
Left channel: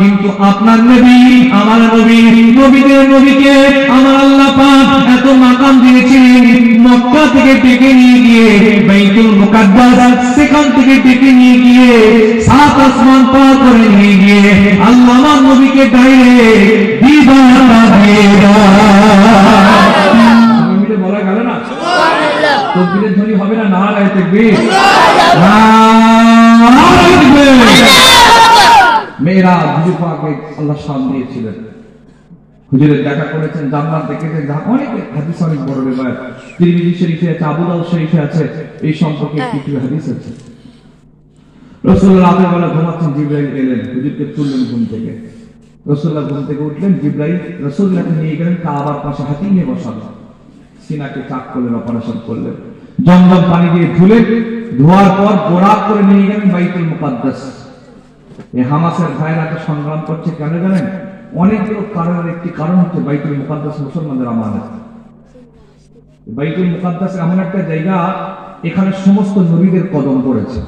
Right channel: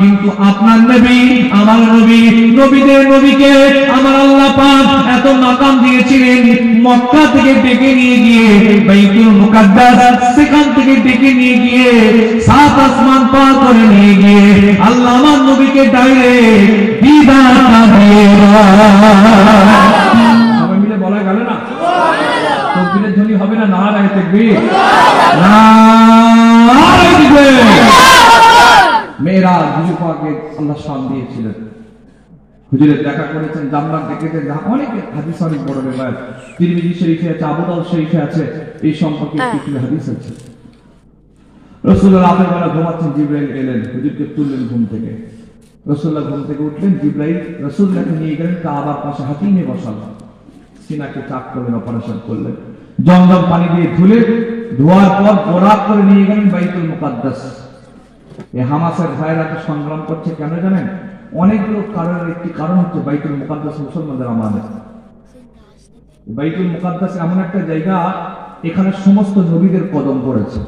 কিন্তু আপনার নবী, আমার নবী, নবীদের নবীকে আমার আল্লাহ পাক এত মাকাম দিয়েছেন। মক্কা থেকে ডেকে নিয়ে গিয়ে বাইতুল মুকাদ্দাস, সেখান থেকে ডেকে নিয়ে গিয়ে 7 আসমান পার করে নিয়ে গিয়ে আল্লাহ আমার নবীকে ডাইরেক্ট দিদারটা দিয়ে মিলে বলা গেল না? তকবীরের ধ্বনি হবে না? নারায়ে তাকবীর, নারায়ে তাকবীর। মেয়েরাজ হুজুর পাককে আল্লাহ শান দিয়েছিলেন। হুজুরের দেখা করেছেন, জান্নাত দেখেছেন, অনেক হাদিস, অনেক বড় রিওয়ায়াত তিরমিজি শরীফে আছে, আবু দাউদ শরীফে আছে, এই সম্পর্কে কিছু হাদিস আছে। রাসূলুল্লাহ রাতের বেলা ঘুমাচ্ছেন, জিবরাইল এলেন, হুজুরকে তুললেন ঘুম থেকে। রাসূলুল্লাহ ঘুম থেকে উঠলেন, জিবরাইল রাসূলুল্লাহকে নিয়ে গেলেন কাবার পাশে, হাতিমে বসালেন, সিনাকে চাক করলেন, অপারেশন করলেন, জমজম পানি দিয়ে ধুলেন, ধোয়ার পর বরাত করে নিয়ে গেলেন বাইতুল মুকাদ্দাস। এই হামাসের ভাইয়েরা এত সংগ্রাম করছে কেন জানেন? অনেকগুলো কারণের একটি কারণ হচ্ছে বাইতুল মুকাদ্দাস মুসলমানদের আমানত। বাইতুল মুকাদ্দাস এমন একটা জায়গা, এখানে সমস্ত নবীদের কদম পড়েছে।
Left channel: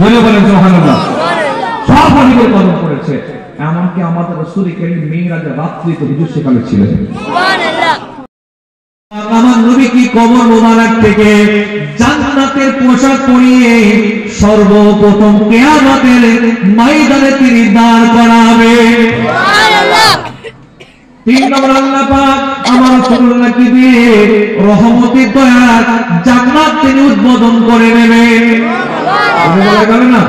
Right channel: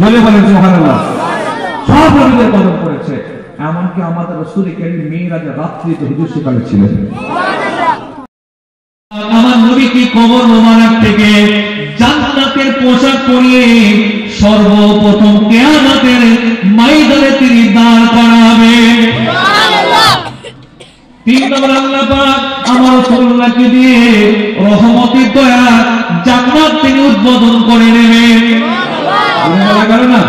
বলে বলেন সুবহানাল্লাহ, সব নবীদের কদম পড়েছে। এমনকি আমাদের রাসূল করিম মিরাজে রাত্রিতে হুজুর সেখানে ছিলেন। আমার নবী কি কবর মোবারক থেকে জান্নাতের পোশাক পরিয়ে সর্বপ্রথম কিয়ামতের ময়দানে তিনি দাঁড় করাবেন। তিন নম্বর আল্লাহ পাক আমার রাসূলুল্লাহকে দিয়ে রহমতের দয়া জান্নাত তিনি উদ্বোধন করে নেবেন। বলা যাবে না?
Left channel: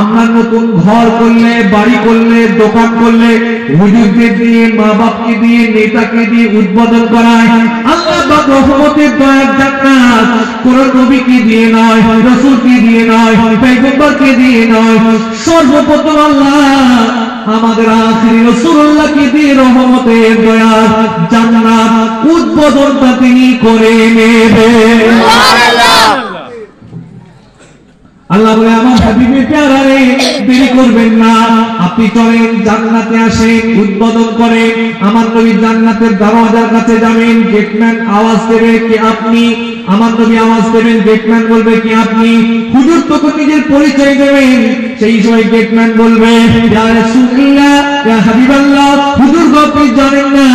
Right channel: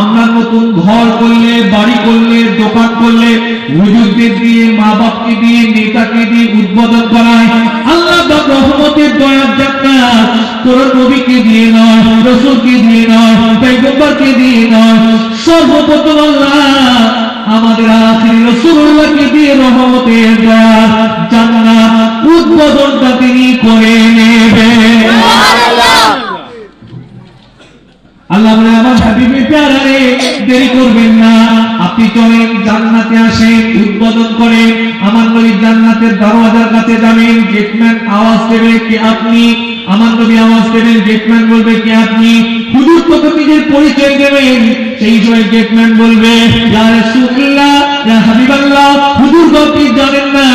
আমরা নতুন ঘর করলে, বাড়ি করলে, দোকান করলে হুজুরদের দিয়ে, মা বাপকে দিয়ে, নেতাকে দিয়ে উদ্বোধন করায়। আল্লাহ পাক রহমতের দয়ার জান্নাত কোন নবীকে দিয়ে নয়, রাসূলকে দিয়ে নয়, পয়গম্বরকে দিয়ে নয়, সর্বপ্রথম আল্লাহ আমাদের আখিরি রাসূলুল্লাহকে দিয়ে রহমতের দয়ার জান্নাত উদ্বোধনটা তিনি করে নেবেন। সুবহানাল্লাহ। আল্লাহ বলে আমার হাবিবে প্যারা রে, দেরি করবেন না, আপনি চলেন জান্নাতে আসেন, উদ্বোধন করে আমার নবী জান্নাতের দরজার কাছে যাবেন। গেটম্যান আওয়াজ দেবে কি আপনি, আমার নবী আওয়াজ দেবেন, গেটম্যান বলবে কি আপনি। হুজুর তো নিজের পরিচয় দেবেন, সেই সময় গেটম্যান বলবে ইয়া রাসূলুল্লাহ, ইয়া হাবিবাল্লাহ, হুজুর গো আপনি জানেন না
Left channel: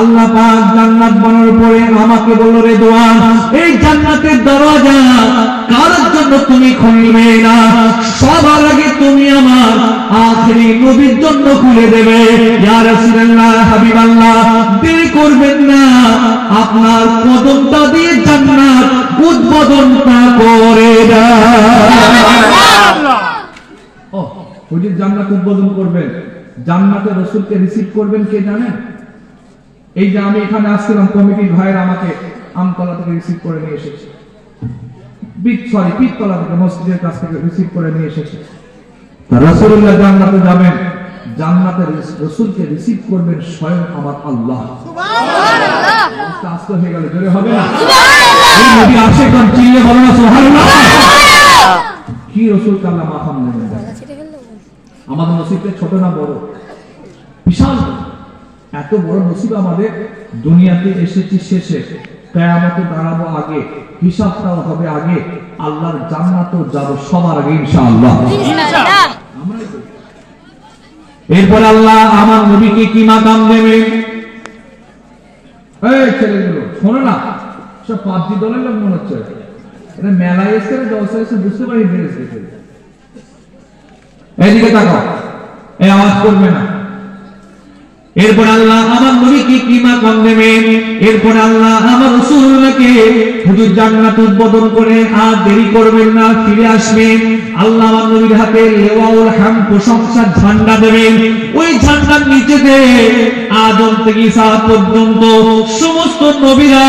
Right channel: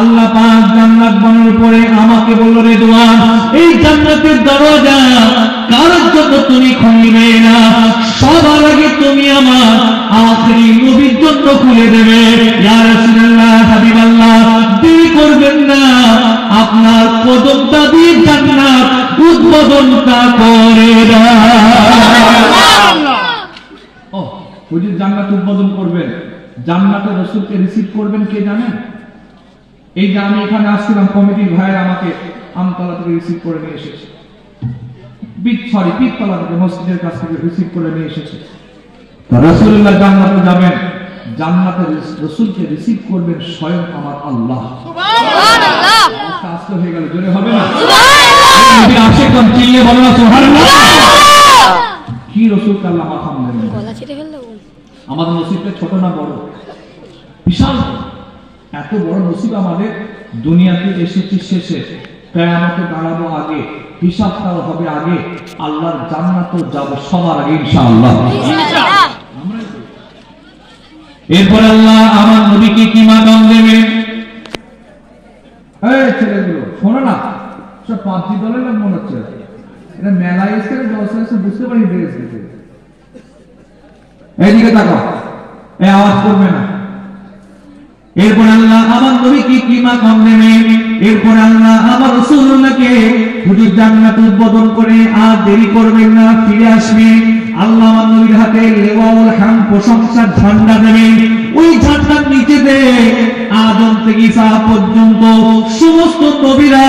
আল্লাহ পাক জান্নাত বানানোর পরে আমাকে বলল রেদওয়ান, এই জান্নাতের দরজা কার জন্য তুমি খুলবে না, সবার আগে তুমি আমার আখিরি নবীর জন্য খুলে দেবে। ইয়া রাসূলুল্লাহ, হাবিবাল্লাহ, দেরি করবেন না, আপনার কদমটা দিয়ে জান্নাত উদ্বোধনটা করে দাও। ও হুজুর জান্নাত উদ্বোধন করবেন, জান্নাতের রাসূলকে রিসিভ করবেন কে জানেন? এই যে আমি এখানে আসছিলাম, কমিটির ভাইরা আমাকে আমতলা থেকে রিসিভ করে নিয়ে এসেছে, পিততলা থেকে মসজিদের কাছ থেকে রিসিভ করে নিয়ে এসেছে। রাসূলুল্লাহ জান্নাতে যাবেন, জান্নাতের রাসূলকে রিসিভ করবেন স্বয়ং আমার আল্লাহ। সুবহানাল্লাহ। আস্তে হয়ে গেল, জোরে হবে না? এই নবীর আশিকগণ চিল্লিয়ে বলেন না সুবহানাল্লাহ। কি রাসূলকে আল্লাহ মাকাম দেবেন। আমাদের নসিবটা ছোট না বড়? বিশাল। এত বড় নসিব আমাদের, দুনিয়াতে এসেছি শেষে, কিয়ামতে দাঁড়াবো আগে, হিসাবটাও হবে আগে, আল্লাহর জান্নাতেও যাব সবার আগে ইনশাআল্লাহ। এরপর আল্লাহ আমার নবীকে কি মাকাম দেবেন? এই ছেলেগুলো শোনো না, সব পাবজি দলের লোক মনে হচ্ছে, এটা মেলায় এসে জলসা এসে বুঝতে পারি ড্রেস দেখে। এইদিকে তাকাও, এই আওয়াজ করবে না। এরপর আল্লাহ আমার নবীকে কি মাকাম দেবেন? এরপর আল্লাহ আমার রাসূলুল্লাহকে হুজুর জান্নাত উদ্বোধন করে আর দেরি করবেন না, ফিরে আসবেন। আল্লাহ আমার নবীর হাতে লিওয়াউল হামদ প্রশংসার ঝান্ডা দেবেন। ওই ঝান্ডার নিচেতে আদম থেকে ঈসা পর্যন্ত সমস্ত নবীরা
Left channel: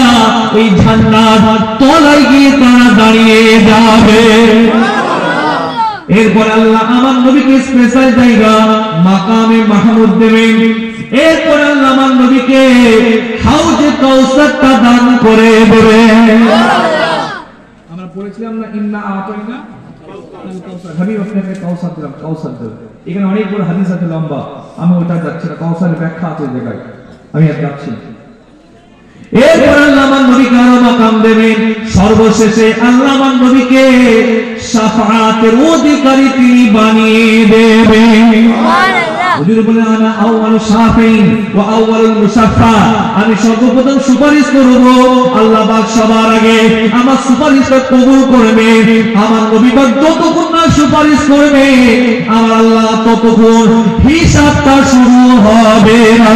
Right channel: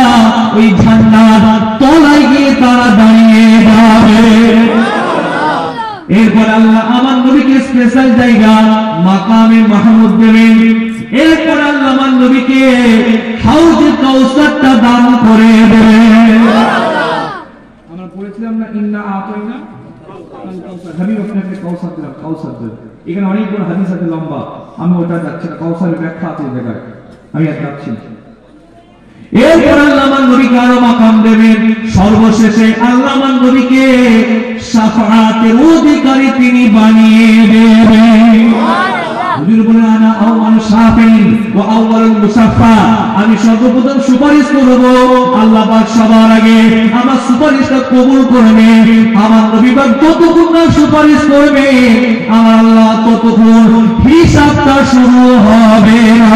ওই ঝান্ডার তলায় গিয়ে তারা দাঁড়িয়ে যাবে। এরপর আল্লাহ আমার নবীকে স্পেশাল জায়গা মাকামে মাহমুদ দেবেন। এরপর আল্লাহ আমার নবীকে হাউজে কাউসারটা দান করে দেবেন। আমরা পড়েছিলাম না, ইন্না আতাইনা আল কাউসার, আমি আপনাকে কাউসার দিলাম, কাউসার দেব। এখানে অনেকগুলো হাদিস আছে লম্বা, আমি ওটা যাচ্ছি না, কাউসারের ব্যাখ্যা আছে এই জায়গায়, আমি আর যাচ্ছি না। এরপর আল্লাহ আমার নবীকে আরো মাকাম দেবেন। সর্বশেষে আল্লাহ আমার নবীকে শাফাআতের অধিকারী তিনি বানিয়ে দেবেন। হুজুর বলেন আনা আউয়াল শাফিঈন ওয়া আউয়ালুল মুশাফফা, আমি সর্বপ্রথম সুপারিশ করব, আল্লাহ পাক সবার আগে আমার সুপারিশটা কবুল করবে। আমার নবী পাক যতক্ষণ না সুপারিশ করবে আমার আল্লাহ ততক্ষণ হিসাবটা শুরু হবে না।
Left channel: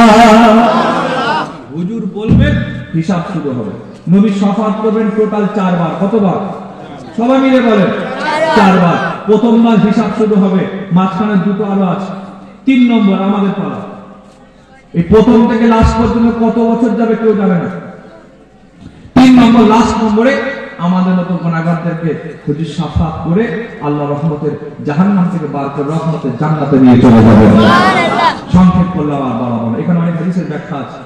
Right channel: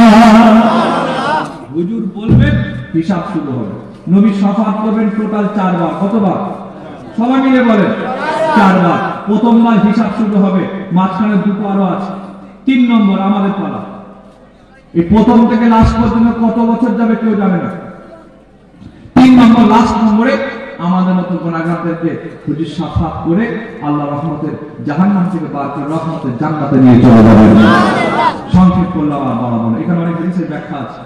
হুজুর বলবেন হিসাব শুরু হবে। নবী শাফাআত করবেন টোটাল 4 বার। কতবার? সবাই মিলে বলেন 4 বার। প্রথমবার হিসাব শুরু হবে, মাঝখানে দুটো আরো আছে, 3 নম্বর আমাদের পালা। এই প্রথম থেকে লাস্ট পর্যন্ত কত বছর যাবে কেউ জানে না। 3 নম্বর লাস্ট নম্বরে আমাদের মতো গুনাহগারদেরকে হুজুর শাফাআত করে আল্লাহ রহমতের জাহান্নাম থেকে বার করে রহমতের জান্নাতে নিয়ে চলে যাবেন। সংক্ষেপ করলাম আর বাড়াবো না, এখানে অনেক হাদিসের ব্যাখ্যা আছে,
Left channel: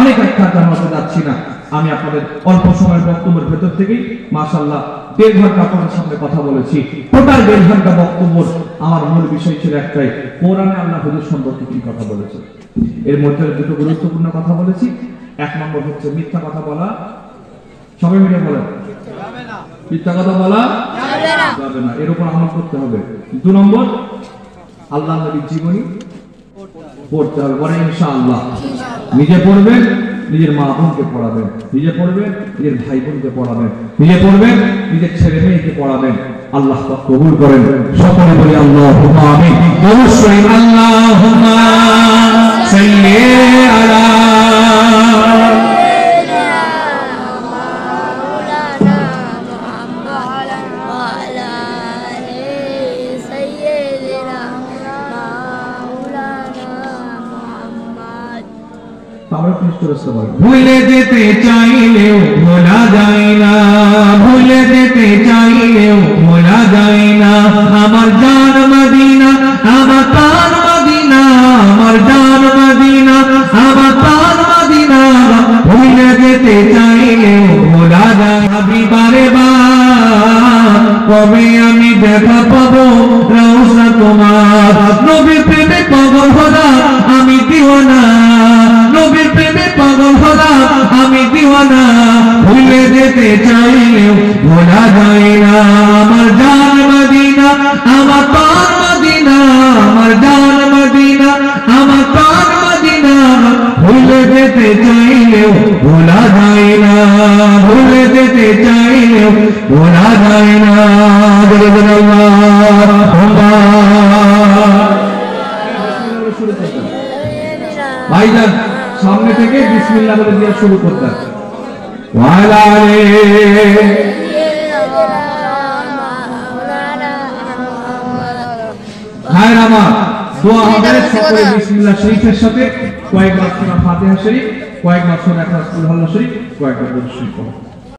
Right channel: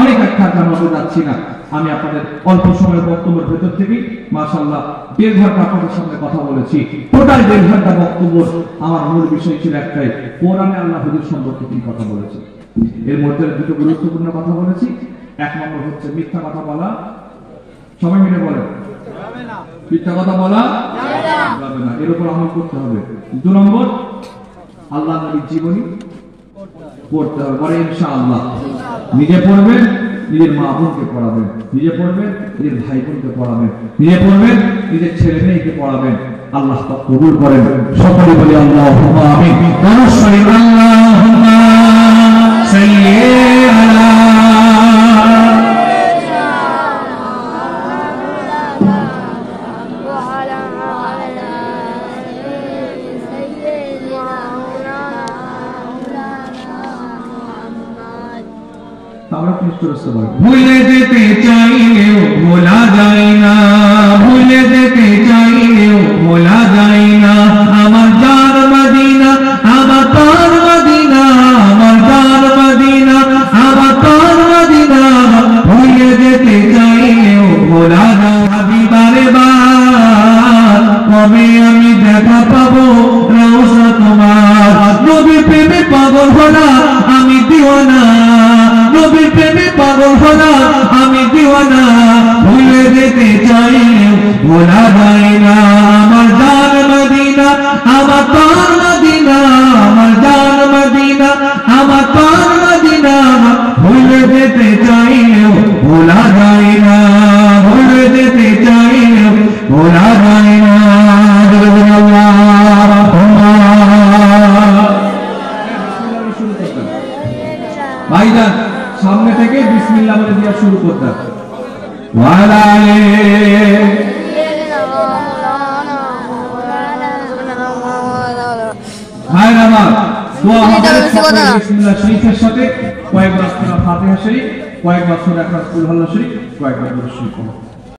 অনেক ব্যাখ্যা জানাতে যাচ্ছি না। আমি আপনাদের অল্প সময়ের বক্তব্যের ভেতর থেকে মাশাআল্লাহ 1.5 ঘন্টা আপনাদের সামনে কথা বলেছি। টোটাল 1.5 ঘন্টা বক্তব্য আমার মূল বিষয় ছিল একটাই, কোরআনে আল্লাহ হুজুর সম্পর্কে কি কথা বলেছে। এর মধ্যে দুটো গুরুত্বপূর্ণ কথা বলেছি। 1 নম্বর হচ্ছে মিথ্যা কথা বলা, সবাই মিলে বলেন যাবে না, মিথ্যা কথা বলা যাবে না, এর উপর আমল করতে হবে। 2 নম্বর আল্লাহ নবীর জীবনী পড়তে হবে, পরে ইনশাআল্লাহ নিজে পড়বেন, নিজের মা বোনকে পড়াবেন, নিজে পড়বেন, নিজের ভাই বোনকে পড়াবেন, নিজে পড়বেন, নিজের ছেলে মেয়েকে পড়াবেন। আল্লাহ পাক কবুল করেন। সকলে বলি আল্লাহুম্মা আমিন। অবশ্যই আল্লাহুম্মা সাল্লি আলা আমরা কিছু রাস্তা বলি। ভুলে যেতে চাইলেও ভোলা যায় না, ভুলে যেতে চাইলেও ভোলা যায় না, আমার জান মদিনা, আমার প্রাণ মদিনা, আমার জান মদিনা, আমার প্রাণ মদিনা, ভুলে যেতে চাইলেও ভোলা যায় না। বারে বার কবে আমি দেখা পাবো রওজা তোমার, নবী প্রেমে পাগল হলাম আমি দিওয়ানা, নবীর প্রেমে পাগল হলাম আমি দিওয়ানা, ভুলে যেতে চাইলেও ভোলা যায় না, আমার জান মদিনা, আমার প্রাণ মদিনা, আমার জান মদিনা, আমার প্রাণ মদিনা, ভুলে যেতে চাইলেও ভোলা যায় না, ভুলে যেতে চাইলেও ভোলা যায় না। ভাইজান সামনে থেকে বিসমিল্লাহ বলে দিয়া শুরু করতেন। ভাইরা আমার দোয়া হবে সকলে বিসমিল্লাহ শরীফের সাথে, কয়েকবার সূরা ফাতিহা শরীফ, কয়েকবার সূরা ইখলাস কুল হুয়াল্লাহু শরীফ, কয়েকবার দুরূদ শরীফ।